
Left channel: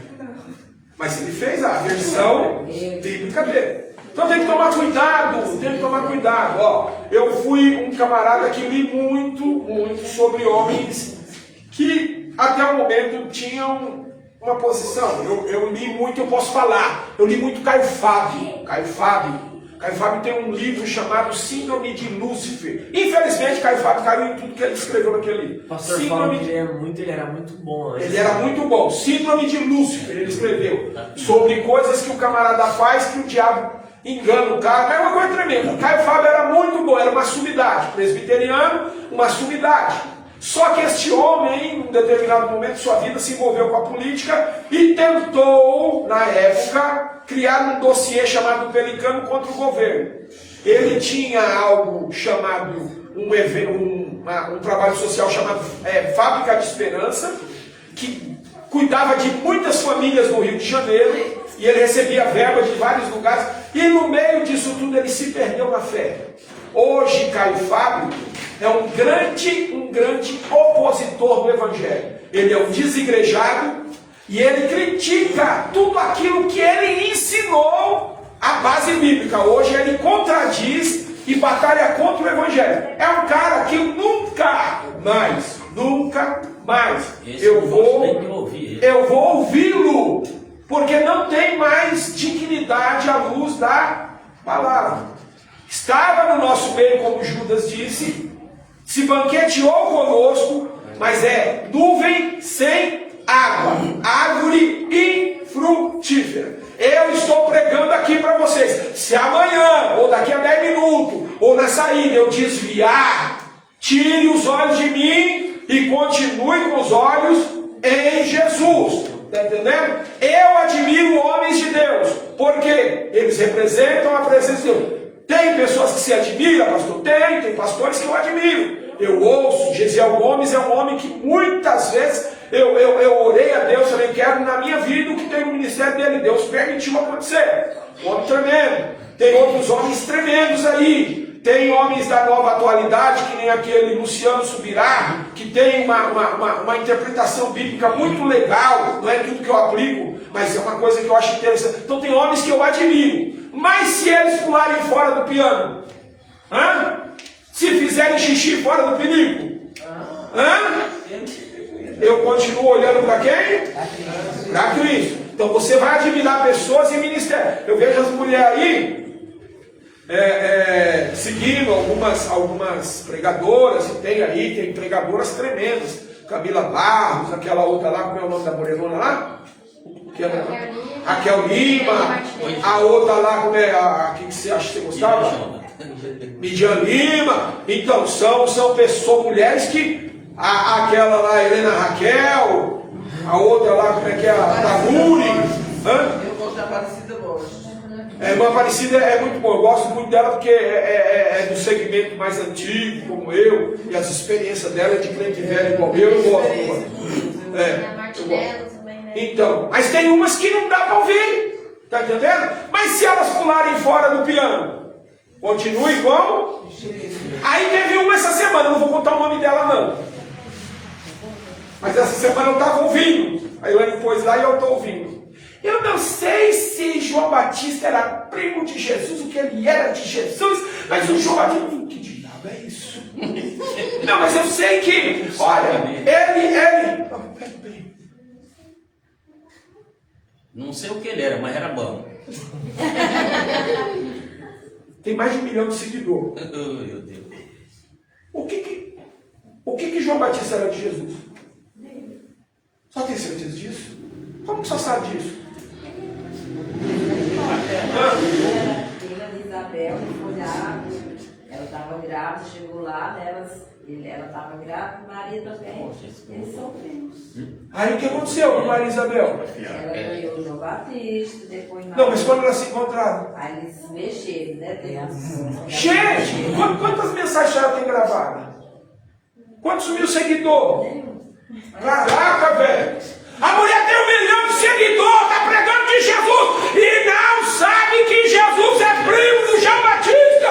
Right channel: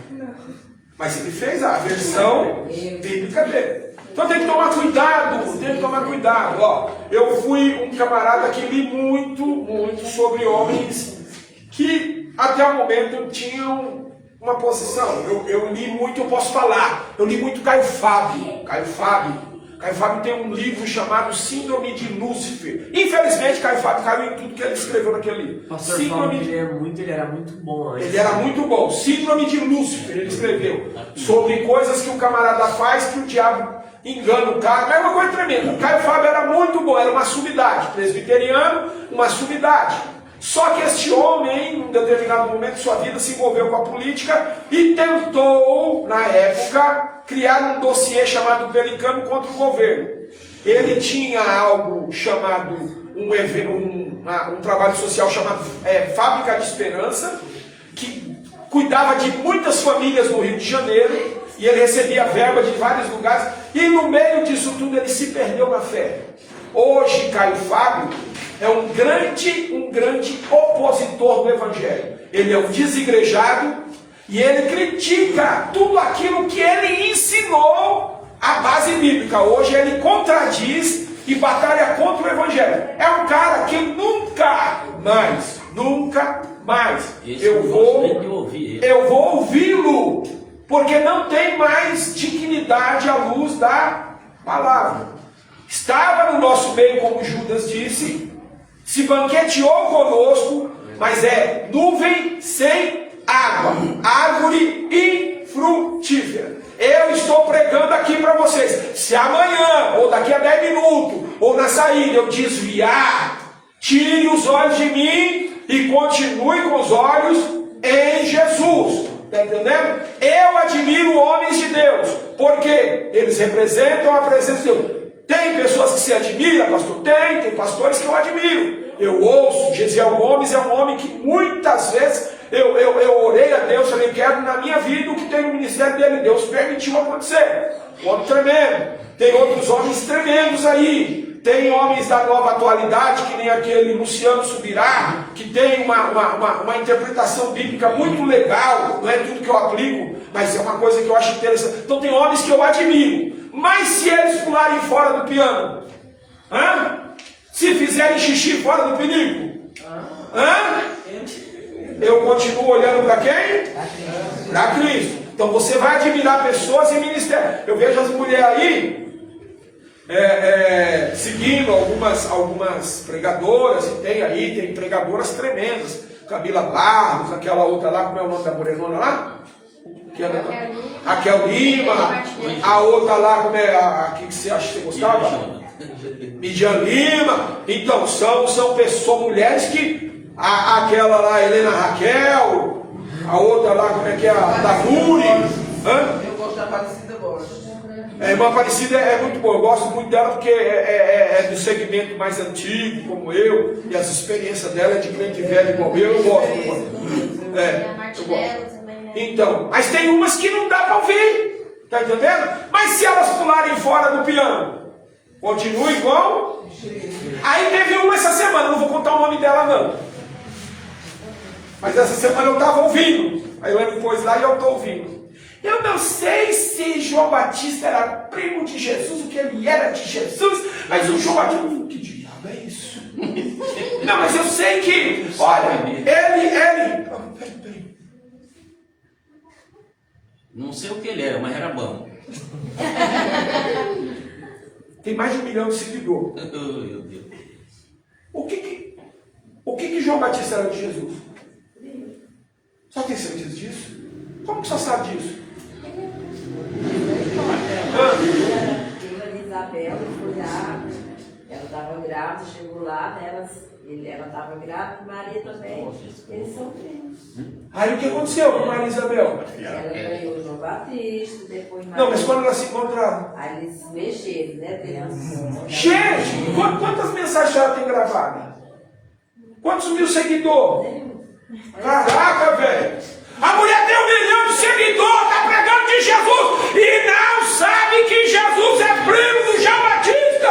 Mas ele fez a versão bíblica dele. Então tem que tomar cuidado, Ó, eu fui um camarada que li muito sobre homens que até o momento tinham uma posição. Eu li muito, eu posso falar. Eu li muito Caio Fábio. Caio Fábio tem um livro chamado Síndrome de Lúcifer. Infelizmente, Caio Fábio caiu em tudo que ele escreveu naquele livro. Pastor Fábio, ele era muito bom. Ele era muito bom. Síndrome de Lúcifer, ele escreveu. Sobre coisas que o camarada faz que o diabo engana o cara. É uma coisa tremenda. Caio Fábio era muito bom, era uma sumidade. Presbiteriano, uma sumidade. Só que este homem, em um determinado momento de sua vida, se envolveu com a política e tentou, na época, criar um dossiê chamado Pelicano contra o governo. Ele tinha algo chamado, um trabalho social chamado Fábrica de Esperança, que cuidava de muitas famílias no Rio de Janeiro, e ele recebia verba de vários lugares, e no meio disso tudo ele se perdeu na fé. Hoje, Caio Fábio é um grande opositor do Evangelho. Ele é um desigrejado e ele critica tudo aquilo que ele ensinou à base bíblica. Hoje ele contradiz e batalha contra o Evangelho. É um cara que nunca mais eu vou ouvi-lo, porque não tem mais dignidade à luz da palavra. Estava no nosso meio, como Judas disse, se banqueteou conosco, mas é nuvem sem água, árvore infrutífera. Eu estou pregando aqui para vocês. Se amanhã, ou daqui a 10 minutos, ou na saída eu desviar, tire os olhos de mim e continue com os olhos em Jesus. Está entendendo? Eu admiro homens de Deus, porque eles representam a presença de Deus. Tem pessoas que se admiram, pastor? Tem pastores que eu admiro. Eu ouço, Gesiel Gomes é um homem que muitas vezes eu orei a Deus, falei, quero na minha vida o que tem no ministério dele. Deus permitiu acontecer. Um homem tremendo. Tem outros homens tremendos aí. Tem homens da nova atualidade, que nem aquele Luciano Subirá, que tem uma interpretação bíblica muito legal. Não é tudo que eu aplico, mas é uma coisa que eu acho interessante. Então tem homens que eu admiro. Mas se eles pularem fora do piano, se fizerem xixi fora do pinico, eu continuo olhando para quem? Para Cristo. Então você vai admirar pessoas em ministério. Eu vejo as mulheres aí seguindo algumas pregadoras, e tem pregadoras tremendas. Camila Barros, aquela outra lá, como é o nome da morenona lá? Raquel Lima, a outra lá, como é a que você acha que você gostava? Midian Lima. Então, são pessoas, mulheres que, aquela lá, Helena Raquel, a outra lá, como é que é? A Danuri. Eu gosto da Aparecida, gosto. A irmã Aparecida é muito boa, eu gosto muito dela porque é do segmento mais antigo, como eu, e as experiências dela é de crente velho igual eu gosto. Eu gosto. Então, mas tem umas que não dá para ouvir, tá entendendo? Mas se elas pularem fora do piano, continua igual. Aí teve uma essa semana, não vou contar o nome dela não, mas essa semana eu estava ouvindo, aí ela pôs lá e eu estou ouvindo. Eu não sei se João Batista era primo de Jesus, o que ele era de Jesus, mas o João Batista, que diabo é isso? Não, mas eu sei que, olha, ele... Peraí. Não sei o que ele era, mas era bom. Tem mais de 1 milhão de seguidores. Oh, meu Deus. O que João Batista era de Jesus? Só tem certeza disso? Como que só sabe disso? Filha de Isabel, foi lá, ela estava grávida, chegou lá, ela estava grávida, Maria também, eles são primos. Aí o que aconteceu com Maria Isabel? Ela ganhou João Batista, depois Maria. Não, mas quando elas se encontraram? Aí eles se mexeram, né, criança? Gente, quantas mensagens ela tem gravadas? Quantos mil seguidores? Caraca, velho! A mulher tem 1 milhão de seguidores, está pregando de Jesus e não sabe que Jesus é primo do João Batista.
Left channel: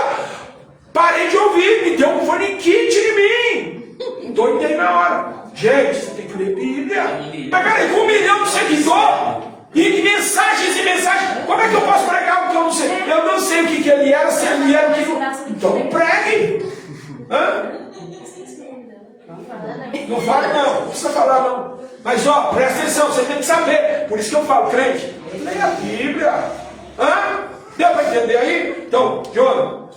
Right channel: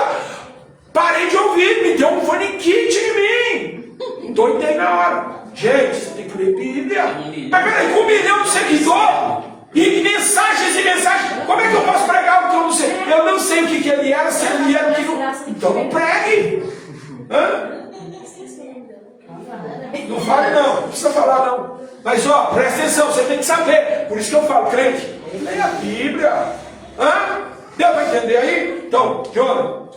Parei de ouvir, me deu um faniquite em mim. Doidei na hora. Gente, você tem que ler Bíblia. Mas peraí, com 1 milhão de seguidores e mensagens e mensagens, como é que eu posso pregar o que eu não sei? Eu não sei o que ele era, se ele era o que não. Então não pregue. Não fale não precisa falar não. Mas ó, presta atenção, você tem que saber. Por isso que eu falo, crente, leia a Bíblia. Deu para entender aí? Então, Jonathan,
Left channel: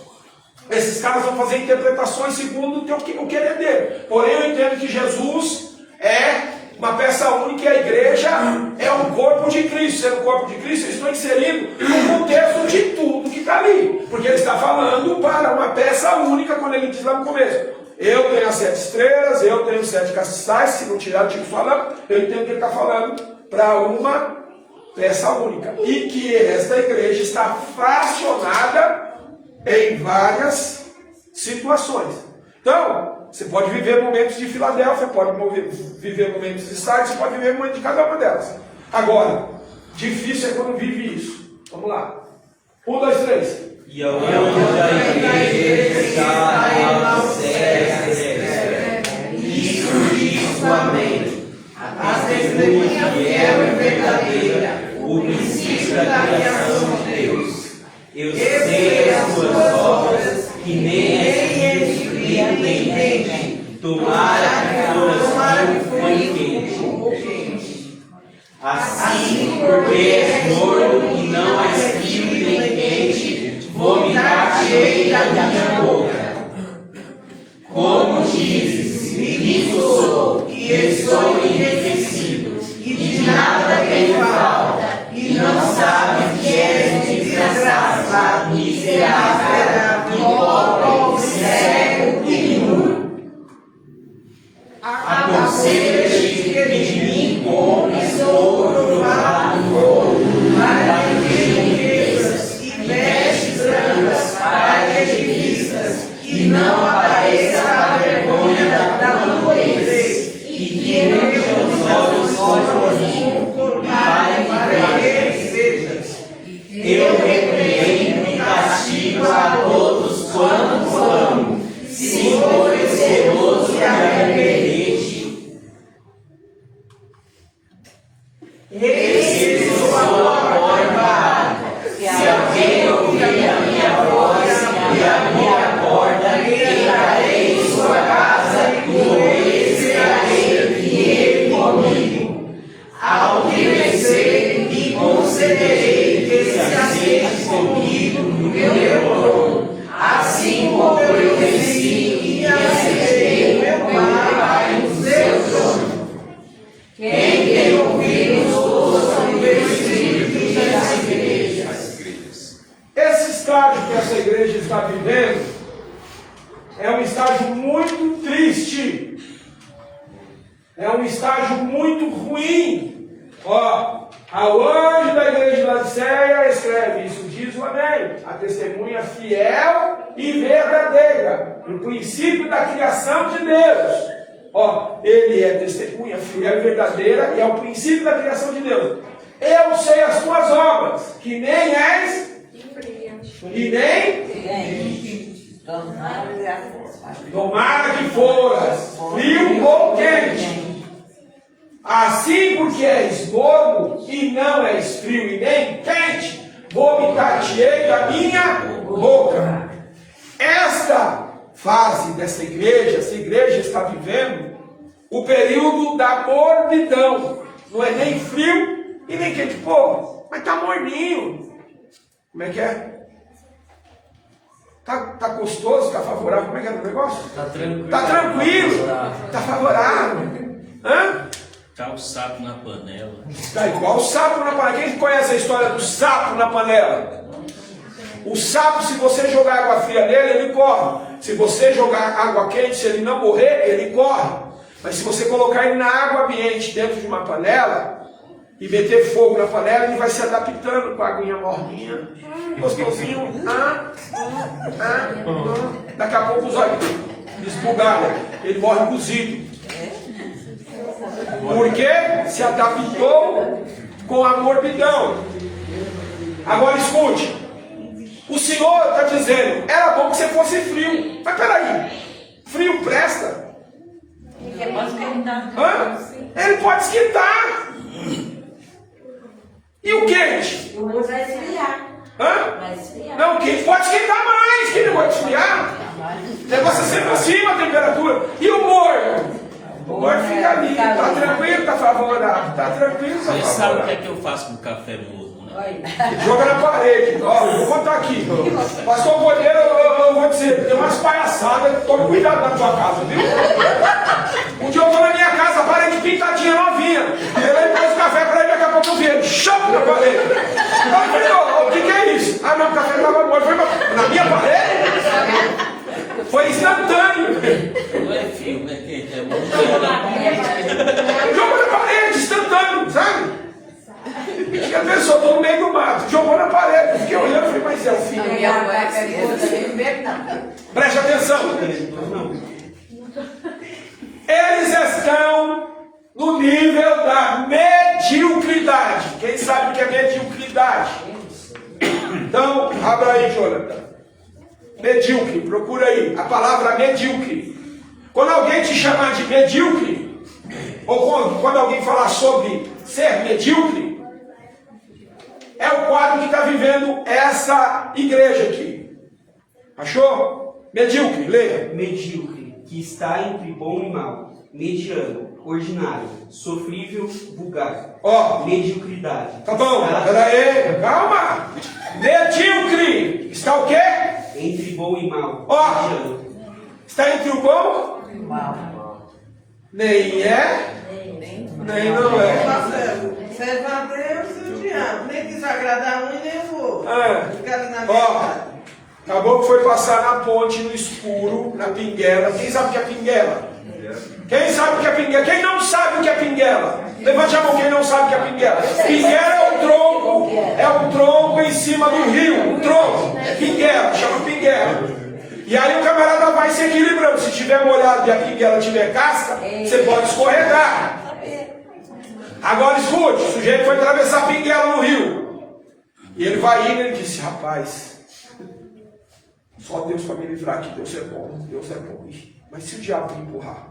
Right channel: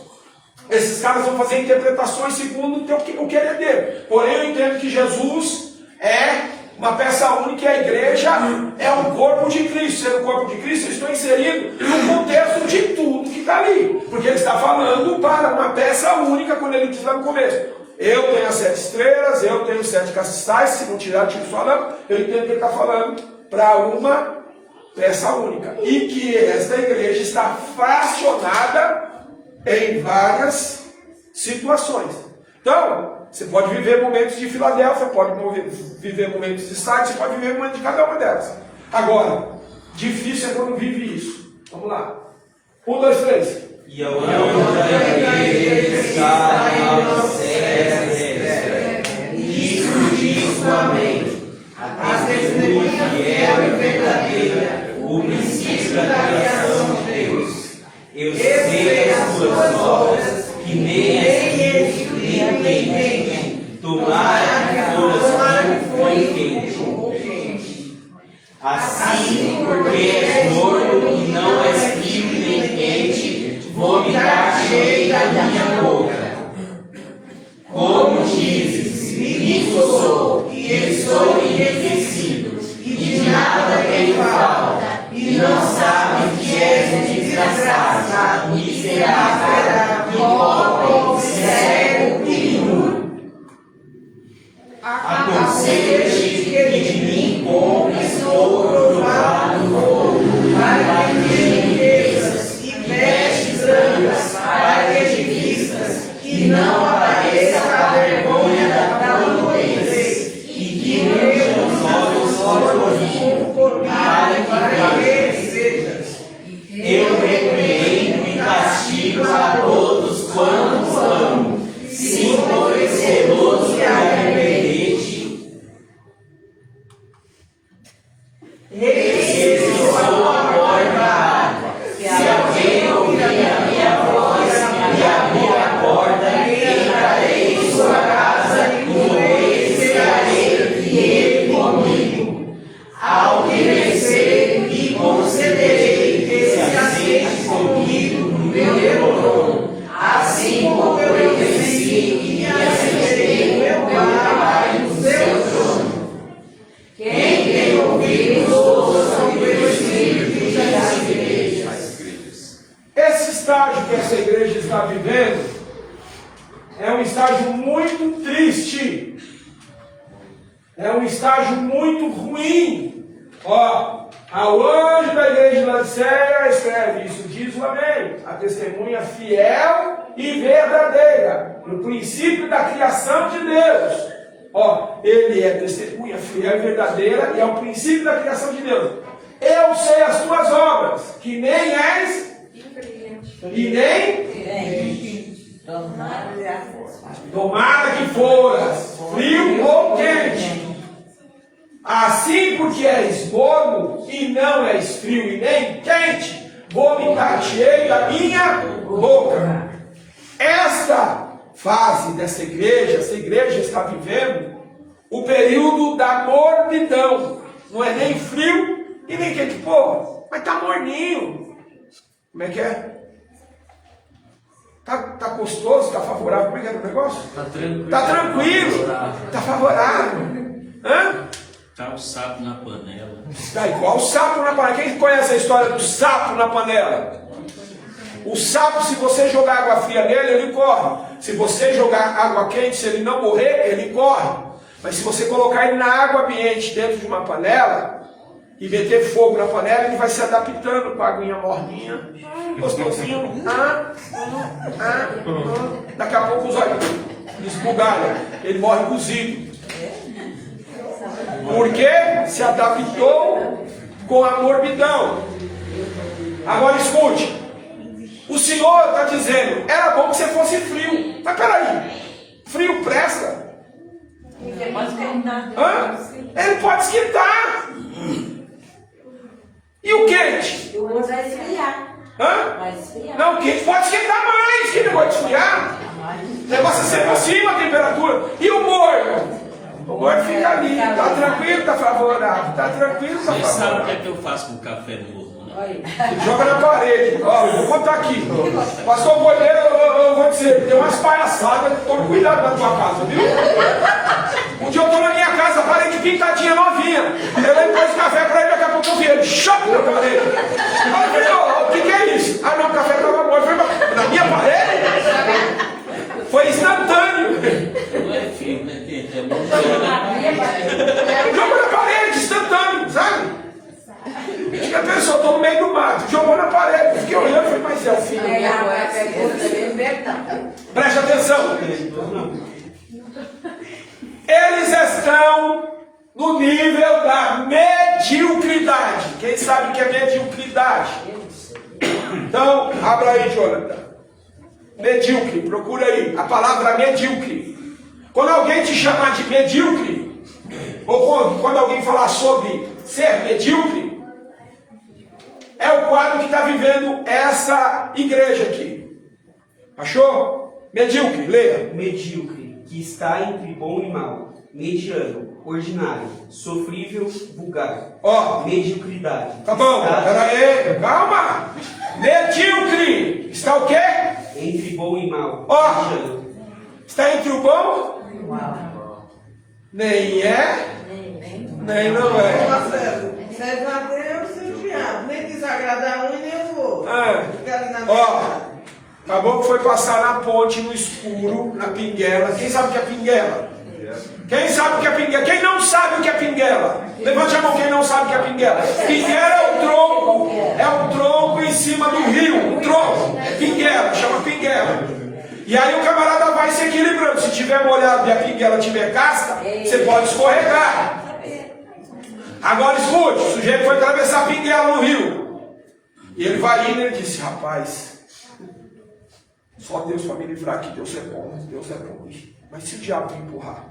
esses caras vão fazer interpretações segundo o querer dele. Porém, eu entendo que Jesus é uma peça única e a igreja é um corpo de Cristo. Sendo o corpo de Cristo, eu estou inserindo no contexto de tudo que está ali. Porque ele está falando para uma peça única quando ele diz lá no começo. Eu tenho as 7 estrelas, eu tenho 7 castiçais, se não tirar o tipo falando, eu entendo que ele está falando para uma peça única. E que esta igreja está fracionada em várias situações. Então, você pode viver momentos de Filadélfia, pode viver momentos de Sardes, você pode viver momentos de cada uma delas. Agora, difícil é quando vive isso. Vamos lá. 1, 2, 3. e ao anjo da igreja está na sede. Isso diz o amém. A testemunha fiel e verdadeira, o princípio da criação de Deus. Eu sei as suas obras, que nem é frio nem quente. Tomara que foras frio nem quente. Assim, porque és morno e não és frio nem quente, vomitar-te-ei da minha boca. Como dizes, rico sou, e estou enriquecido, e de nada tenho falta, e não sabes que és desgraçado, miserável, pobre, cego e nu. Aconselho-te que de mim compres ouro provado no ouro, para que riquezas e vestes brancas, para que vistas, e não apareça a vergonha da tua nudez, e que vejam os olhos horrorizos, para que creres sejas. Eu repreendo e castigo a todos quantos amo. Se fores zeloso e arrependente, recebeu a porta. Se alguém ouvir a minha voz e abrir a porta, entrarei em sua casa e comerei cearei e ele comigo. Ao que vencer, lhe concederei que se assente comigo no meu trono, assim como eu venci e me assentei no meu Pai no seu trono. Quem tem ouvidos, ouçam o Espírito diz às igrejas. Esse estágio que essa igreja está vivendo é um estágio muito triste. É um estágio muito ruim. Ó, ao anjo da igreja de Laodiceia escreve, isso diz o amém, a testemunha fiel e verdadeira, no princípio da criação de Deus. Ó, ele é testemunha fiel e verdadeira e é o princípio da criação de Deus. Eu sei as tuas obras, que nem és e nem tomara que foras frio ou quente. Assim, porque és morno e não és frio e nem quente, vomitar-te-ei da minha boca. Esta fase dessa igreja, essa igreja está vivendo o período da mornidão. Não é nem frio e nem quente. Pô, mas tá morninho. Como é que é? Tá gostoso, tá favorável. Como é que é o negócio? Tá tranquilo. Tá favorável. Hã? Tá o sapo na panela. Tá igual o sapo na panela. Quem conhece a história do sapo na panela? O sapo, se você jogar água fria nele, ele corre. Se você jogar água quente, se ele não morrer, ele corre. Mas se você colocar ele na água ambiente dentro de uma panela e meter fogo na panela, ele vai se adaptando com a aguinha morninha, gostosinho. Daqui a pouco os olhos esbugalham. Ele morre cozido. Porque se adaptou com a morbidão. Agora escute. O Senhor está dizendo, era bom que você fosse frio. Mas peraí, frio presta? Hã? Ele pode esquentar. E o quente? Eu vou esfriar. Hã? Vai esfriar. Não, o quente pode esquentar mais. Que negócio de esfriar? O negócio é sempre acima a temperatura. E o morno? O morno fica ali. Tá tranquilo, tá favorável. Tá tranquilo, tá Vocês sabem o que favorável. é que eu faço com café morno, né? Joga na parede. Ó, eu vou contar aqui. Pastor Boleiro, eu vou dizer, tem umas palhaçadas, tome cuidado na tua casa, viu? Um dia eu tô na minha casa, a parede pintadinha novinha. Eu pôs o café pra ele, daqui a pouco eu vi ele, choque na parede. Aí eu falei, ó, o que é isso? Ah não, o café tava bom. Eu falei, mas na minha parede? Foi instantâneo. Não é frio, né? Quente, é morno. Jogou na parede, instantâneo, sabe? E a pessoa, tô no meio do mato, jogou na parede. Fiquei olhando e falei, mas é o fim. Preste atenção. Eles estão no nível da mediocridade. Quem sabe o que é mediocridade? Então, abra aí, Jonathan. Medíocre, procura aí. A palavra medíocre. Quando alguém te chamar de medíocre, ou quando alguém falar sobre ser medíocre, é o quadro que está vivendo essa igreja aqui. Achou? Medíocre, leia. Medíocre, que está entre bom e mal. Mediano, ordinário, sofrível, vulgar. Ó, Mediocridade. tá bom, peraí, calma. Medíocre, está o quê? Entre bom e mal. Ó. Mediano. Está entre o bom? Nem é, nem não é. Marcelo, serve a Deus e o diabo. Nem quis agradar um e nem eu vou. É. Ficaram na Ó, minha acabou que foi passar na ponte, no escuro, na pinguela. Quem sabe o que é pinguela? Quem sabe o que é pinguela? Quem não sabe o que é pinguela? Levante a mão quem não sabe o que é pinguela. Pinguela é um tronco em cima do rio. Um tronco. Pinguela, chama pinguela. E aí o camarada vai se equilibrando. Se tiver molhado e a pinguela tiver casca, você pode escorregar. Agora escute, o sujeito foi atravessar a pinguela no rio. E ele vai indo e ele disse, rapaz, só Deus para me livrar aqui, Deus é bom, Deus é bom. Mas se o diabo me empurrar?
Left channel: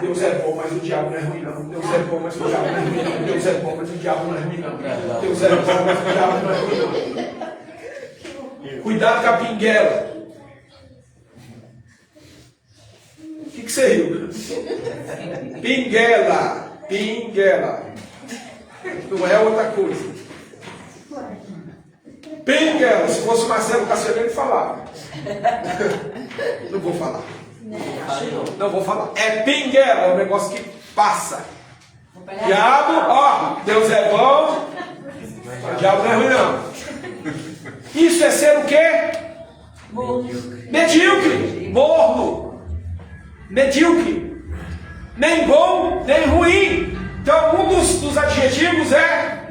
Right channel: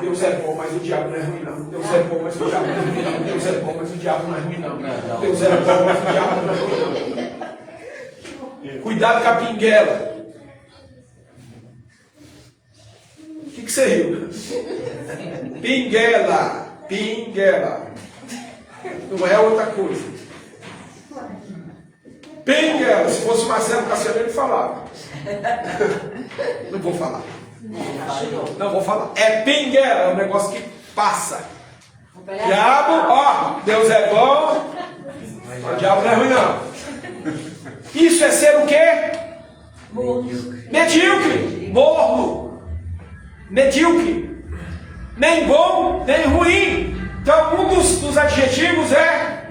Deus é bom, mas o diabo não é ruim não. Deus é bom, mas o diabo não é ruim não. Deus é bom, mas o diabo não é ruim não. Deus é bom, mas o diabo não é ruim não. Cuidado com a pinguela. O que você riu? Pinguela. Pinguela. Não é outra coisa. Pinguela. Se fosse o Marcelo Cassiano, ele falava. Não vou falar. Não vou falar. É pinguela, é um negócio que passa. Diabo, ó, Deus é bom. O diabo não é ruim, não. Isso é ser o quê? Medíocre. Morno. Medíocre. Nem bom, nem ruim. Então, um dos adjetivos é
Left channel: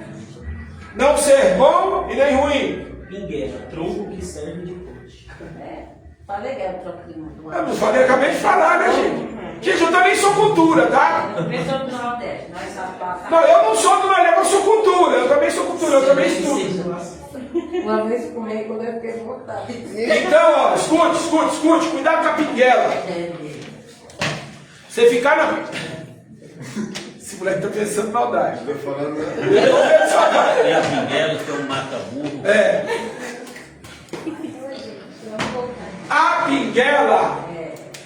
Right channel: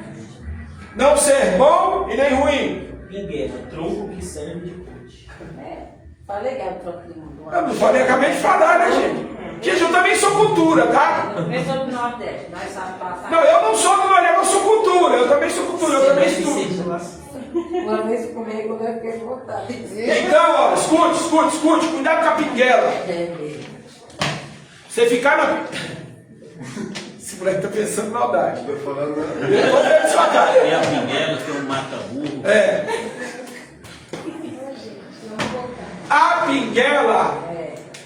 não ser bom e nem ruim. Pinguela, tronco que serve de ponte. Falei que era troquinho. Eu não falei, acabei de falar, né, gente? Gente, eu também sou cultura, tá? Eu sou do Nordeste, nós sabemos passar. Não, eu não sou do Nordeste, eu sou cultura. Eu também sou cultura, eu também estudo. Uma vez comigo, eu fiquei vontade de dizer. Então, ó, escute. Cuidado com a pinguela. Você ficar na... Esse moleque tá pensando maldade. Eu tô vendo sua cara. E a pinguela que é um mata-burro. É. A pinguela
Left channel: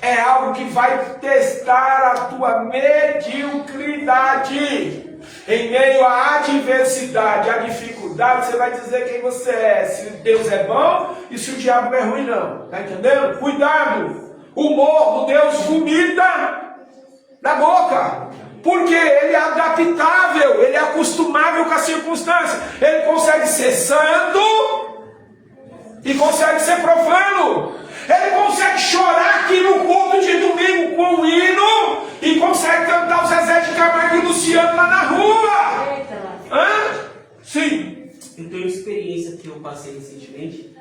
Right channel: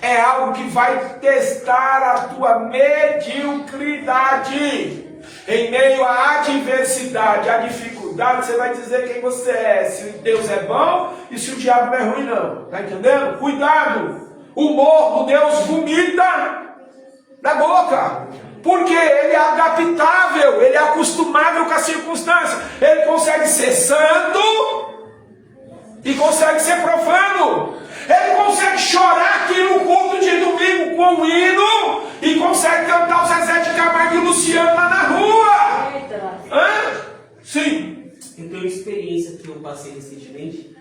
é algo que vai testar a tua mediocridade. Em meio à adversidade, à dificuldade, você vai dizer quem você é. Se Deus é bom e se o diabo não é ruim, não. Tá entendendo? Cuidado. O morro Deus vomita da boca. Porque ele é adaptável, ele é acostumável com a circunstância. Ele consegue ser santo e consegue ser profano. Ele consegue chorar aqui no culto de domingo com o hino e consegue cantar o Zezé de Camargo e o Luciano lá na rua. Hã? Sim. Eu tenho uma experiência que eu passei recentemente.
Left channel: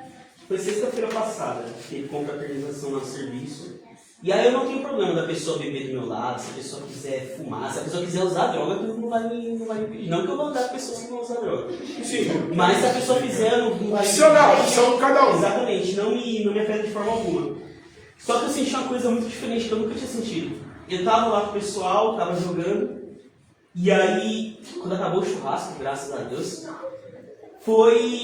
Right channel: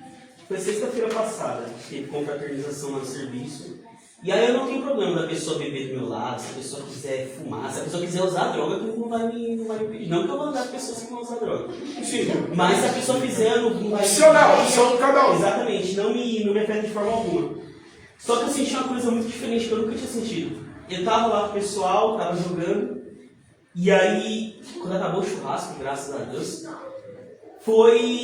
Foi sexta-feira passada, teve confraternização lá no serviço. E aí eu não tenho problema da pessoa beber do meu lado, se a pessoa quiser fumar, se a pessoa quiser usar droga, não vai me pedir. Não que eu vou andar com pessoas que vão usar droga. Sim. Mas se a pessoa quiser, não vai me Opção de cada um. Exatamente, não me afeta de forma alguma. Só que eu senti uma coisa muito diferente que eu nunca tinha sentido. Eu tava lá com o pessoal, tava jogando, e aí, quando acabou o churrasco, graças a Deus,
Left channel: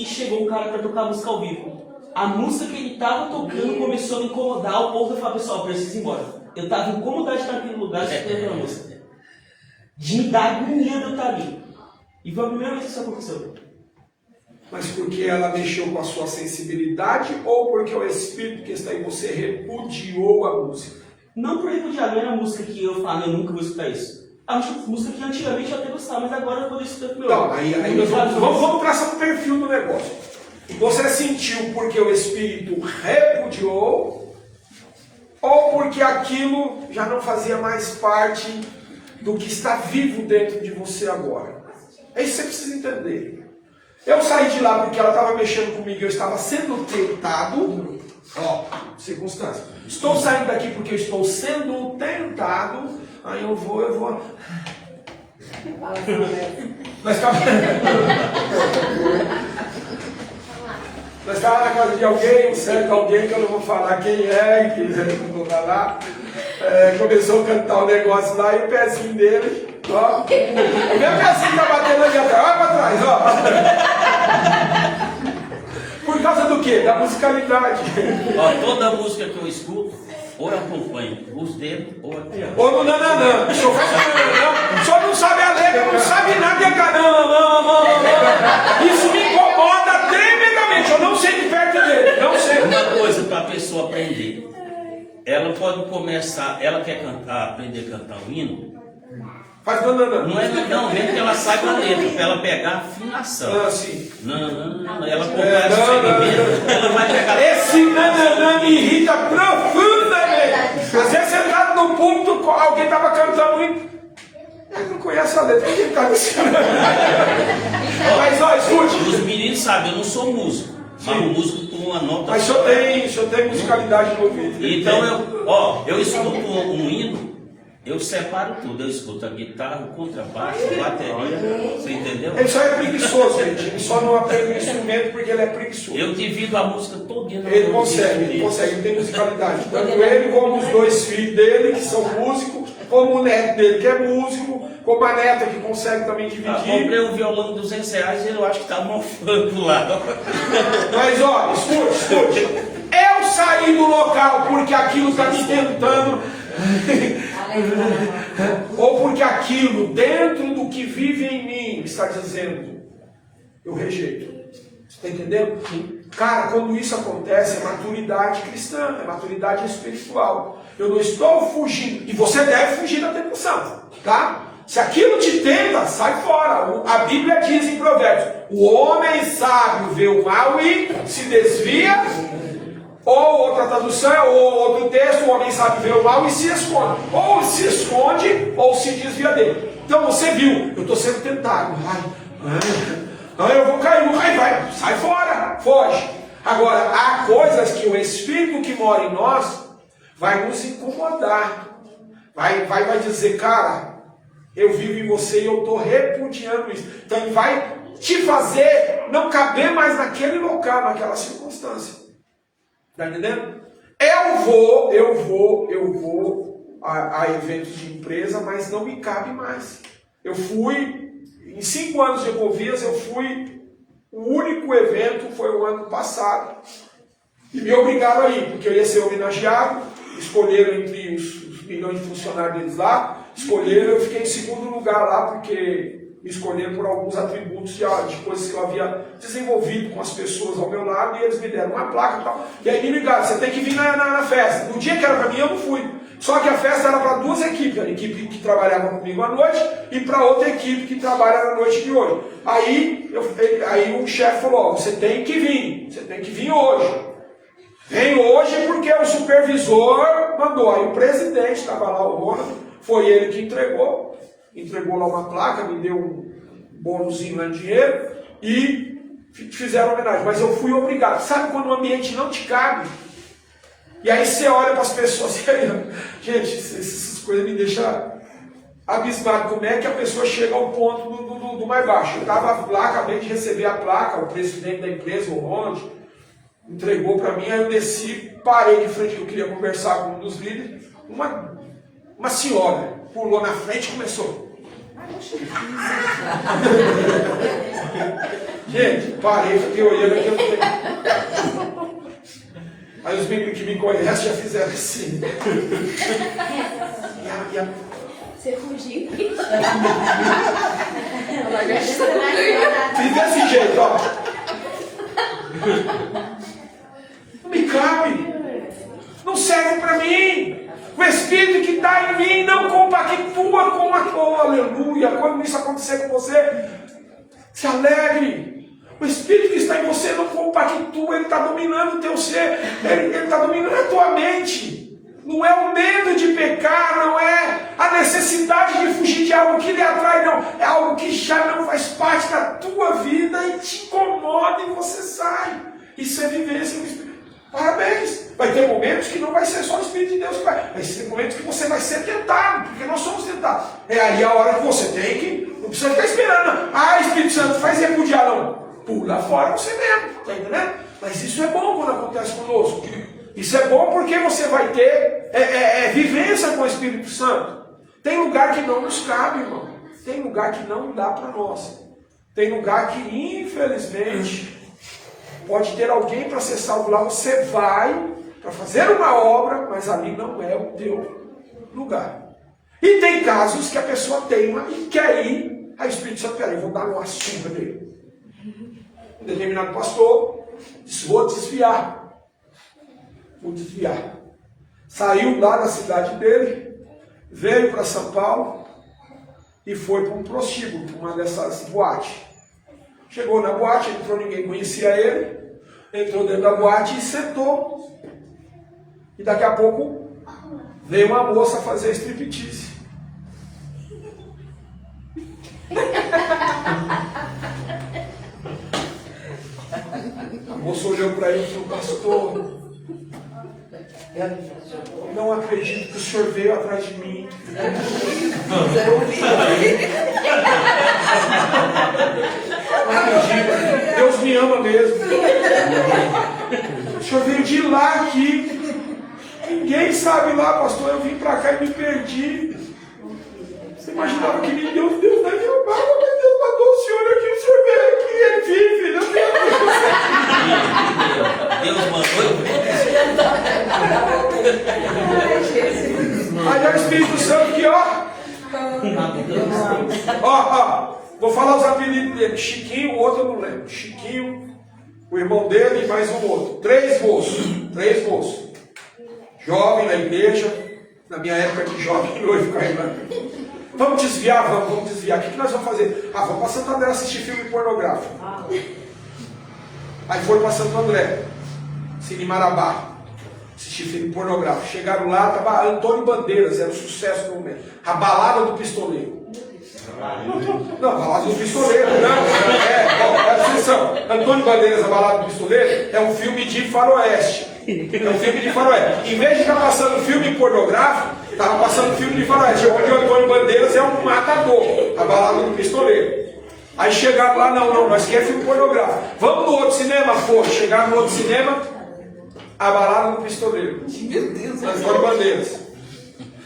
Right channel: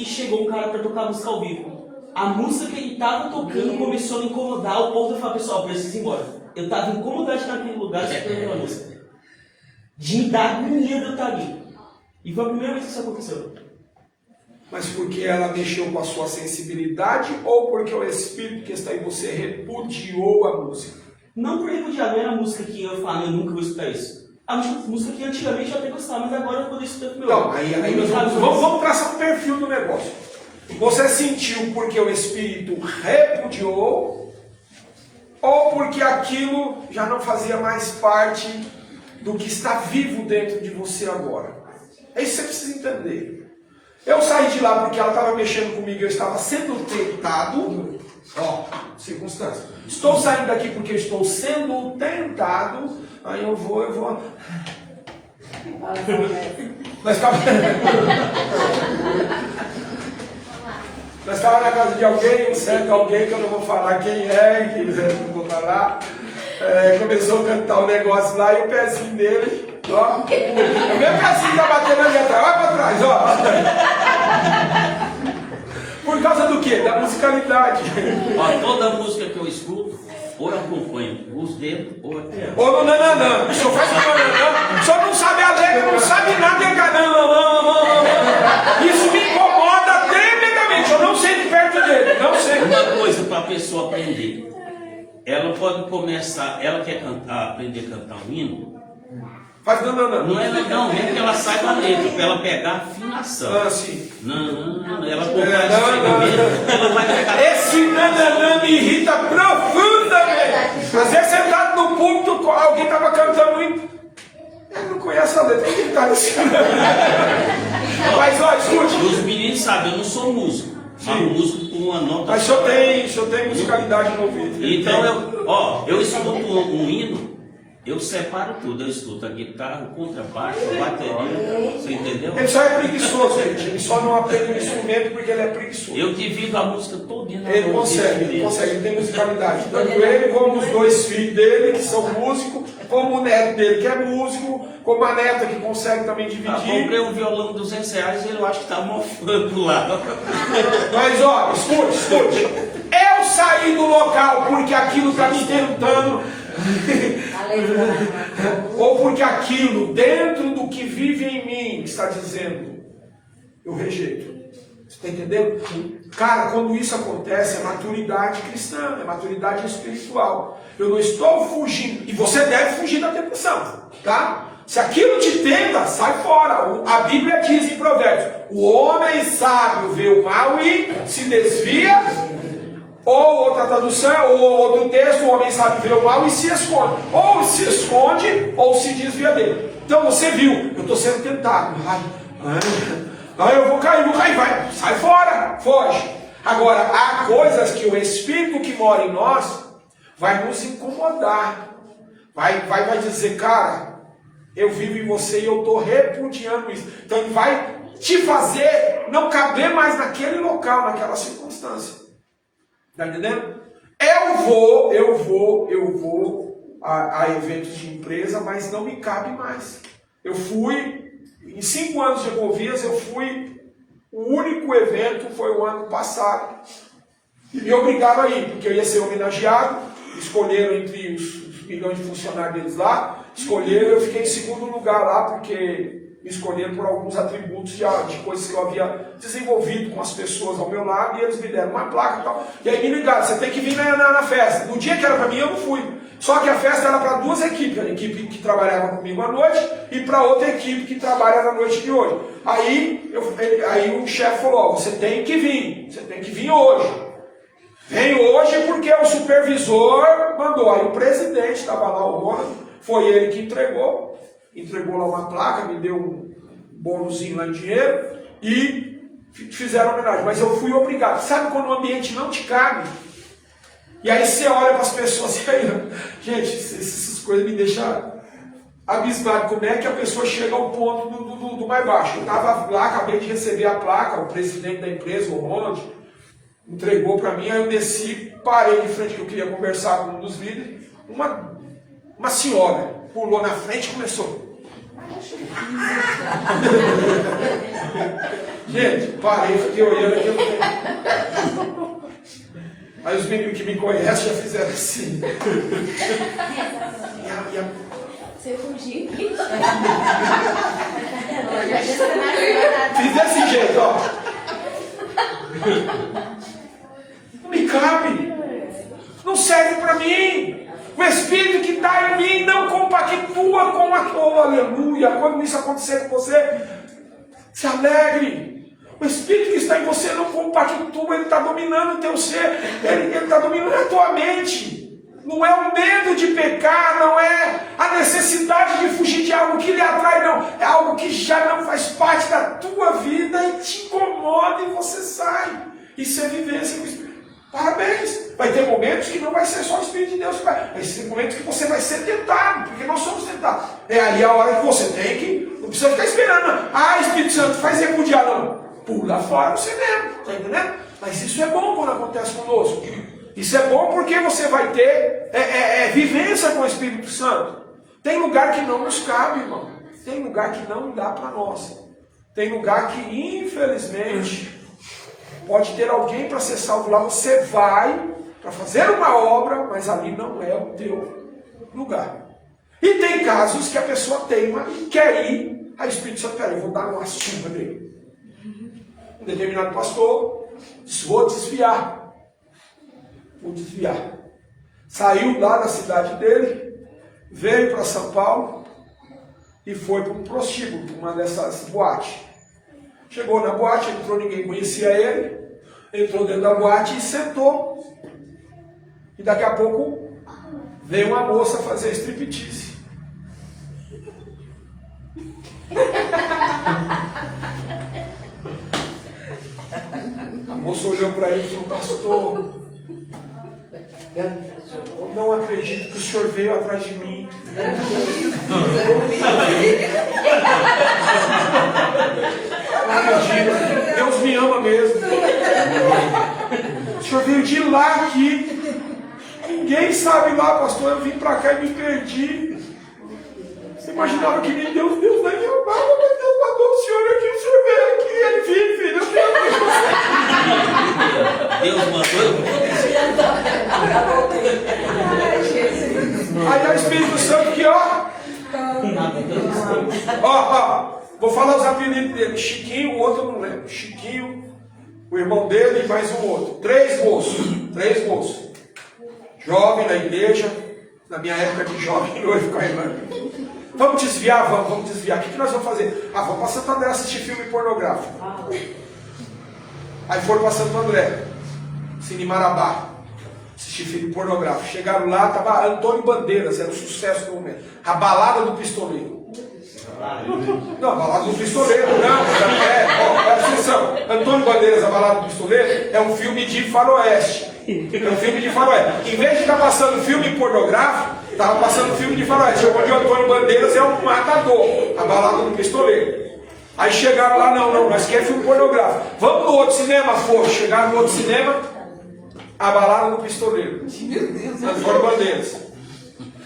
chegou um cara para tocar música ao vivo. A música que ele estava tocando começou a me incomodar, o ponto de falar, pessoal, preciso ir embora. Eu estava incomodado de estar naquele lugar escutando aquela música. De me dar agonia de eu estar ali. E foi a primeira vez que isso aconteceu. Mas porque ela mexeu com a sua sensibilidade ou porque o Espírito que está em você repudiou a música? Não por repudiar, não era a música que eu falava, eu nunca vou escutar isso. A música que antigamente eu até gostava, mas agora eu poderia escutar com meu. Não, aí nós vamos traçar o perfil do negócio. Você sentiu porque o Espírito repudiou ou porque aquilo já não fazia mais parte do que está vivo dentro de você agora? É isso que você precisa entender. Eu saí de lá porque ela estava mexendo comigo, eu estava sendo tentado. Ó, circunstância. Estou saindo daqui porque eu estou sendo tentado. Aí eu vou. Mas calma. Nós estávamos na casa de alguém, um certo alguém que eu não vou falar quem é, que eu não vou falar. Começou a cantar o negócio lá e o pezinho dele, ó. O meu pezinho tá batendo ali atrás, olha pra trás, ó. Por causa do quê? Da musicalidade. Ó, toda música que eu escuto, ou eu acompanho os dedos, ou eu piano. Ou no nananã. O senhor faz nananã. O senhor não sabe a letra, não sabe nada, e nananã. Isso me incomoda tremendamente. Eu não sei de perto dele. Não sei. Uma coisa para a pessoa aprender. Ela pode começar, ela quer aprender a cantar o hino. Faz nananã. Não é não, mesmo que ela saiba a letra, para ela pegar a afinação. Ah, sim. Não, ela acompanha o segmento, ela vai pegar. Esse nananã me irrita profundamente. Às vezes sentado no púlpito, alguém estava cantando hino. Ele não conhece a letra, ele está ensinando. Mas ó, escute. Os meninos sabem, eu não sou músico. Mas o músico com uma nota. Mas o senhor tem musicalidade no ouvido. Então eu escuto um hino. Eu separo tudo, eu escuto a guitarra, o contrabaixo, a bateria, você entendeu? Ele só é preguiçoso, gente. Ele só não aprende o instrumento porque ele é preguiçoso. Eu divido a música todinha. Ele consegue, ele tem musicalidade. Tanto ele como os dois filhos dele, que são músicos, como o neto dele, que é músico, como a neta, que consegue também dividir. Comprei um violão de R$200 e eu acho que está mofando lá. Mas ó, escute. Eu saí do local porque aquilo está me tentando. Ou porque aquilo dentro do que vive em mim está dizendo, eu rejeito. Você está entendendo? Cara, quando isso acontece, é maturidade cristã, é maturidade espiritual. Eu não estou fugindo, e você deve fugir da tentação, tá? Se aquilo te tenta, sai fora. A Bíblia diz em Provérbios: o homem sábio vê o mal e se desvia. Ou outra tradução, ou outro texto: o homem sábio vê o mal e se esconde. Ou se esconde, ou se desvia dele. Então você viu, eu estou sendo tentado. Eu vou cair, vai, sai fora, foge. Agora, há coisas que o Espírito que mora em nós vai nos incomodar. Vai dizer, cara, eu vivo em você e eu estou repudiando isso. Então ele vai te fazer não caber mais naquele local, naquela circunstância. Está entendendo? Eu vou a eventos de empresa, mas não me cabe mais. Eu fui, em 5 anos de Ecovias, o único evento foi o ano passado. E me obrigaram a ir, porque eu ia ser homenageado. Escolheram entre os milhões de funcionários deles lá. Escolheram, eu fiquei em 2º lugar lá, porque me escolheram por alguns atributos de coisas que eu havia desenvolvido com as pessoas ao meu lado, e eles me deram uma placa e tal. E aí me ligaram: você tem que vir na festa. No dia que era para mim, eu não fui. Só que a festa era para 2 equipes, a equipe que trabalhava comigo à noite e para outra equipe que trabalha na noite de hoje. Aí o chefe falou: você tem que vir hoje. Vem hoje porque o supervisor mandou. Aí o presidente estava lá, o Ronald, foi ele que entregou lá uma placa, me deu um bônusinho lá em dinheiro e fizeram homenagem. Mas eu fui obrigado. Sabe quando o ambiente não te cabe? E aí você olha para as pessoas, gente, essas coisas me deixam abismado. Como é que a pessoa chega ao ponto do mais baixo? Eu estava lá, acabei de receber a placa, o presidente da empresa, o Ronald, entregou para mim, aí eu desci, parei de frente, que eu queria conversar com um dos líderes. Uma senhora pulou na frente e começou. Gente, parei, fiquei olhando aqui. Aí os meninos que me conhecem já fizeram assim. Você fugiu. Fiz desse jeito, ó. Não me cabe. Não serve para mim. O Espírito que está em mim não compactua com a tua, aleluia. Quando isso acontecer com você, se alegre. O Espírito que está em você não compactua, ele está dominando o teu ser, ele está dominando a tua mente. Não é o medo de pecar, não é a necessidade de fugir de algo que lhe atrai, não. É algo que já não faz parte da tua vida e te incomoda e você sai. Isso é vivência do Espírito. Parabéns! Vai ter momentos que não vai ser só o Espírito de Deus que vai. Vai ser momentos que você vai ser tentado, porque nós somos tentados. É aí a hora que você tem que. Não precisa ficar esperando. Espírito Santo, faz repudiar, não. Pula fora você mesmo, tá entendendo? Mas isso é bom quando acontece conosco. Isso é bom porque você vai ter vivência com o Espírito Santo. Tem lugar que não nos cabe, irmão. Tem lugar que não dá para nós. Tem lugar que, infelizmente, pode ter alguém para ser salvo lá. Você vai para fazer uma obra, mas ali não é o teu lugar. E tem casos que a pessoa teima e quer ir. Aí o Espírito Santo, peraí, vou dar uma surra dele. Um determinado pastor disse, vou desviar. Saiu lá da cidade dele, veio para São Paulo e foi para um prostíbulo, uma dessas boates. Chegou na boate, entrou, ninguém conhecia ele, entrou dentro da boate e sentou. E daqui a pouco veio uma moça fazer striptease. A moça olhou para ele e falou, pastor, não acredito que o senhor veio atrás de mim. Não acredito. Deus me ama mesmo. O senhor veio de lá aqui. Ninguém sabe lá, pastor. Eu vim para cá e me perdi. Você imaginava que Deus vai me amar, mas Deus mandou o senhor aqui. O senhor veio aqui, ele vive. Não tem Deus mandou. Aí é o Espírito Santo que, vou falar os apelidos dele. Chiquinho, o outro eu não lembro. Chiquinho, o irmão dele e mais um outro. 3 moços. Jovem na igreja. Na minha época de jovem, noivo com a irmã. Vamos desviar. O que nós vamos fazer? Vamos para Santo André assistir filme pornográfico. Aí foram para Santo André, Cine Marabá, assistir filme pornográfico. Chegaram lá, estava Antônio Bandeiras, era um sucesso no momento. A Balada do Pistoleiro. Não, a Balada do Pistoleiro, não. Presta atenção. Antônio Bandeiras, a Balada do Pistoleiro, é um filme de faroeste. Em vez de estar passando filme pornográfico, estava passando filme de faroeste, onde o Antônio Bandeiras é um matador. A Balada do Pistoleiro. Aí chegaram lá, não, nós queremos filme pornográfico. Vamos no outro cinema, chegaram no outro cinema, a Balada do Pistoleiro. Meu Deus, Antônio Bandeiras.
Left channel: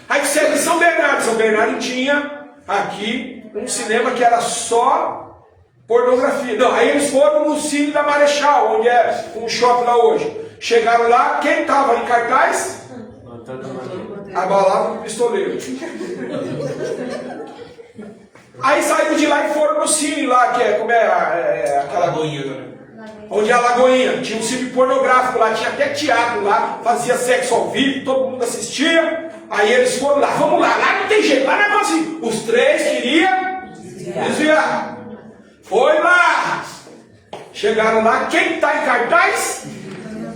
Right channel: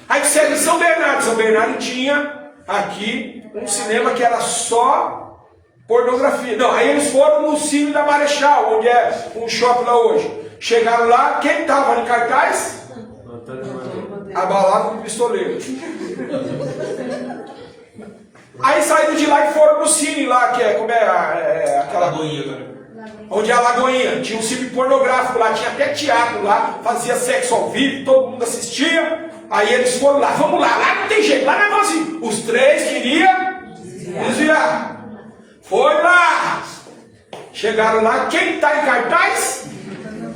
Aí disseram em São Bernardo. São Bernardo tinha aqui um cinema que era só pornografia. Não, aí eles foram no Cine da Marechal, onde é um shopping lá hoje. Chegaram lá, quem estava em cartaz? A Balada do Pistoleiro. Aí saíram de lá e foram no cine lá, que é, como é aquela Lagoinha, onde é a Lagoinha, tinha um cine pornográfico lá, tinha até teatro lá, fazia sexo ao vivo, todo mundo assistia. Aí eles foram lá, vamos lá não tem jeito, lá não é assim. Os 3 queriam desviar. Foi lá. Chegaram lá, quem está em cartaz?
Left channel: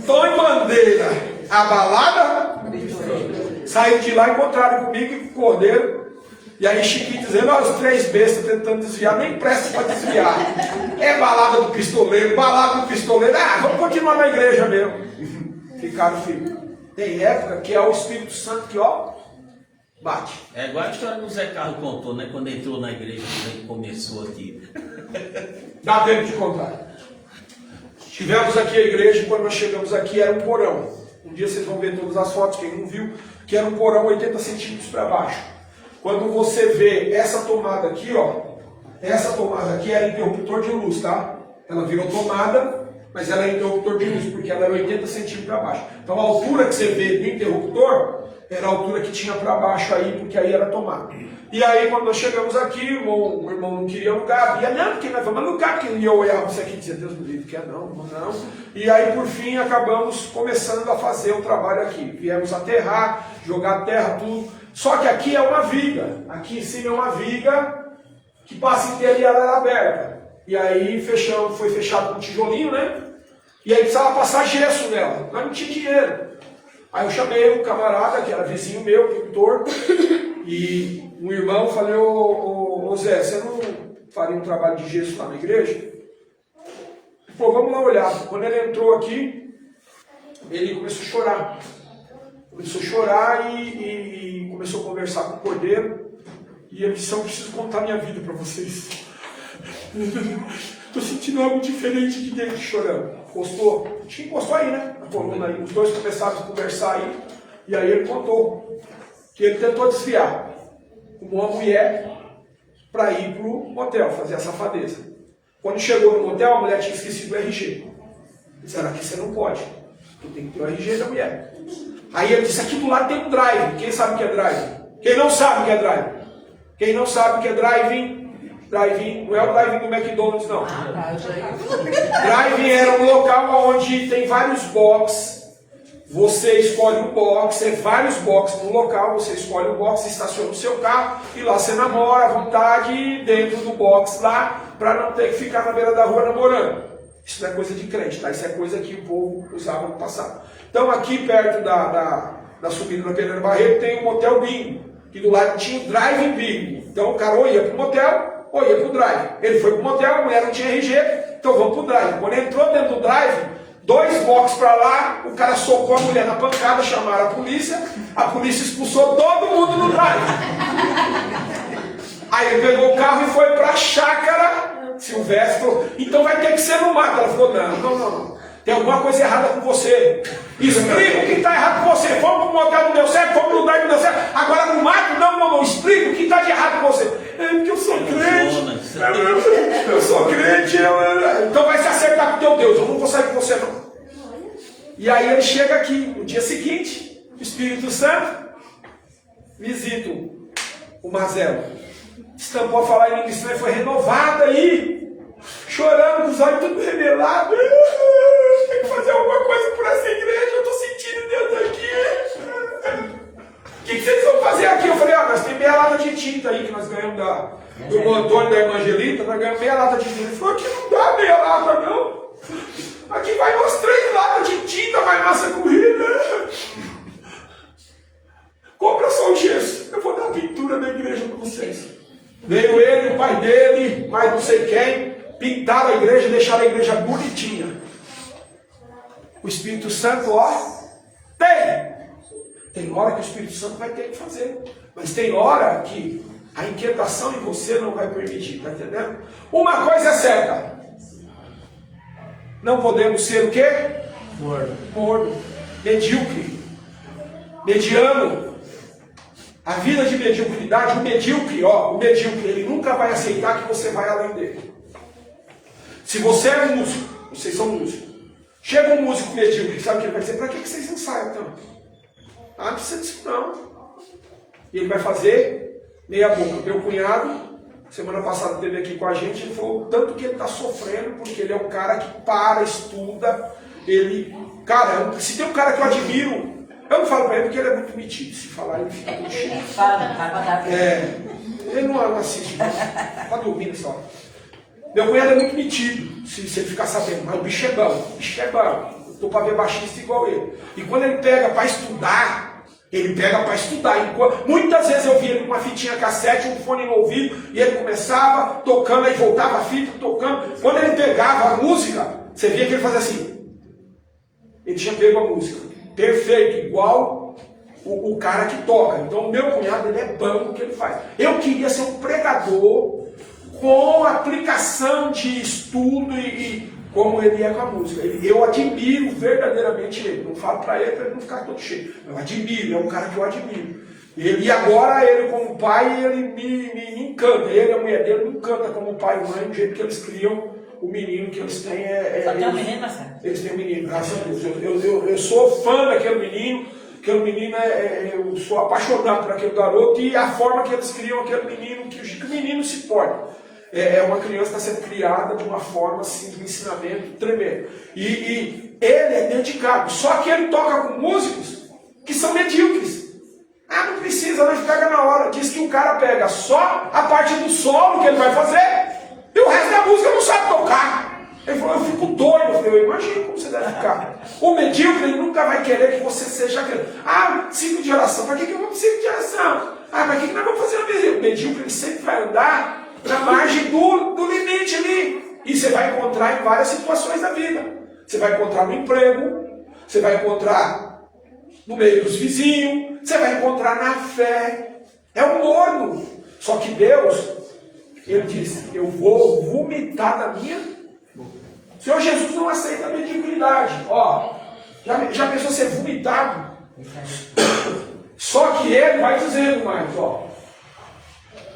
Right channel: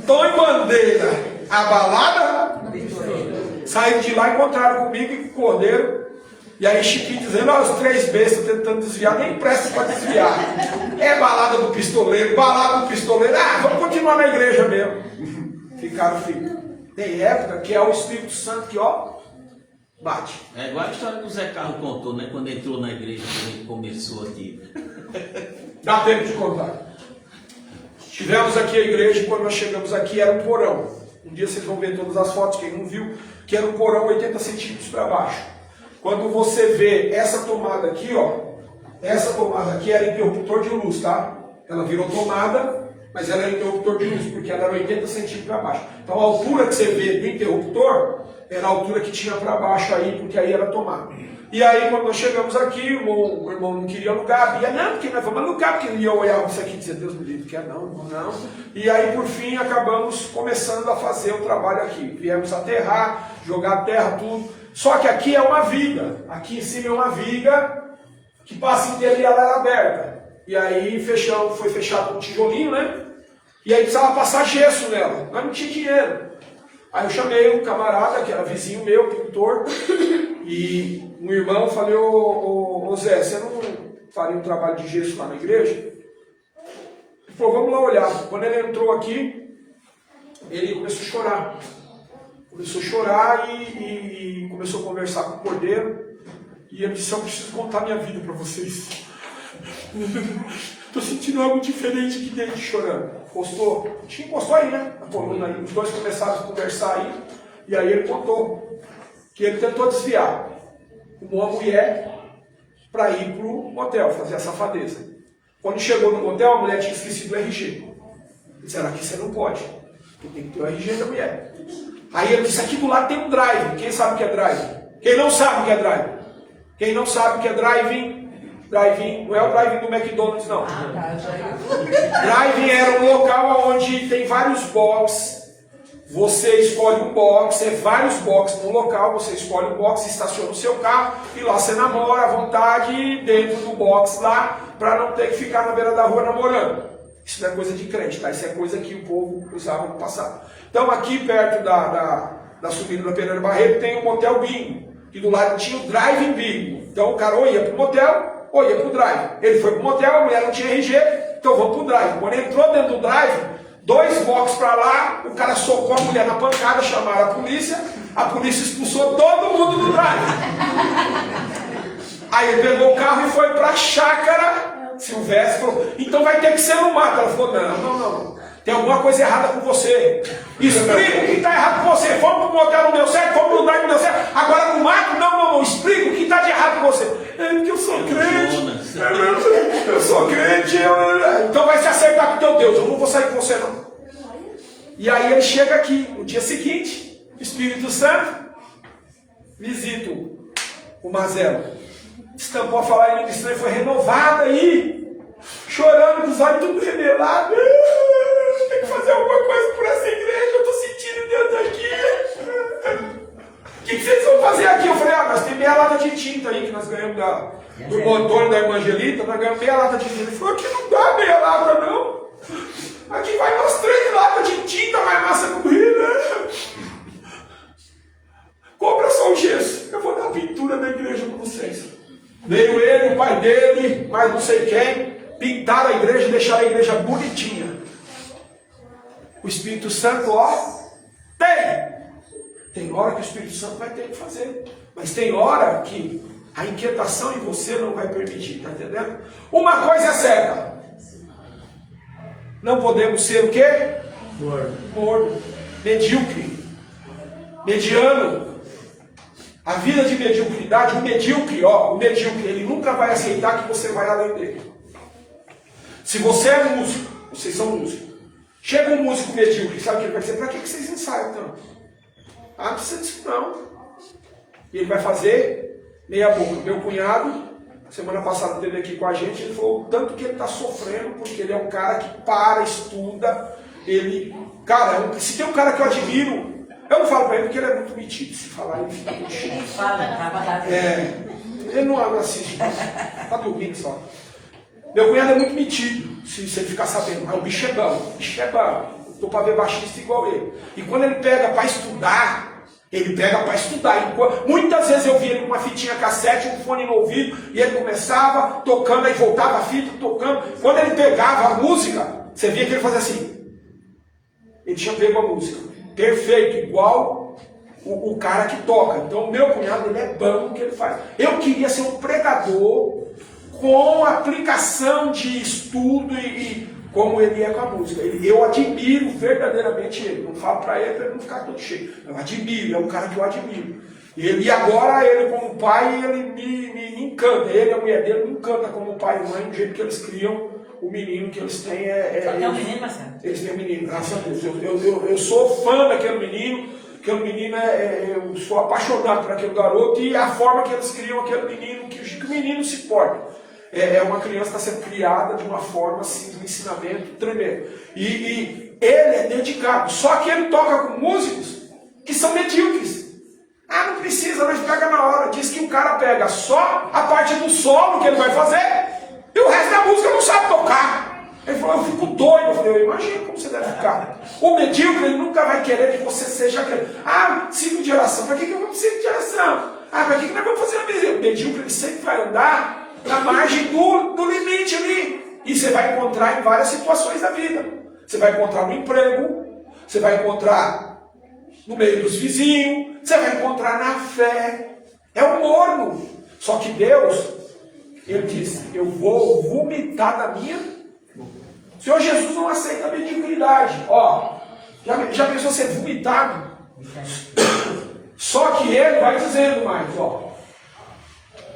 Antônio Bandeira, a Balada. Saíram de lá, encontraram comigo e com o Cordeiro. E aí Chiquinho dizendo, os 3 bestas tentando desviar, nem presta para desviar. É Balada do Pistoleiro. Vamos continuar na igreja mesmo. Ficaram frios. Tem época que é o Espírito Santo que, bate. É igual a história que o Zé Carlos contou, né? Quando entrou na igreja, quando ele começou aqui. Dá tempo de contar. Tivemos aqui a igreja e quando nós chegamos aqui era um porão. Um dia vocês vão ver todas as fotos, quem não viu, que era um porão 80 centímetros para baixo. Quando você vê essa tomada aqui, essa tomada aqui era interruptor de luz, tá? Ela virou tomada, mas ela era interruptor de luz, porque ela era 80 centímetros para baixo. Então a altura que você vê do interruptor era a altura que tinha para baixo aí, porque aí era tomada. E aí quando nós chegamos aqui, o irmão não queria alugar, não, porque nós vamos alugar, porque eu olhava isso aqui e dizia, Deus me livre, quer não. E aí por fim acabamos começando a fazer o trabalho aqui. Viemos aterrar, jogar terra, tudo. Só que aqui é uma viga, aqui em cima é uma viga que passa inteira e ela era aberta. E aí foi fechado com tijolinho, né? E aí precisava passar gesso nela, mas não tinha dinheiro. Aí eu chamei um camarada, que era vizinho meu, pintor, e um irmão, falei, ô Zé, você não faria um trabalho de gesso lá na igreja? Ele falou, vamos lá olhar. Quando ele entrou aqui, ele começou a chorar. E começou a conversar com o Cordeiro. E ele disse, eu preciso contar minha vida para vocês. Estou sentindo algo diferente aqui dentro, chorando. encostou, acho que encostou aí, né? Na coluna aí. Os dois começaram a conversar aí. E aí ele contou que ele tentou desviar uma mulher para ir para o motel, fazer a safadeza. Quando chegou no motel, a mulher tinha esquecido o RG. Disseram, aqui você não pode, porque tem que ter o RG da mulher. Aí ele disse, aqui do lado tem um drive. Quem sabe o que é drive? Quem não sabe o que é drive? Quem não sabe o que é drive-in, não é o drive-in do McDonald's, não. Drive-in era um local onde tem vários boxes. Você escolhe um box, é vários boxes no local, você escolhe um box, estaciona o seu carro e lá você namora à vontade dentro do box lá, para não ter que ficar na beira da rua namorando. Isso não é coisa de crente, tá? Isso é coisa que o povo usava no passado. Então aqui perto da subida da Pedra Barreto tem um motel bingo, e do lado tinha o drive-in bingo. Então o cara ou ia pro motel ou ia pro drive. Ele foi pro motel, a mulher não tinha RG, então vamos pro drive. Quando ele entrou dentro do drive, 2 boxes para lá, o cara socou a mulher na pancada, chamaram a polícia expulsou todo mundo do drive. Aí ele pegou o carro e foi para a chácara. Silvestre falou, então vai ter que ser no mato. Ela falou, não. Tem alguma coisa errada com você. Explica o que está errado com você. Fomos para o motel, não deu certo, fomos no drive, não deu certo. Agora no mato, não. Explica o que está de errado com você. É porque eu sou crente. Eu sou crente. Então vai se acertar com o teu Deus. Eu não vou sair com você, não. E aí ele chega aqui, no dia seguinte, o Espírito Santo visita o Mazelo. Estampou a falar em língua estranha, foi renovada aí, chorando com os olhos tudo revelados. Tem que fazer alguma coisa por essa igreja, eu estou sentindo Deus aqui. O que vocês vão fazer aqui? Eu falei, nós temos meia lata de tinta aí, que nós ganhamos do Antônio da Evangelita, nós ganhamos meia lata de tinta. Ele falou, aqui não dá meia lata não. Aqui vai umas 3 latas de tinta, mais massa corrida. Compra só o gesso, eu vou dar a pintura da igreja para vocês. Veio ele, o pai dele, mais não sei quem, pintaram a igreja e deixaram a igreja bonitinha. O Espírito Santo, tem hora que o Espírito Santo vai ter que fazer, mas tem hora que a inquietação de você não vai permitir, está entendendo? Uma coisa é certa, não podemos ser o quê? Morno, medíocre, mediano. A vida de mediocridade, o medíocre, ele nunca vai aceitar que você vai além dele. Se você é músico, vocês são músicos, chega um músico medíocre, sabe o que ele vai dizer? Para que vocês ensaiam então? Não precisa disso não. E ele vai fazer meia boca. Meu cunhado, semana passada teve aqui com a gente, ele falou tanto que ele está sofrendo, porque ele é um cara que estuda, se tem um cara que eu admiro, eu não falo para ele porque ele é muito metido. Se falar, ele fica muito cheio. Ele não assiste, está dormindo só. Meu cunhado é muito metido, se ele ficar sabendo. Mas o bicho é bom. Eu estou para ver baixista igual ele. E quando ele pega para estudar, Muitas vezes eu vi ele com uma fitinha cassete, um fone no ouvido, e ele começava tocando, aí voltava a fita, tocando. Quando ele pegava a música, você via que ele fazia assim. Ele tinha pego a música. Perfeito, igual o cara que toca. Então o meu cunhado, ele é bom no que ele faz. Eu queria ser um pregador com aplicação de estudo e como ele é com a música. Eu admiro verdadeiramente ele. Não falo para ele não ficar todo cheio. Eu admiro, é um cara que eu admiro. E agora ele como pai, ele me encanta. Ele e a mulher dele me encanta como pai e mãe, do jeito que eles criam o menino que eles têm. Tem um menino, tá certo? Eles têm um menino, graças a Deus. Eu sou fã daquele menino. Aquele menino, eu sou apaixonado por aquele garoto e a forma que eles criam aquele menino, que o menino se porta. É uma criança que está sendo criada de uma forma assim, de um ensinamento tremendo. E ele é dedicado. Só que ele toca com músicos que são medíocres. Não precisa, nós pega na hora. Diz que o cara pega só a parte do solo que ele vai fazer e o resto da música não sabe tocar. Ele falou, eu fico doido. Eu falei, imagina como você deve ficar. O medíocre, ele nunca vai querer que você seja aquele. Ciclo de oração. Para que eu vou para ciclo de oração? Para que nós vamos fazer no medíocre? O medíocre, ele sempre vai andar na margem do limite ali. E você vai encontrar em várias situações da vida. Você vai encontrar no emprego, você vai encontrar no meio dos vizinhos, você vai encontrar na fé. É um morno. Só que Deus, ele disse, eu vou vomitar da minha. Senhor Jesus não aceita a mediocridade. Ó, já pensou ser vomitado? Só que ele vai dizendo mais, ó.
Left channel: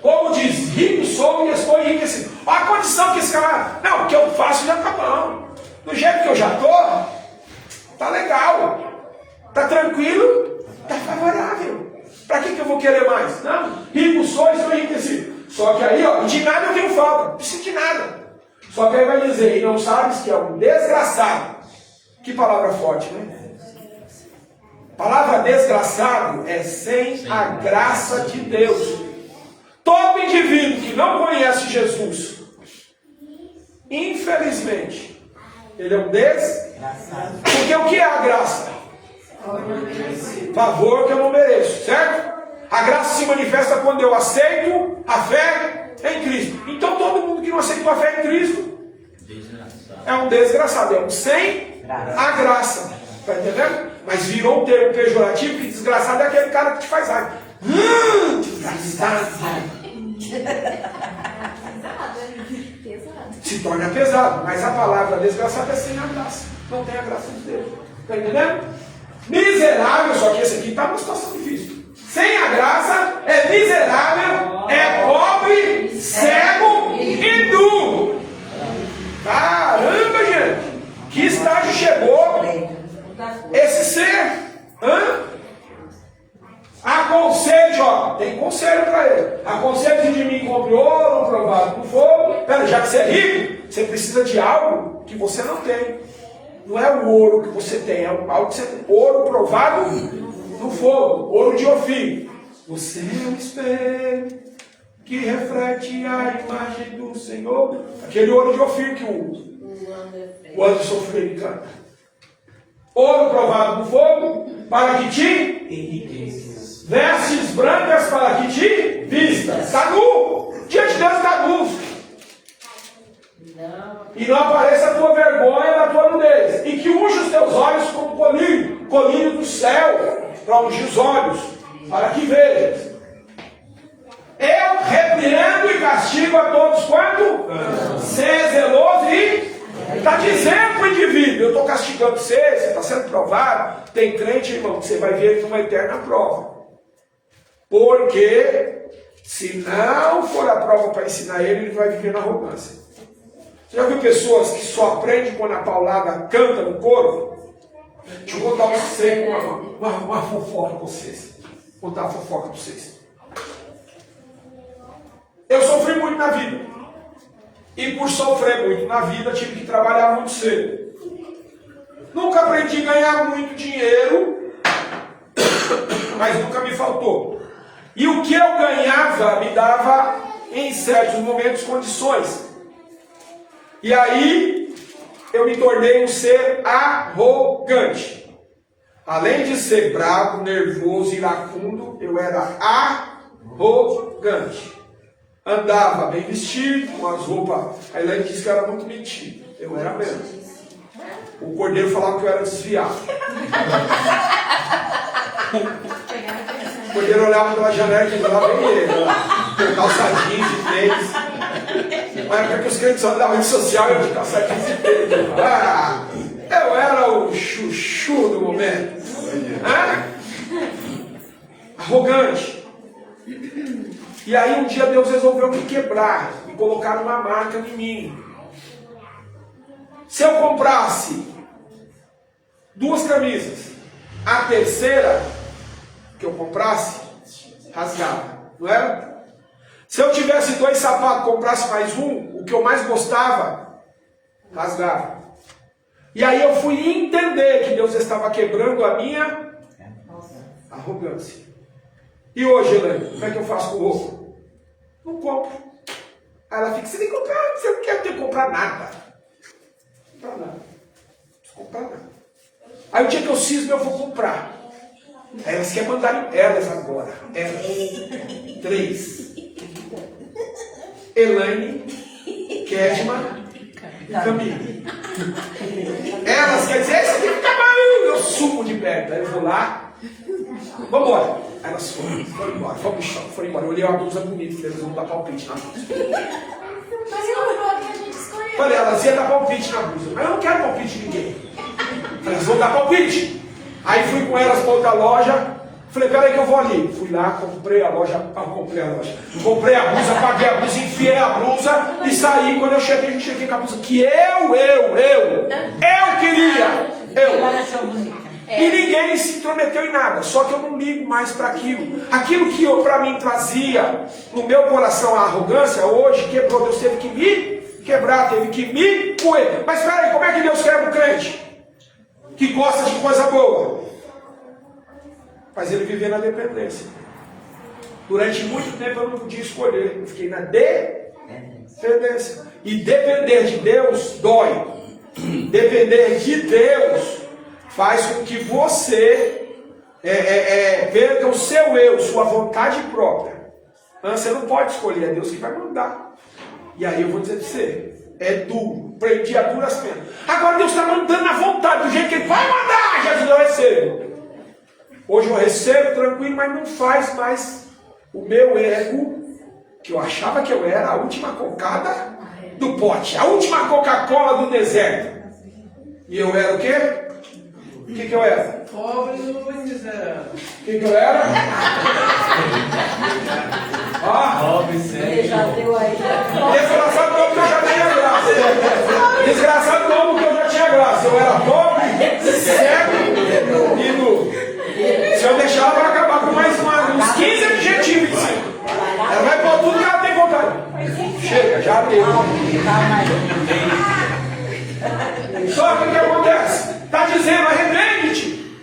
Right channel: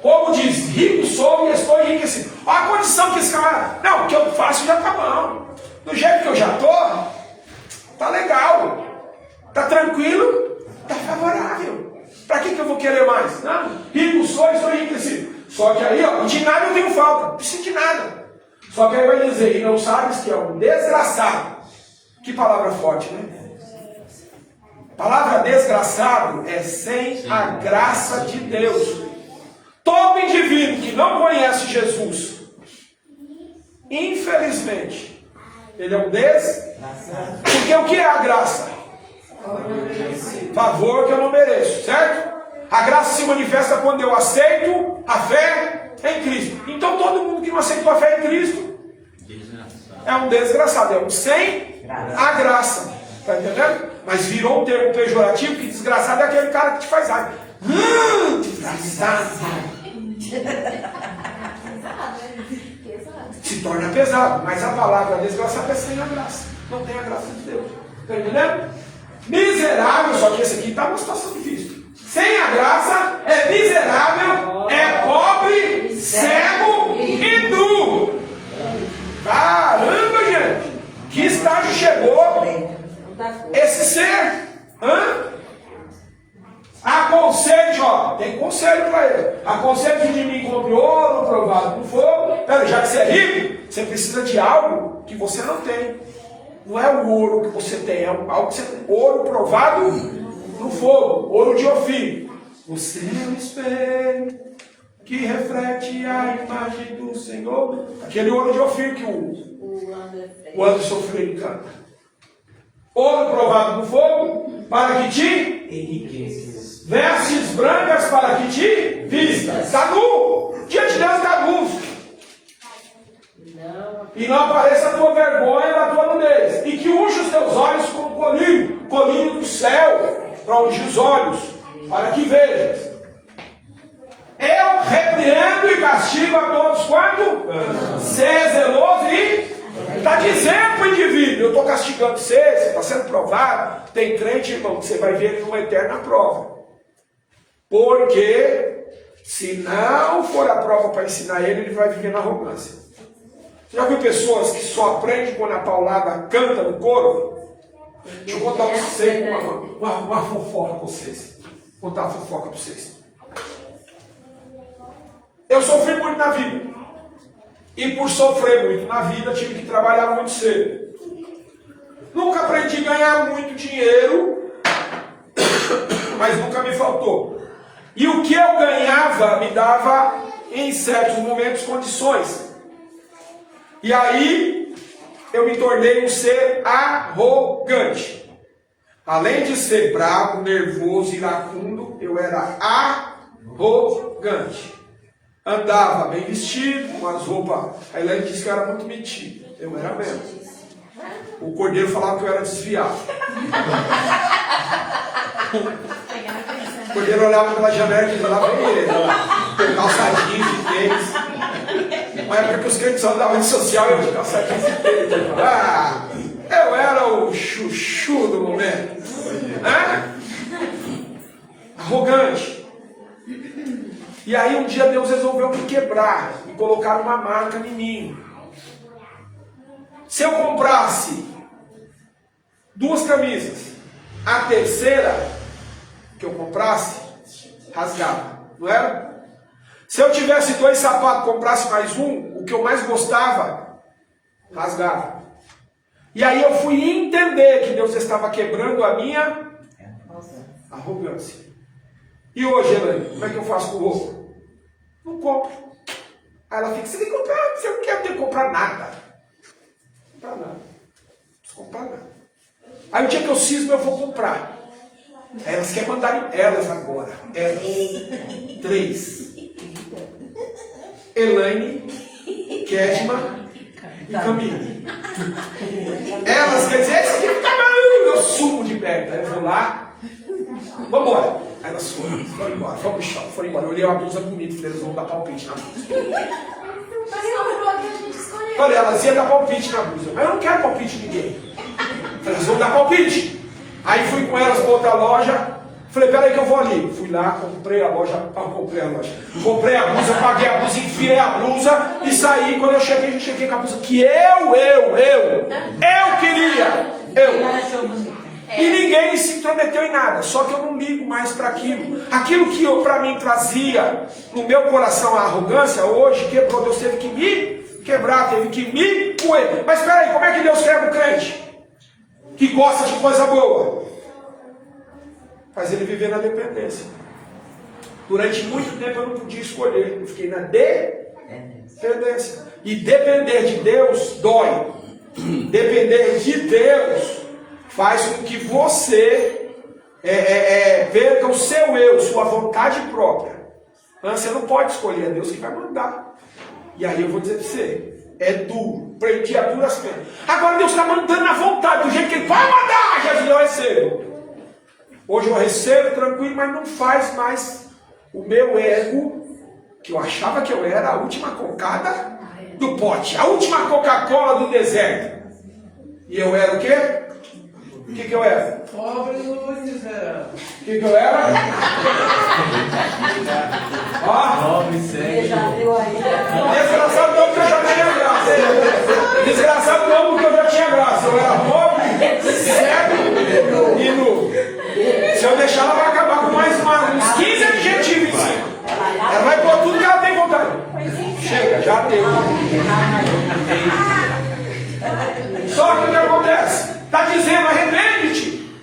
Como diz, rico sou e estou enriquecido. Olha a condição que esse camarada. Não, o que eu faço já está bom. Do jeito que eu já estou, tá legal. Tá tranquilo, tá favorável. Para que eu vou querer mais? Não, rico sou e estou enriquecido. Só que aí, ó, de nada eu tenho falta. Não preciso de nada. Só que aí vai dizer, e não sabes que é um desgraçado. Que palavra forte, né? Palavra desgraçado é sem a graça de Deus. Todo indivíduo que não conhece Jesus, infelizmente, ele é um desgraçado. Porque o que é a graça? Favor que eu não mereço, certo? A graça se manifesta quando eu aceito a fé em Cristo. Então todo mundo que não aceitou a fé em Cristo é um desgraçado, é um sem a graça. Está entendendo? Mas virou um termo pejorativo, que desgraçado é aquele cara que te faz raiva. Desgraçado. Se torna pesado, mas a palavra desgraçado é sem a graça. Não tem a graça de Deus. Está entendendo? Miserável, só que esse aqui está numa situação difícil. Sem a graça é miserável, é pobre, cego e nu. Caramba, gente! Que estágio chegou esse ser? Aconselho, ó, tem conselho para ele. Aconselho de mim compre ouro provado no fogo. Pera, já que você é rico, você precisa de algo que você não tem. Não é o ouro que você tem, é algo que você tem. Ouro provado no fogo, ouro de Ofir. Você é um espelho que reflete a imagem do Senhor. Aquele ouro de Ofir que o Anderson Freire canta. Ouro provado no fogo, para que te enriqueças. Vestes brancas para que te vistas. Está nu. Diante de Deus está nu. E não apareça a tua vergonha da tua nudez. E que unja os teus olhos como colírio do céu, para ungir os olhos, para que vejas. Eu repreendo e castigo a todos quando ser zeloso e está dizendo para o indivíduo, eu estou castigando você está sendo provado. Tem crente, irmão, que você vai ver numa eterna prova. Porque se não for a prova para ensinar ele vai viver na arrogância. Você já viu pessoas que só aprendem quando a paulada canta no coro? Deixa eu contar uma fofoca para vocês. Vou contar uma fofoca para vocês. Eu sofri muito na vida. E por sofrer muito na vida, tive que trabalhar muito cedo. Nunca aprendi a ganhar muito dinheiro, mas nunca me faltou. E o que eu ganhava me dava, em certos momentos, condições. E aí, eu me tornei um ser arrogante. Além de ser bravo, nervoso, iracundo, eu era arrogante. Andava bem vestido, com as roupas. A Elaine disse que eu era muito metido. Eu era mesmo. O cordeiro falava que eu era desviado. O cordeiro olhava pela janela e falava, bem ele, calçadinho de tênis. Uma época que os crentes andavam de social, eu de calçadinho de tênis. Eu era o chuchu do momento. Arrogante. E aí um dia Deus resolveu me quebrar, me colocar uma marca em mim. Se eu comprasse 2 camisas, a terceira que eu comprasse, rasgava, não era? Se eu tivesse 2 sapatos, comprasse mais um, o que eu mais gostava, rasgava. E aí eu fui entender que Deus estava quebrando a minha arrogância. E hoje, Elaine, como é que eu faço com roupa? Não compro. Aí ela fica, você tem que comprar, você não quer ter que comprar nada. Não comprar nada. Não preciso comprar nada. Aí o dia que eu cismo, eu vou comprar. Aí elas querem mandar elas agora. Elas. 3. Elaine, Kedma e Camille. Elas querem dizer, esse aqui é o tamanho. Eu sumo de perto. Aí eu vou lá. Vamos embora. Aí elas foram embora. Vamos pro shopping, foram embora. Eu olhei uma blusa bonita, eles vão dar palpite na blusa. Falei, elas iam dar palpite na blusa. Mas eu não quero palpite de ninguém. Falei, elas vão dar palpite. Aí fui com elas para outra loja. Falei, peraí que eu vou ali. Fui lá, comprei a loja. Comprei a blusa, paguei a blusa, enfiei a blusa e saí. Quando eu cheguei com a blusa que eu queria. E ninguém se intrometeu em nada. Só que eu não ligo mais para aquilo. Aquilo que para mim trazia no meu coração a arrogância, hoje quebrou. Deus teve que me quebrar, teve que me coer. Mas espera aí, como é que Deus quebra o crente? Que gosta de coisa boa. Faz ele viver na dependência. Durante muito tempo eu não podia escolher. Eu fiquei na dependência. E depender de Deus dói. Depender de Deus faz com que você perca o seu eu, sua vontade própria. Você não pode escolher, é Deus que vai mandar. E aí eu vou dizer para você, é duro, prendi a duras penas. Agora Deus está mandando na vontade, do jeito que Ele vai mandar, Jesus, eu recebo. Hoje eu recebo tranquilo, mas não faz mais o meu ego, que eu achava que eu era a última cocada do pote, a última Coca-Cola do deserto. E eu era o quê? O que eu era? Pobre no miserável. O que eu era? Desgraçado não, porque eu já tinha graça. Desgraçado não, porque eu já tinha graça. Eu era pobre, cego e nu. Se eu deixar, ela vai acabar com mais uns 15 adjetivos em cima. Ela vai pôr tudo que ela tem vontade. Chega, já deu. Só que o que acontece? Está dizendo, arrepende-te.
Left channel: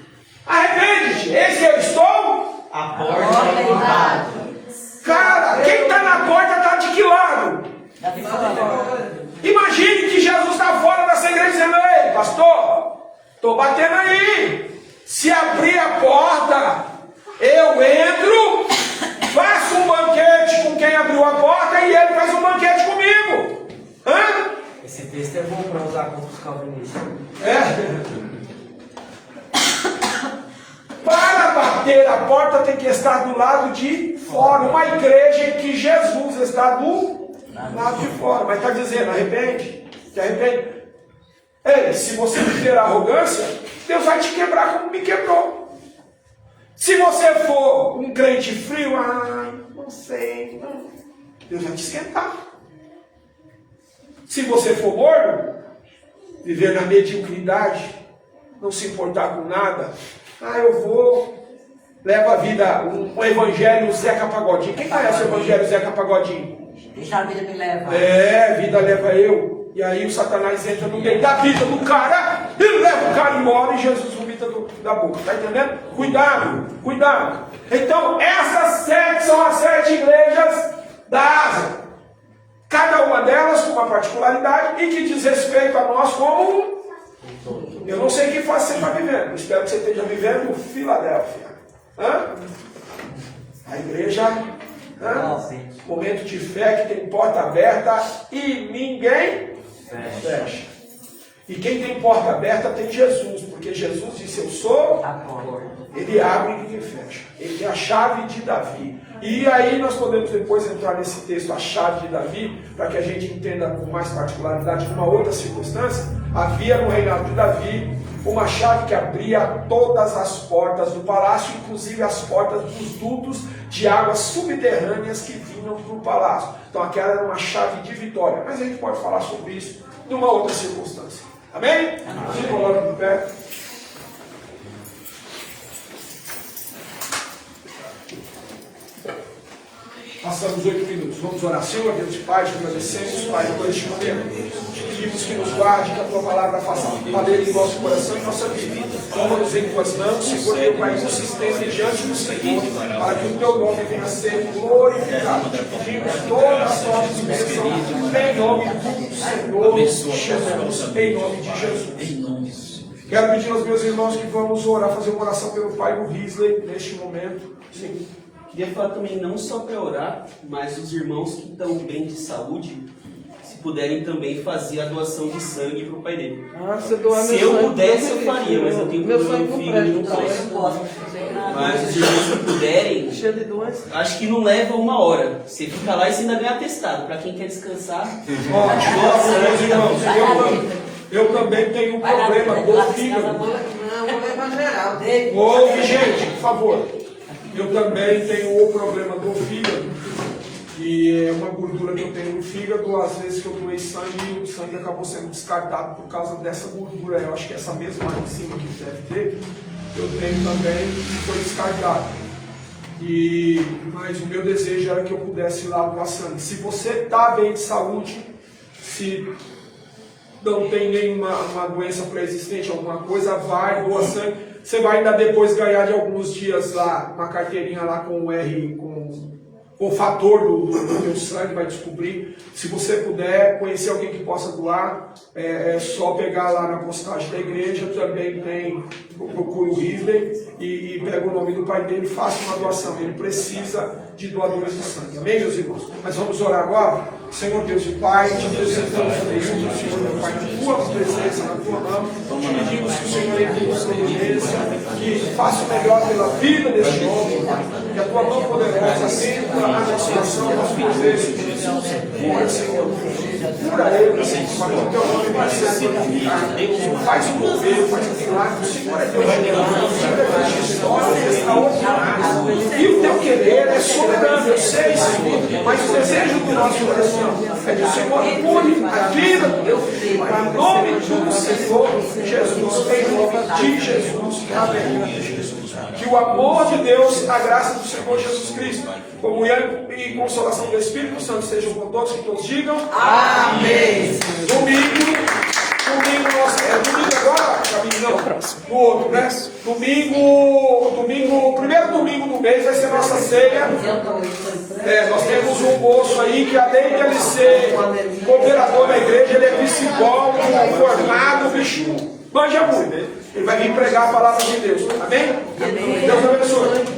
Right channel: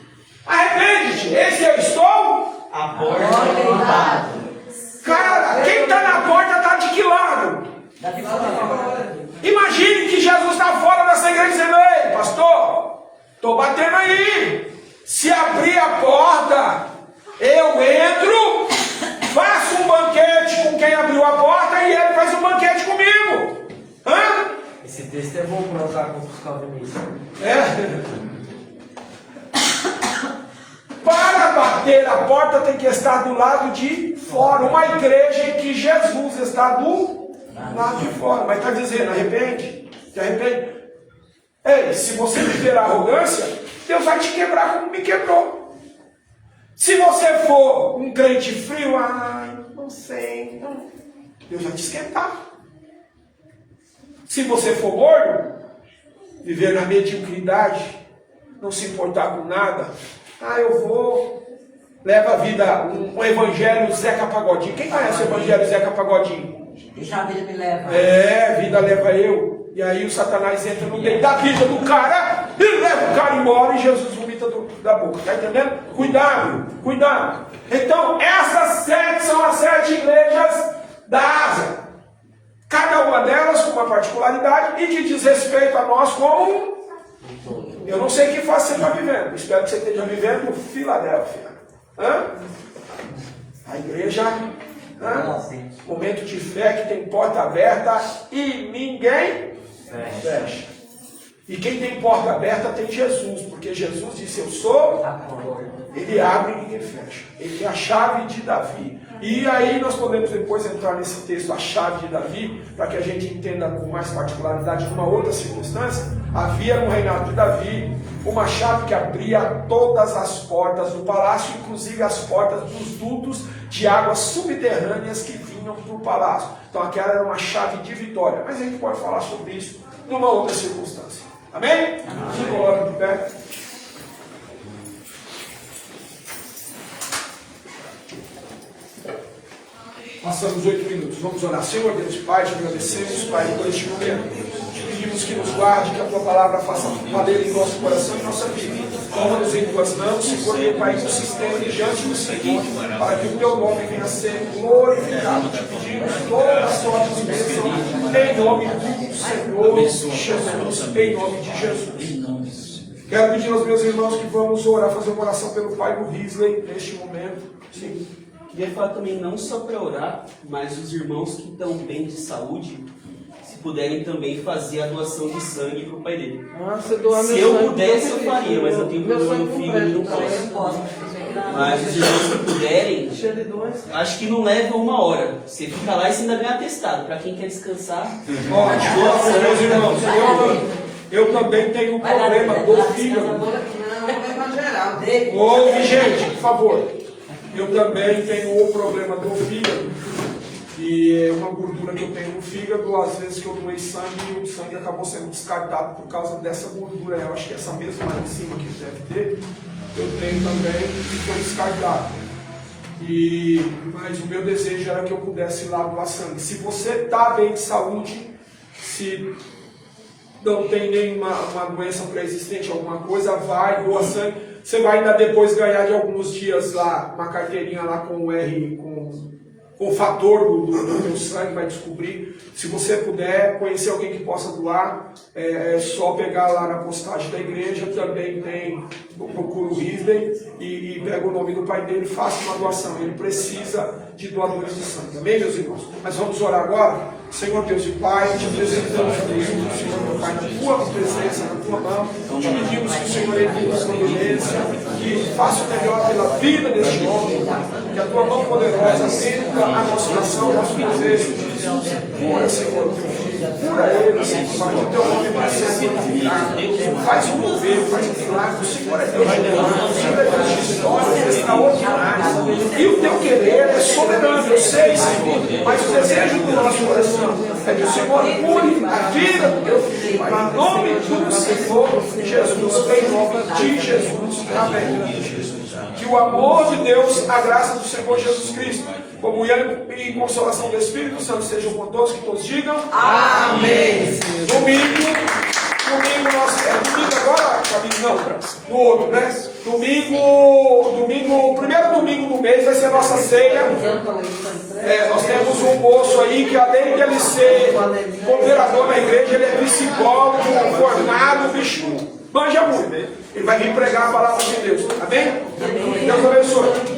Arrepende-te. Esse eu estou. A porta é. Cara, quem está na porta está de que lado? Imagine que Jesus está fora dessa igreja dizendo, ei, pastor, estou batendo aí. Se abrir a porta, eu entro, faço um banquete com quem abriu a porta e ele faz um banquete comigo. Hã? Esse texto é bom para usar contra os calvinistas. Para bater a porta tem que estar do lado de fora. Uma igreja em que Jesus está do lado de fora. Mas está dizendo, arrepende. Te arrepende. Ei, se você viver a arrogância, Deus vai te quebrar como me quebrou. Se você for um crente frio, não sei, não. Deus vai te esquentar. Se você for gordo, viver na mediocridade, não se importar com nada, eu vou, leva a vida, um evangelho Zeca Pagodinho. Quem conhece o evangelho Zeca Pagodinho? Deixa a vida me levar. A vida leva eu. E aí o Satanás entra no meio da vida do cara, e leva o cara embora e Jesus vomita da boca. Está entendendo? Cuidado, cuidado. Então, essas 7 são as 7 igrejas da Ásia. Cada uma delas com uma particularidade e que diz respeito a nós como... Eu não sei que fase você está vivendo. Espero que você esteja vivendo Filadélfia. A igreja... Momento de fé que tem porta aberta e ninguém fecha. E quem tem porta aberta tem Jesus, porque Jesus disse, eu sou, ele abre e ninguém fecha. Ele tem a chave de Davi. E aí nós podemos depois entrar nesse texto, a chave de Davi, para que a gente entenda com mais particularidade, numa outra circunstância. Havia no reinado de Davi uma chave que abria todas as portas do palácio, inclusive as portas dos dutos de águas subterrâneas que vinham para o palácio. Então aquela era uma chave de vitória. Mas a gente pode falar sobre isso numa outra circunstância. Amém? Se coloca de pé. Passamos 8 minutos. Vamos orar. Senhor Deus e Pai, te agradecemos, Pai, por este momento. Te pedimos que nos guarde, que a Tua palavra faça valer em nosso coração e nossa vida. Toma-nos em Tuas mãos, Senhor, meu Pai, nos sustente diante do Senhor, para que o Teu nome venha a ser glorificado. Te pedimos toda sorte de bênção, em nome do Senhor Jesus. Em nome de Jesus. Quero pedir aos meus irmãos que vamos orar, fazer uma oração pelo pai do Risley neste momento. Sim. Queria falar também não só para orar, mas os irmãos que estão bem de saúde, se puderem também fazer a doação de sangue para o pai dele. Se eu doar Se meu eu sangue, pudesse, eu Deus faria, mas eu tenho meu problema no sangue fígado, não com posso. Mas os irmãos que puderem, acho que não leva 1 hora. Você fica lá e você ainda ganha atestado. Para quem quer descansar. Ó, meus irmãos, eu também tenho um problema do fígado. Ouve, gente, por favor. Eu também tenho o problema do fígado, que é uma gordura que eu tenho no fígado. Às vezes que eu doei sangue e o sangue acabou sendo descartado por causa dessa gordura. Eu acho que essa mesma lá em cima que deve ter, eu tenho também e foi descartado. Mas o meu desejo era que eu pudesse ir lá doar sangue. Se você está bem de saúde, se não tem nenhuma doença pré-existente, alguma coisa, vai, doa sangue. Você vai ainda depois ganhar de alguns dias lá uma carteirinha lá com o R, com o fator do teu sangue, vai descobrir. Se você puder conhecer alguém que possa doar, é só pegar lá na postagem da igreja, também tem, procura o Risley e pega o nome do pai dele e faça uma doação. Ele precisa de doadores de sangue. Amém, meus irmãos? Mas vamos orar agora? Senhor Deus e Pai, te apresentamos a Deus, Senhor meu Pai, na tua presença, na tua mão. Te pedimos que o Senhor entre nos providência, que faça o melhor pela vida deste homem, que a tua mão poderosa atenda a nossa oração, nosso desejo. Cura, Senhor, cura ele, para que o teu nome vai ser glorificado. Faz um mover, faz um milagre. O Senhor é Deus de milagres, o Senhor é Deus de histórias extraordinárias. E o teu querer é soberano, eu sei, Senhor, mas o desejo do nosso coração é que o Senhor cure a vida do teu filho, em nome do Senhor Jesus, em nome de Jesus. Amém. Que o amor de Deus, a graça do Senhor Jesus Cristo, comunhão e consolação do Espírito Santo sejam com todos, que todos digam amém. Domingo agora, não, no outro, né? Domingo, o primeiro domingo do mês vai ser nossa ceia. Nós temos um moço aí que, além de ele ser cooperador na igreja, ele é psicólogo, formado, bicho, manja muito. Ele vai vir pregar a palavra de Deus. Amém? Deus abençoe.